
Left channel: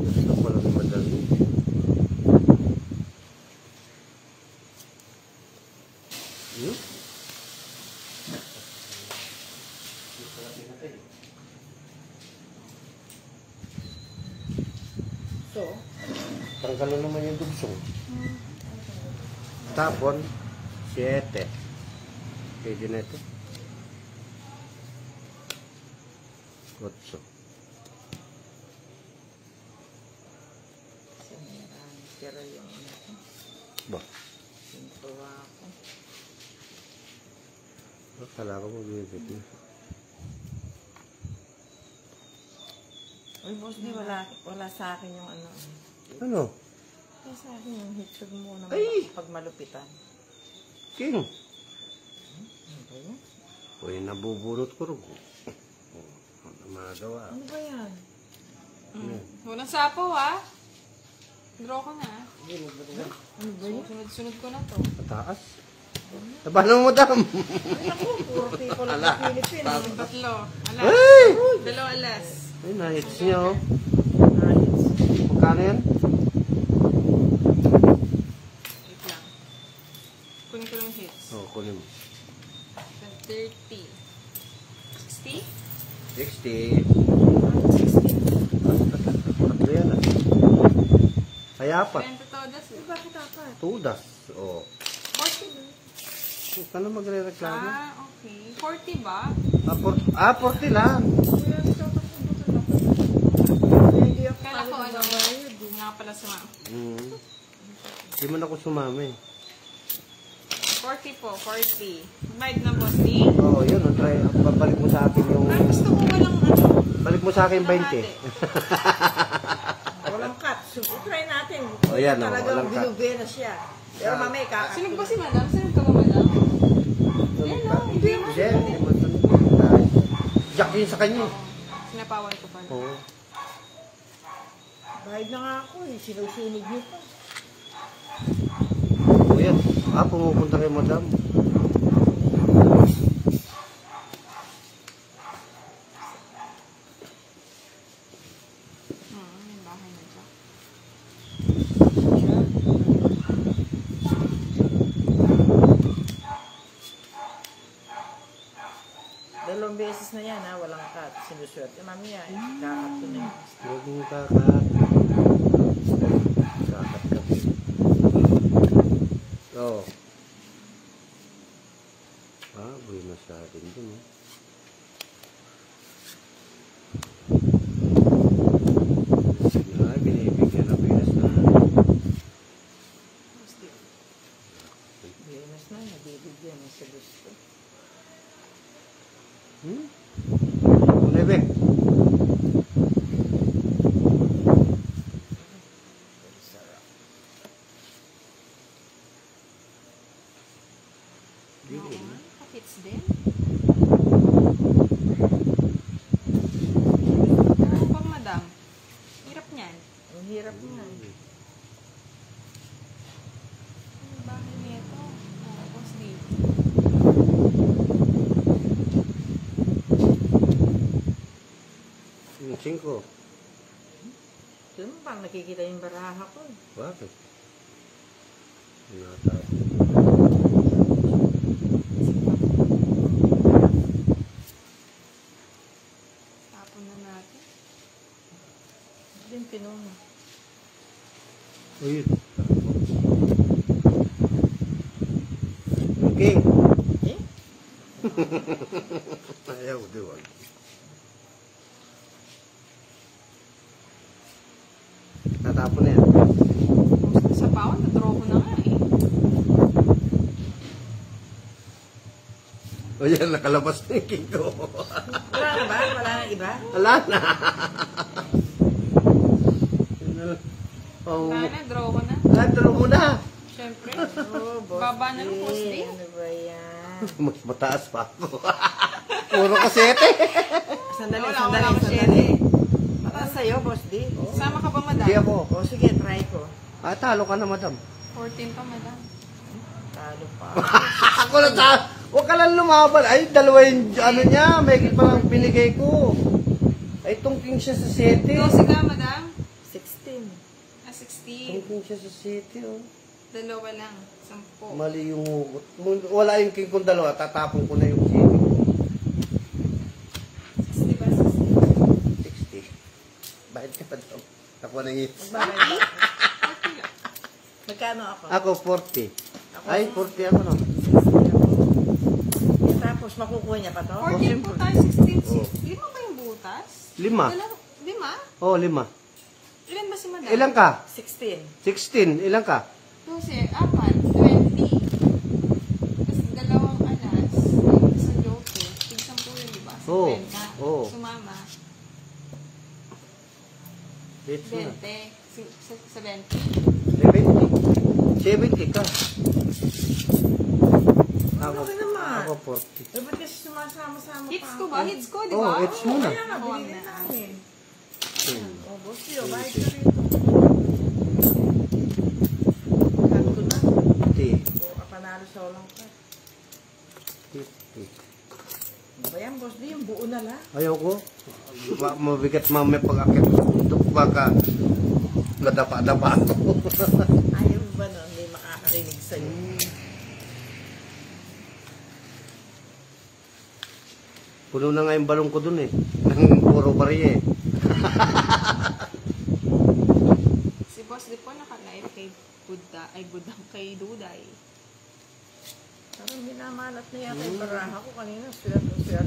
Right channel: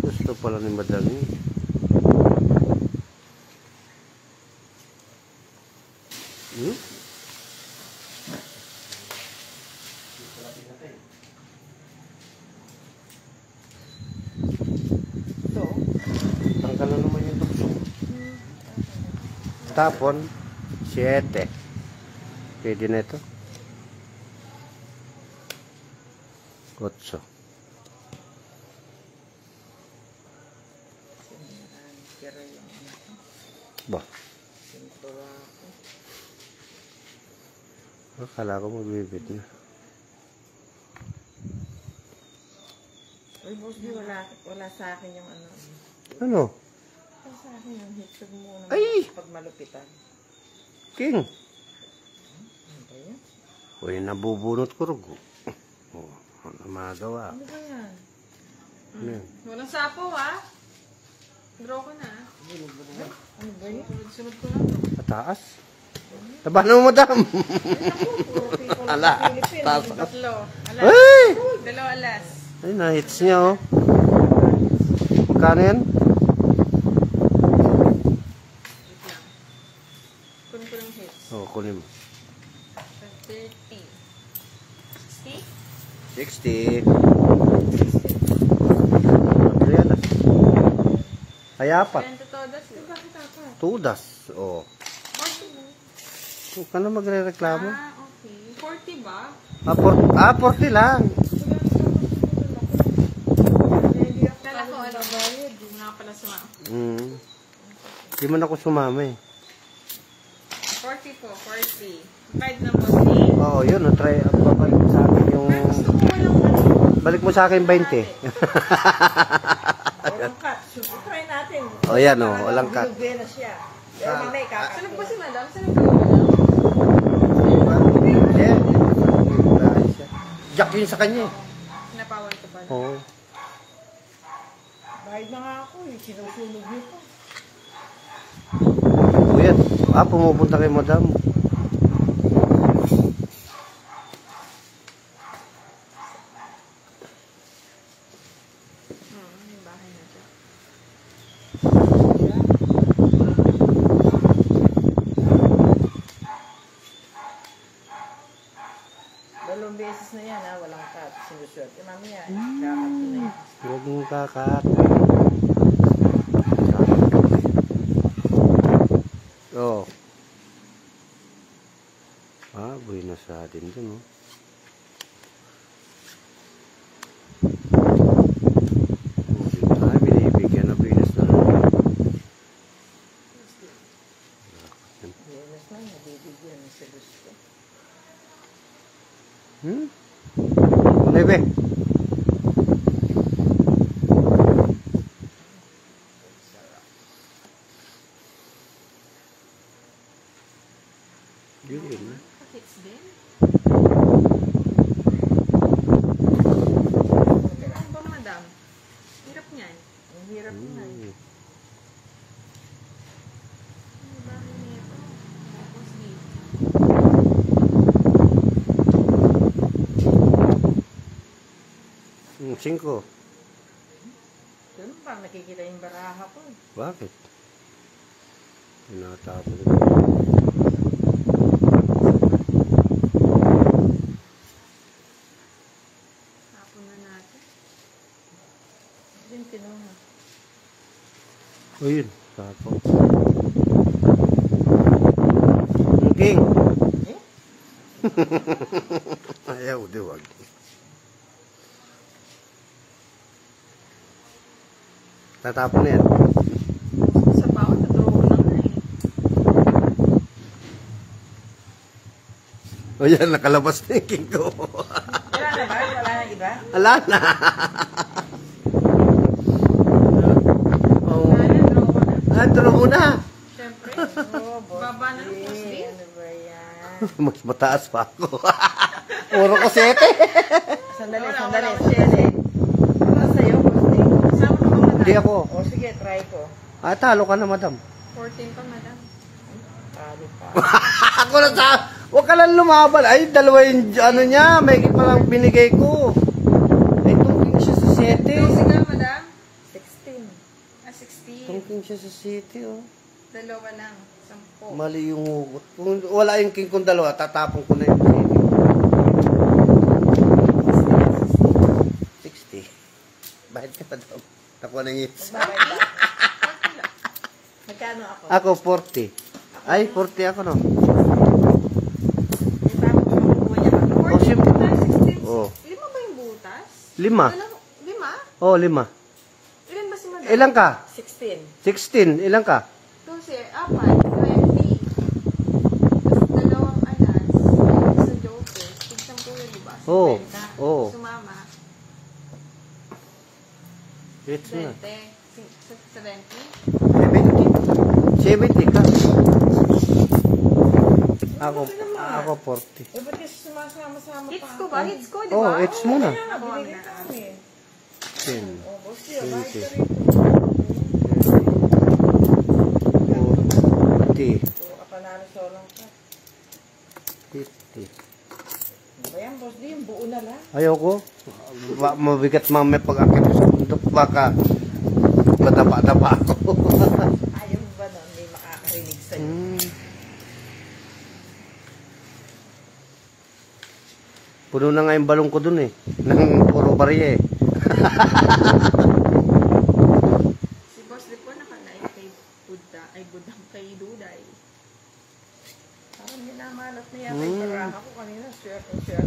Gusto pala ng madami. Hmm? So, Tanggal na naman yung dugsong. Tapon, 7. Pwede na ito. 8. kira yung ano ko. Ba, Sintuwa ako. akala ko magbibit na. Ay, boss, di wala sa akin yung ano. Ano? Wala sa akin yung hitsog mo na Ay! pag malupitan. King! Okay. Uy, nabubunot ko rin. Ano magawa? Ano ba yan? Hmm. Walang sapaw Draw ko na. Ano ba yan? Sunod ko lang to. Kataas? Tabano mo, Madam? Puro people ng Ala, Philippines. tapos. Tatlo. Alas. Ay! Dalawa alas. Ay, na-hits niya, oh. Magkano yan? Wait lang. Kunin ko yung hits. Oh, kunin mo. 30. 60? 60. Ano yan, ah? Kaya pa. 20 todas. Bakit ako? Tudas. Oh. Huwag ka na magre-reklamo. Okay. 40 ba? 40 lang. Kala ko ano ba yun? Di nga pala sumama. Di man ako sumama eh. 40 po. 40. Kahit na bossing. Oo, yun. Try, babalik mo sa akin yung... Gusto ko walang ano. Balik mo sa akin 20. Walang cut. So, try natin. Oh, yan, oh. Talagang Walang cut. bilugeno siya. Pero mamay kakat. Sunog ba si madam? Sunog ba madam? Yan. Jack yun sa kanya eh. Pinapawan ko pala. Oo. Bahid na nga ako eh. Sinusunog niyo pa. Oh, yan. Pumupunta kay Madam. May bahay na dyan. Dalawang beses na yan ha. Walang cut. Sinuswerte. Mamaya eh. Kakat ko na yan. Huwag mong kakat. Oh. Buhay na sa atin dun, oh. Binibigyan ng pinas na. Beses na. Nabibigyan ng sa gusto. Lebe. Yun na. Hits din. Pero po madam. Hirap niyan. Ang hirap nga. Ang dami nito. Tapos dito. Cinco. Ito mo parang nakikita yung baraha ko. Bakit? Tinatapon. Tapon na natin. Din tinong. Uy, tapon. King. Eh? Ayaw, diwag. Natapon na yan. Sa pao, na-draw ko na nga eh. O yan, nakalabas na yung king ko. Wala na ba? Wala na iba? Wala na. Ayan, draw ko na. Draw mo na. Siyempre. Oo, boss. Baba na ng boss D. Ano ba yan? Mas mataas pa ako. Puro ko 7. Sandali, Wala, sandali. wala. Sandali. Ano sa'yo, boss din? Sama ka ba, madam? Hindi ako. O sige, try ko. Talo ka na, madam. 14 pa, madam. Talo pa. Ako na sa... Huwag ka lang lumaban. Ay, dalawa yung ano niya. May pa lang binigay ko. Ay, tungking siya sa 7. 12 ka, madam? 16. 16. Tungking siya sa 7, oh. Dalawa lang. 10. Mali yung hugot. Kung wala yung king kong dalawa, tatapon ko na yung 60. Bakit ka, madam? Ako na yung Magbayad ba? Magkano ako? Ako, 40. Ay, 40 ako, no? Tapos makukuha niya ka, no? 14 pa tayo, 16. Oo. 5 ba yung butas? 5. 5? Oh, 5. Ilan ba si madam? Ilang ka? 16. 16. Ilang ka? 12, 4, 20. Tapos dalawang alas. Ayun sa joke. Tig 10 yun, di ba? Oo. 50. Oo. Sumama. It's na. 20. 70. 70 ka. Ako 40. Eh, ba't kasi sumasama-sama pa? Hits ko ba? Hits ko, di Oh, ba? it's muna. Ako na. 10. Oh, boss, yun. Mahal ko rin. 40. So, panalo solong ko. 50. Ano ba yan, boss? Di, yung buo na lang. Ayoko. Mabigat mamaya pag akit sa bundok. Baka madapa-dapa ako. Ayaw ba na hindi makakarinig sa'yo? Puno na nga yung balong ko dun eh. Nang puro barya eh. Si Boss Di po nakalayo kay Buddha. Ay, Buddha. Kay Duday. Ako hindi namanap niya kay Baraha ko kanina. Swerte.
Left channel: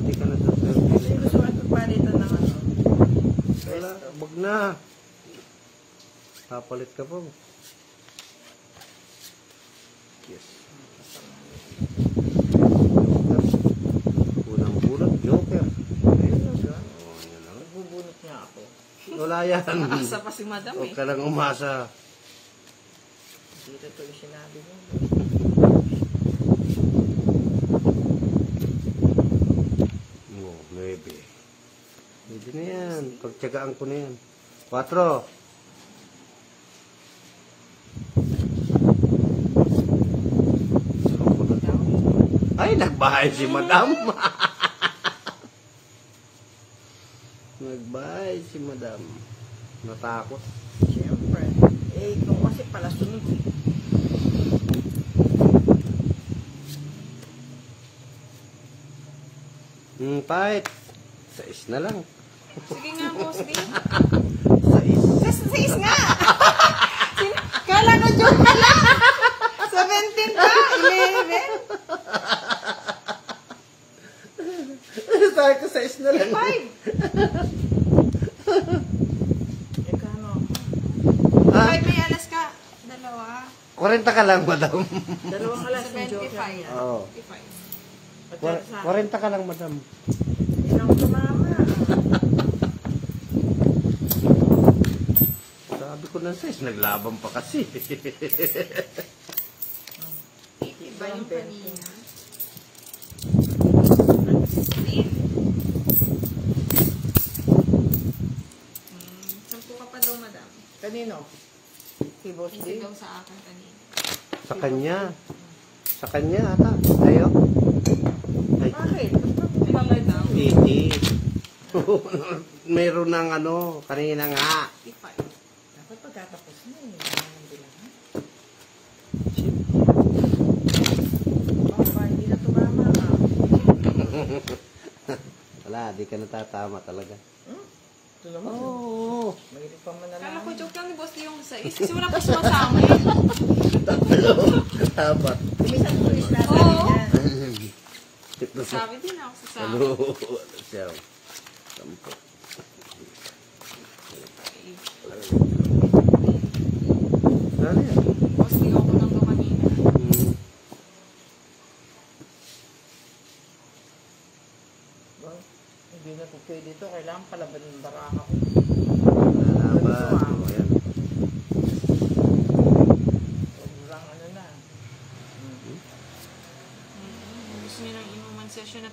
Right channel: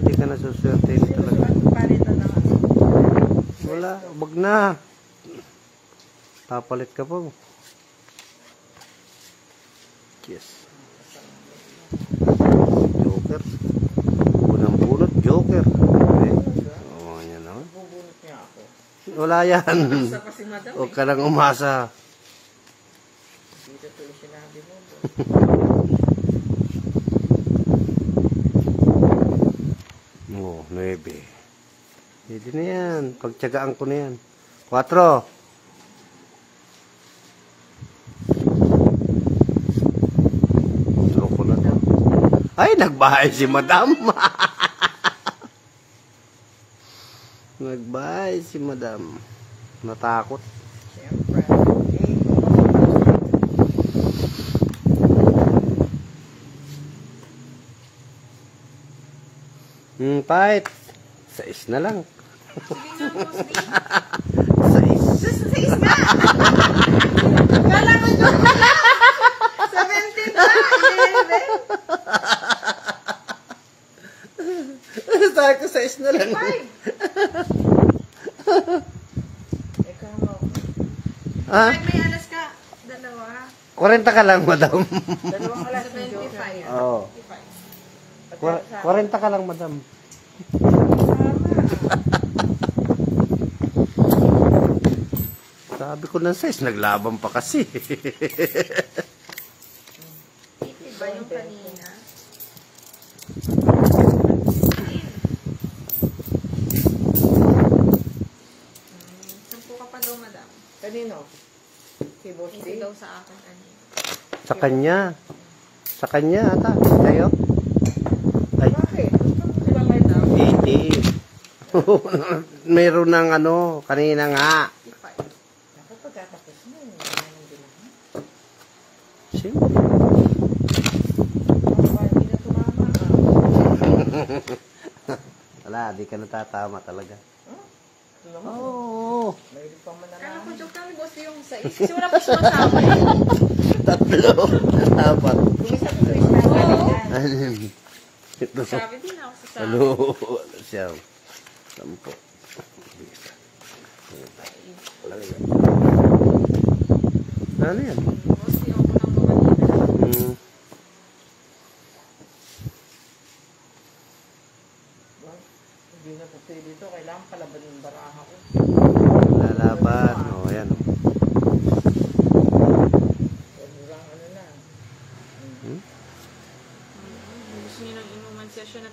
Di ka nasuswerte. Hindi ko sila palitan naman. Wala, wag na. Papalit ka po. Yes. Joker. Unang-bunot, Joker. Oh, yan naman. Bubunot niya ako. Wala yan. Isa pa si madam Huwag eh. ka lang umasa. Dito ito yung sinabi mo. Oh, 9. Pwede na yan. Pagtyagaan ko na yan. 4. Ay, nagbahay si madam. Nagbahay si madam. Natakot. Siyempre. Eh, kung kasi pala siya. Fight. 6 na lang. Sige nga, Boss Di. 6. Just 6 nga! Kala ka joke ka lang! 17 pa! 11! Sabi ko 6 na lang. 5! Kano? Ha? 5 may alas ka. Dalawa. 40 ka lang, madam. Dalawang alas ng joke. 25. Oo. 25. 40 ka lang, madam. Sabi ko ng 6, naglaban pa kasi. 80 ba yung kanina? Sampo ka pa daw, madam. Kanino? Si Boss Hindi D. daw sa akin kanina. Sa kanya. Sa kanya, ata. Tayo. Ay, Bakit? Ilang letter? 80. Meron ng ano, kanina nga. 55. Ako pagkatapos mo. Hindi lang. Hindi na tumama. Wala, di ka natatama talaga. Ito naman. Oo. May pa mo na Ay, lang. joke lang ni Boss Di yung 6. Kasi wala pa sumasama eh. 3. Dapat. Tumis na Oo. yan. Ito sa... Sabi din ako sa Ano? Ano siya? 10. Ano yan? Boss Di ako nang kumanina.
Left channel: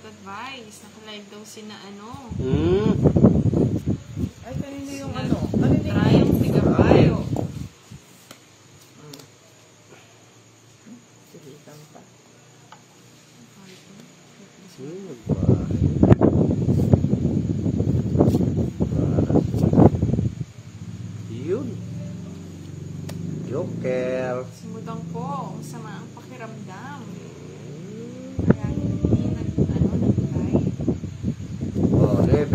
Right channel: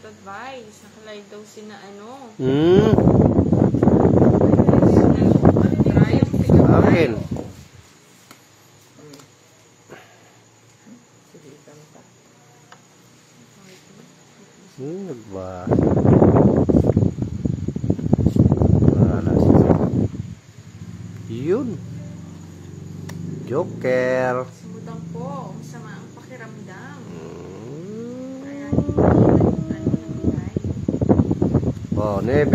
advice. Naka-live daw si na ano. Angel. Nagbahay. Yun. Joker. Sumudang po. Masama ang pakiramdam. Kaya hindi nag-live. Oh, 9.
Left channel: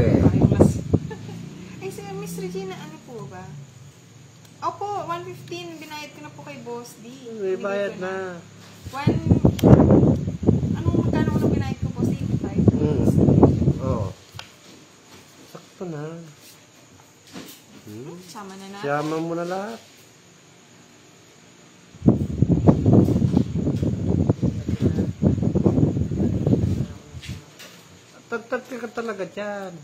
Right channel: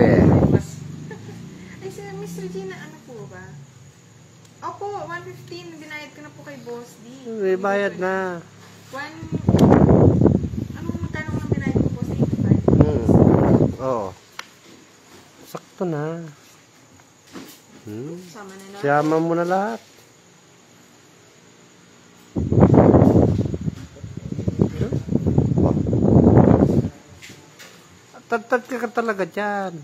Ay, si Miss Regina, ano po ba? Opo, 115. Binayad ko na po kay Boss D. May bayad na. Anong magkano ang binayad ko po sa 85? Oh. Sakto na. Sama na natin. Siyama mo na lahat. Tad ka talaga dyan.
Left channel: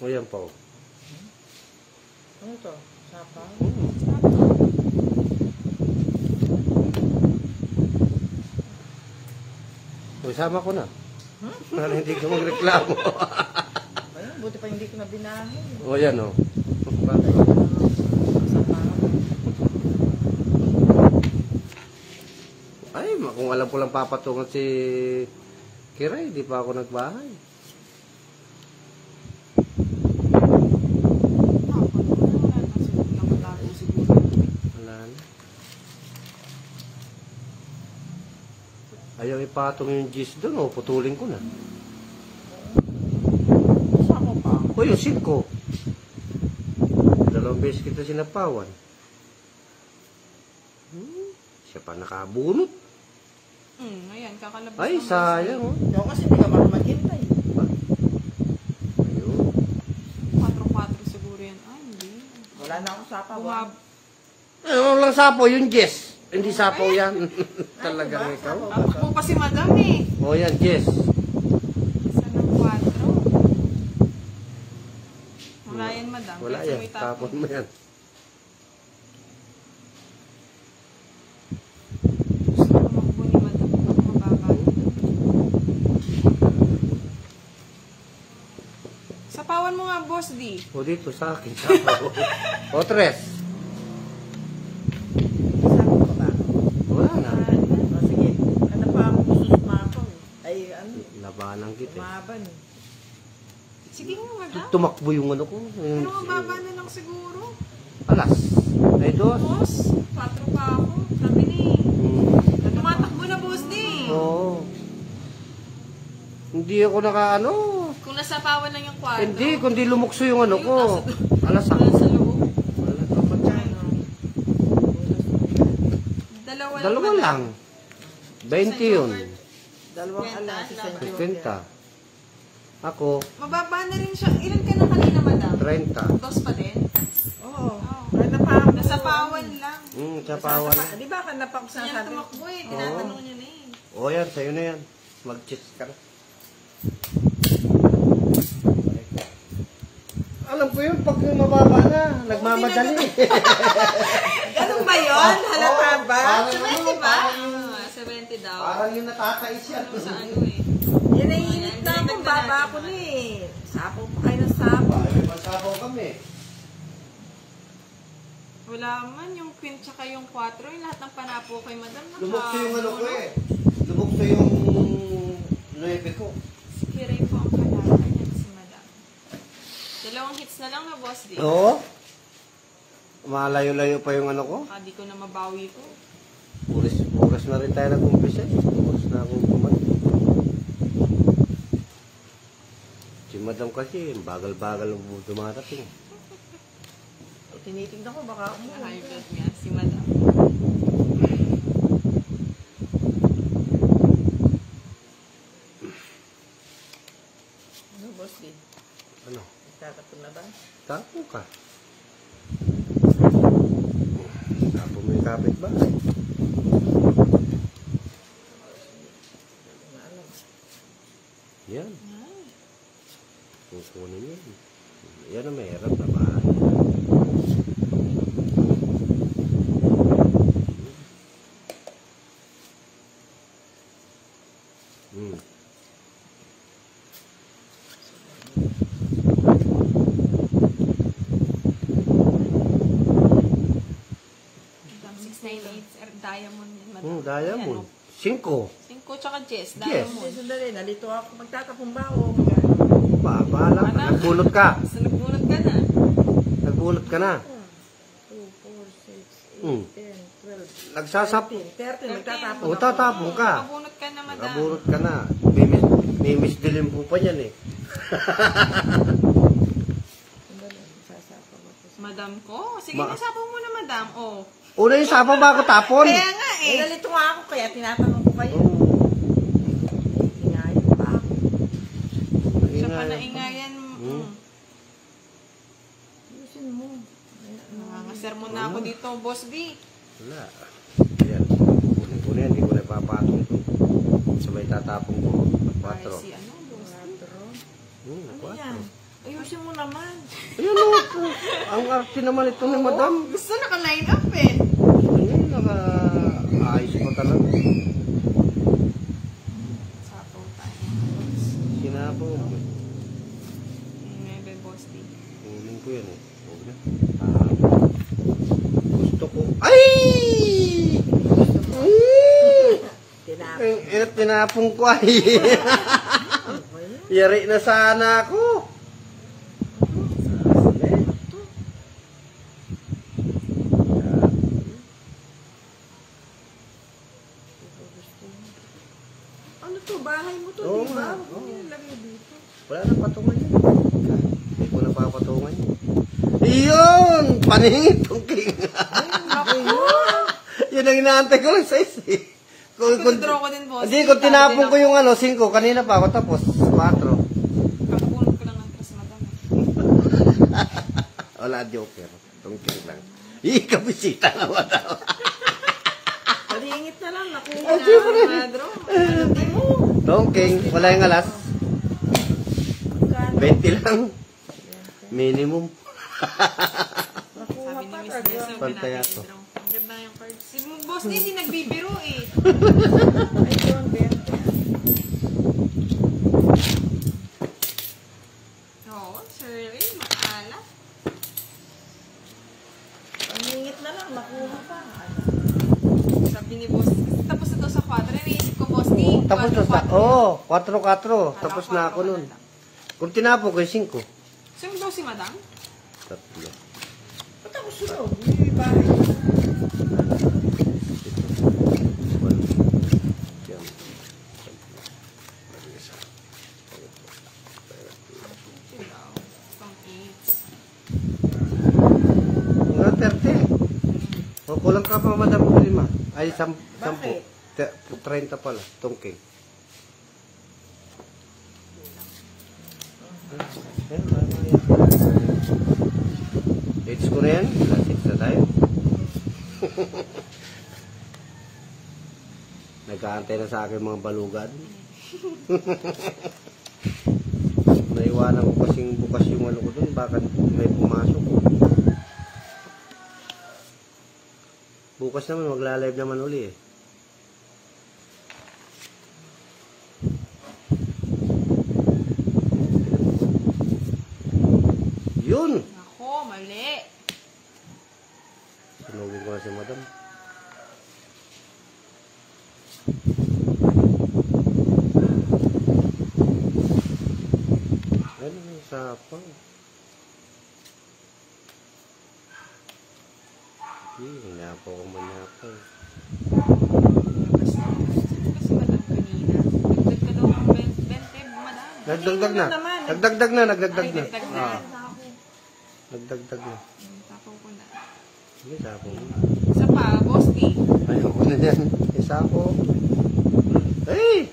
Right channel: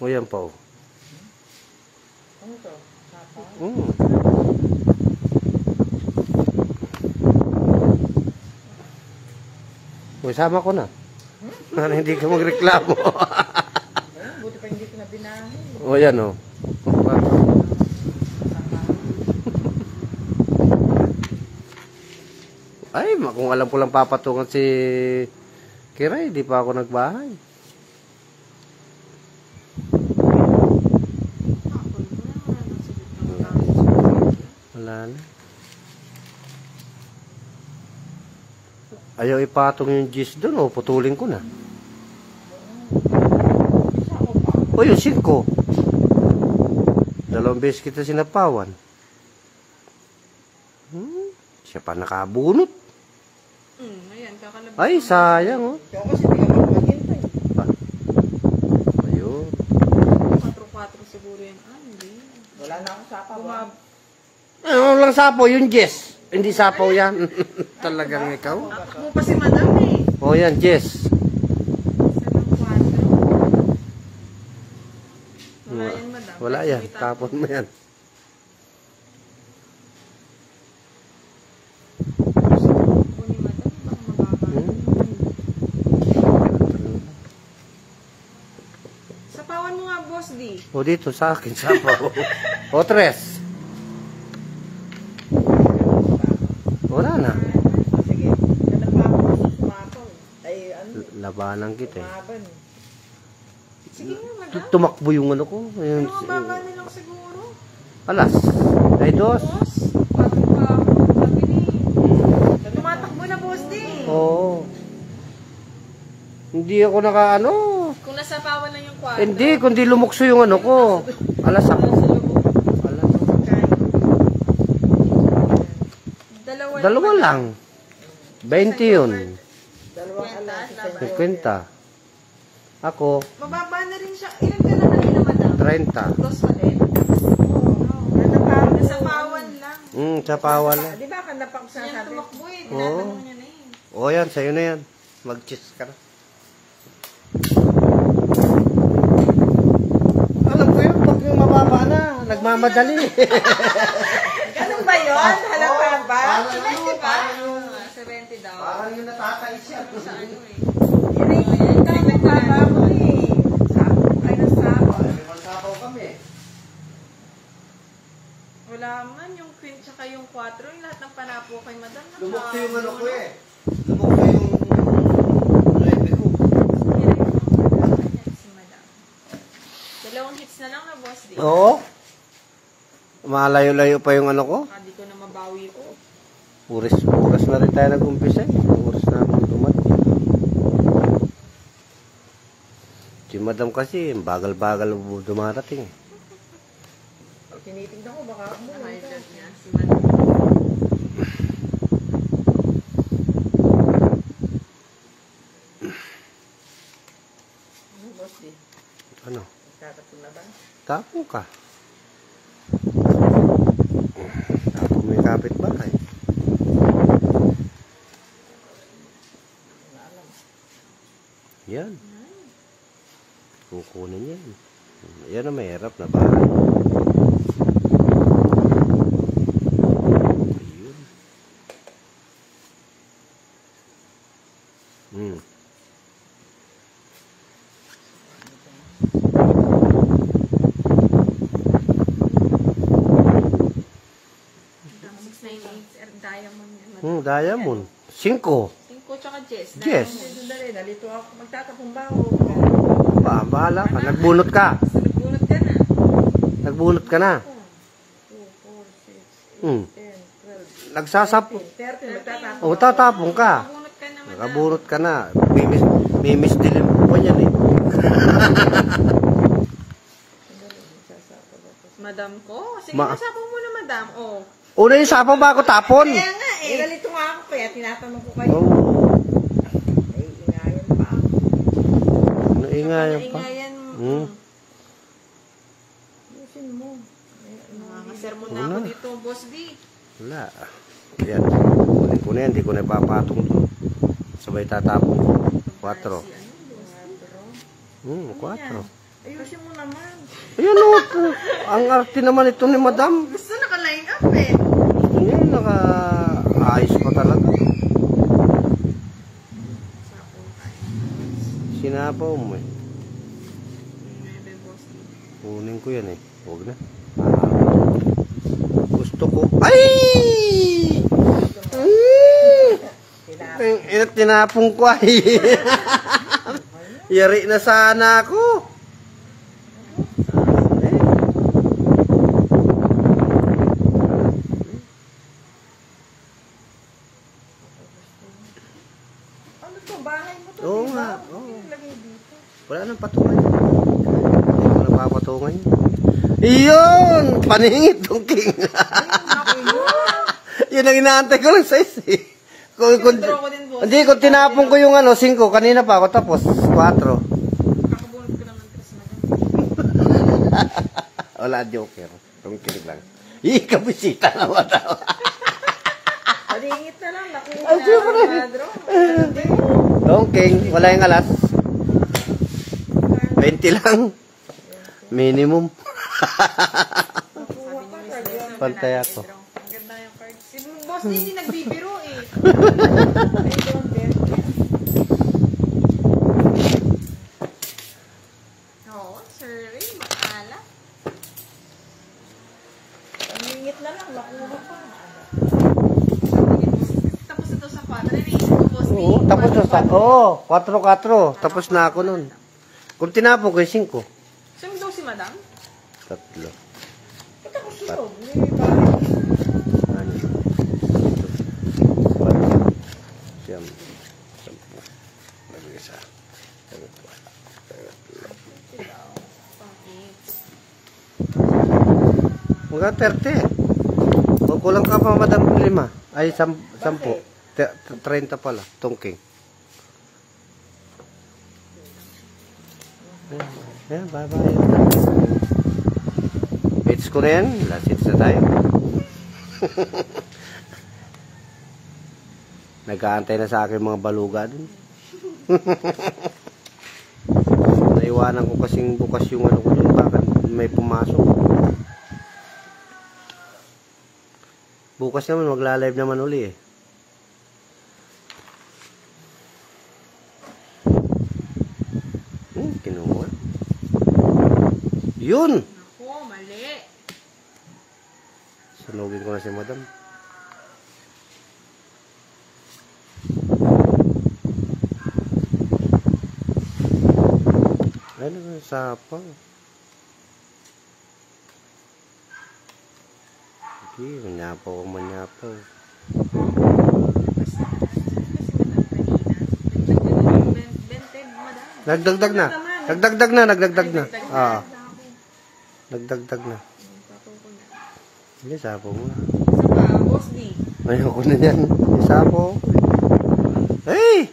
O yan po. Ano to? Sapa? Isama ko na. Para hindi ka magreklamo. Buti pa hindi ko na binahin. O yan o. Ay, kung alam ko lang papatungan si Kiray, di pa ako nagbahay. Wala na. Ayaw ipatong yung gis doon, o putulin ko na. O yung 5. 2 beses kita sinapawan. Siya pa nakabunot. Ayan, kakalabas. Ay, sayang oh. Ako kasi pinagmamagin ko eh. Ayun. 4-4 siguro yan. Ah, hindi. Wala na akong sapa. Ano lang sapo, yung Jess. Hindi sapo yan. Talagang ikaw. Tapos mo pa si Madam eh. O yan, Jess. 7-4. Wala yan, Madam. Wala yan. Tapon mo yan. Sapawan mo nga, Boss D. O dito sa akin, sapo. O 3. Wala na. Sige. Ano pa ako susumapaw eh. Ay, ano? Labanan kita eh. Maban. Sige nga, Madam. Tumakbo yung ano ko. Ayun, Ano ang baba nilang siguro? alas. Ay, 2. Boss, tapos pa, sabi ni, tumatakbo na, Boss D. Oo. Hindi ako nakaano. Kung nasapawan lang yung kwarto. Hindi, kundi lumukso yung ano ko. Alas ako. Sa loob. Dalawa lang. 20 yun. Dalawang alas. 50. Ako, Mababa na rin siya. Ilan ka na kanina, Madam? 30. Dos pa din? Oo. Nasapawan lang. Sa pawal lang. Di ba kanapa ko sa Sayang sabi? tumakbo eh. Tinatanong niya na eh. O yan, sa'yo na yan. Mag-cheese ka na. Alam ko yun, pag yung mababa na, nagmamadali. Ganun ba yun? Halata ba? Parang yung, 70 daw. parang yung natakais yan. Sa ano eh. Yan ay hinintay mo baba ko eh. Sapo. Ano sapo? Ay, magsabaw kami. Wala man. Yung queen tsaka yung 4. Yung lahat ng panapo kay Madam. Lumukso yung ano ko eh. Lumukso yung 9 ko. Sige rin po. Ganyan si Madam. Dalawang hits na lang na, Boss D. Oo. Malayo-layo pa yung ano ko. Baka di ko na mabawi ko. Puras na rin tayo nag-umpisa eh. Puras na rin kuman. Si Madam kasi, bagal-bagal dumarating. Tinitignan ko baka ako. High blood nga si Madam. Ano, Boss D? Ano? Tapos na ba? Tapo ka. May kapit ba eh? Yan. Kukunin yan. Yan ang mahirap na bahay. Yun. diamond yan. Diamond. 5. 5 tsaka Jess. Yes. Diamond. Sandali, nalito ako. Magtatapong ba ako? Bahala ka. Nagbunot ka. Basta nagbunot ka na. Nagbunot ka na. 2, 4, 6, 8, Hmm. 10, 12, Nagsasap. 13. Magtatapong O, tatapong ka. Nabunot ka na, madam. Nakabunot ka na. Mimis din yung buwan yan eh. Madam ko? Sige, nasapong mo na, madam. Oh. Una yung sapa ba ako tapon? Kaya nga Eh, eh. nalito nga ako kaya tinatanong ko kayo. Oh, Inayos pa ako. naingayan pa. Naingayan mo. Hmm. Ayusin mo. Nangangasermon na ako dito, Boss B. Wala. Ayan. Kunin ko na yan. Hindi ko na ipapatong to. Sabay tatapon ko. 4. Si ano, Boss B? 4. Ayusin mo naman. Ayun o. Ang arte naman ito ni Madam. Gusto naka-line up eh. Ngayon, naka-ayos pa talaga. Sinapaw mo eh. Nebe, Boss B. Kunin ko yan eh. Huwag na. Gusto ko. Ay! Tinapong ko ay. Yari na sana ako. Ano to? Bahay mo to? Oo di ba? nga. Lagay dito. Wala na patungan. Wala na papatungan. Iyon! Paningit tong king. Yun ang inaantay ko lang size eh. Draw ko din, Boss. Hindi, kung tinapon ko yung 5, kanina pa ako tapos 4. Kapunod ko lang ang tres, madam. Wala, joker. Tungkil lang. Kabisita na wala. Palingit na lang. Nakuha. Ay, siyempre. Draw. Tongking, wala yung alas. 20 lang. Minimum. Sabi ni Miss Leslie, Pantay ako. ang ganda yung card. Si Boss D, si nagbibiro eh. Oo, sir. Eh, makala. Palingit na lang. Nakuha pa. Hindi, Boss. Tapos ito sa 4. Naisip ko, Boss D. Tapos na sa... Oo, 4-4. Tapos na ako nun. Kung tinapon ko yung 5. Saan daw si madam? 3. Tapos yun. May bahay. Mga 30. O kulang ka pa Madam 5. Ay, 10. 30 pala. Tungking. Yan, bye-bye. Hits ko na yan. Last hits na tayo. Nag-aantay na sa akin mga baluga dun. Naiwanan ko kasing bukas yung ano ko yun. Bakit may pumasok. Bukas naman, magla-live naman uli eh. Kinamuhan. Yun! Ako, mali. Sunugin ko na si Madam. Ano ang sapang? Hindi, manyapaw o manyapaw. Kasi madam kanina. Nagdagdag na. Madam. Nagdagdag na. Nagdagdag na. Nagdagdag na. Ah, nagdagdag na. Tapos ko na. Sige, sapo mo. Isa pa, Boss D. Ayoko na yan. Sapo. Hey!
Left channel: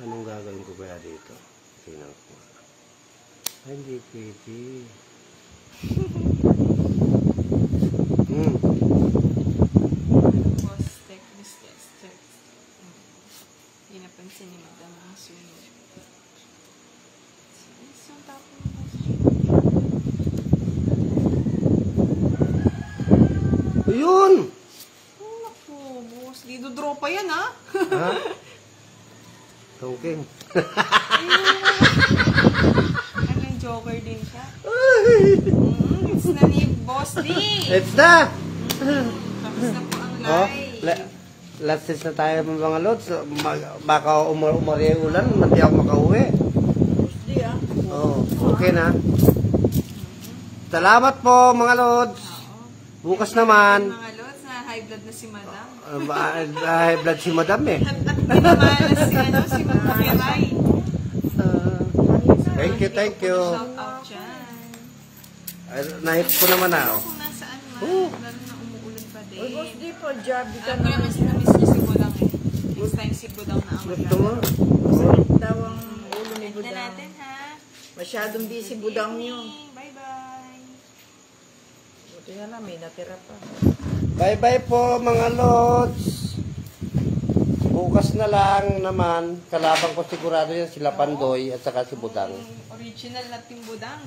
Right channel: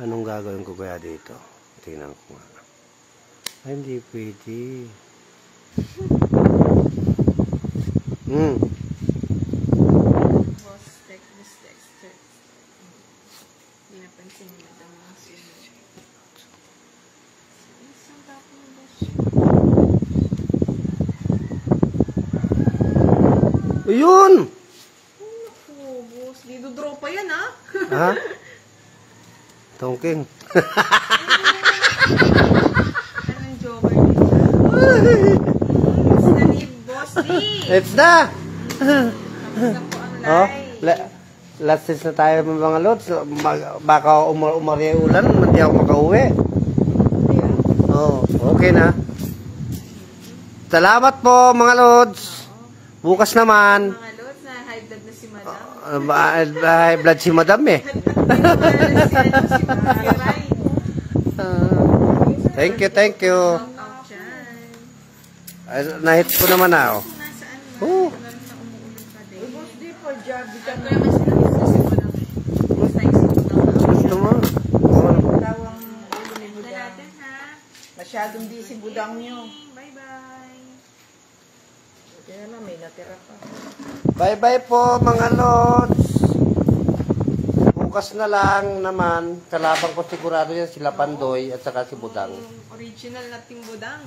Anong gagawin ko kaya dito? Tingnan ko nga. Ay, hindi pwede. Boss, this text. Hindi napansin ni madam ang sunod. Saan ba ako ng boss? Ayun! Naku, Boss D. Draw pa yan, ha? Ha? Tongking. Anong joker dito? It's na ni Boss D. It's na! Tapos na po ang Oh, last days na tayo mga lods. Baka umari ulan, hindi ako makauwi. Hindi Oh, okay na. Salamat po mga lods. Bukas naman. Mga lods, na high blood na si madam. High blood si madam eh. Pinamalas si Ray. Thank you. Out dyan. Nahit ko naman na. Oh. Kung nasaan mo, Oh. umuulan pa din. Uy, boss, di pa, job. Di ka Alam ko naman sa business ko lang eh. Next time siguro lang. Gusto mo? daw ang ulo ni Na Budang. natin ha. Masyadong busy Budang nyo. Bye-bye. Buti na lang, may natira pa. Bye-bye po mga lods. Bukas na lang naman. Kalabang ko sigurado yan sila Pandoy at saka si Budang. Original na timbudang.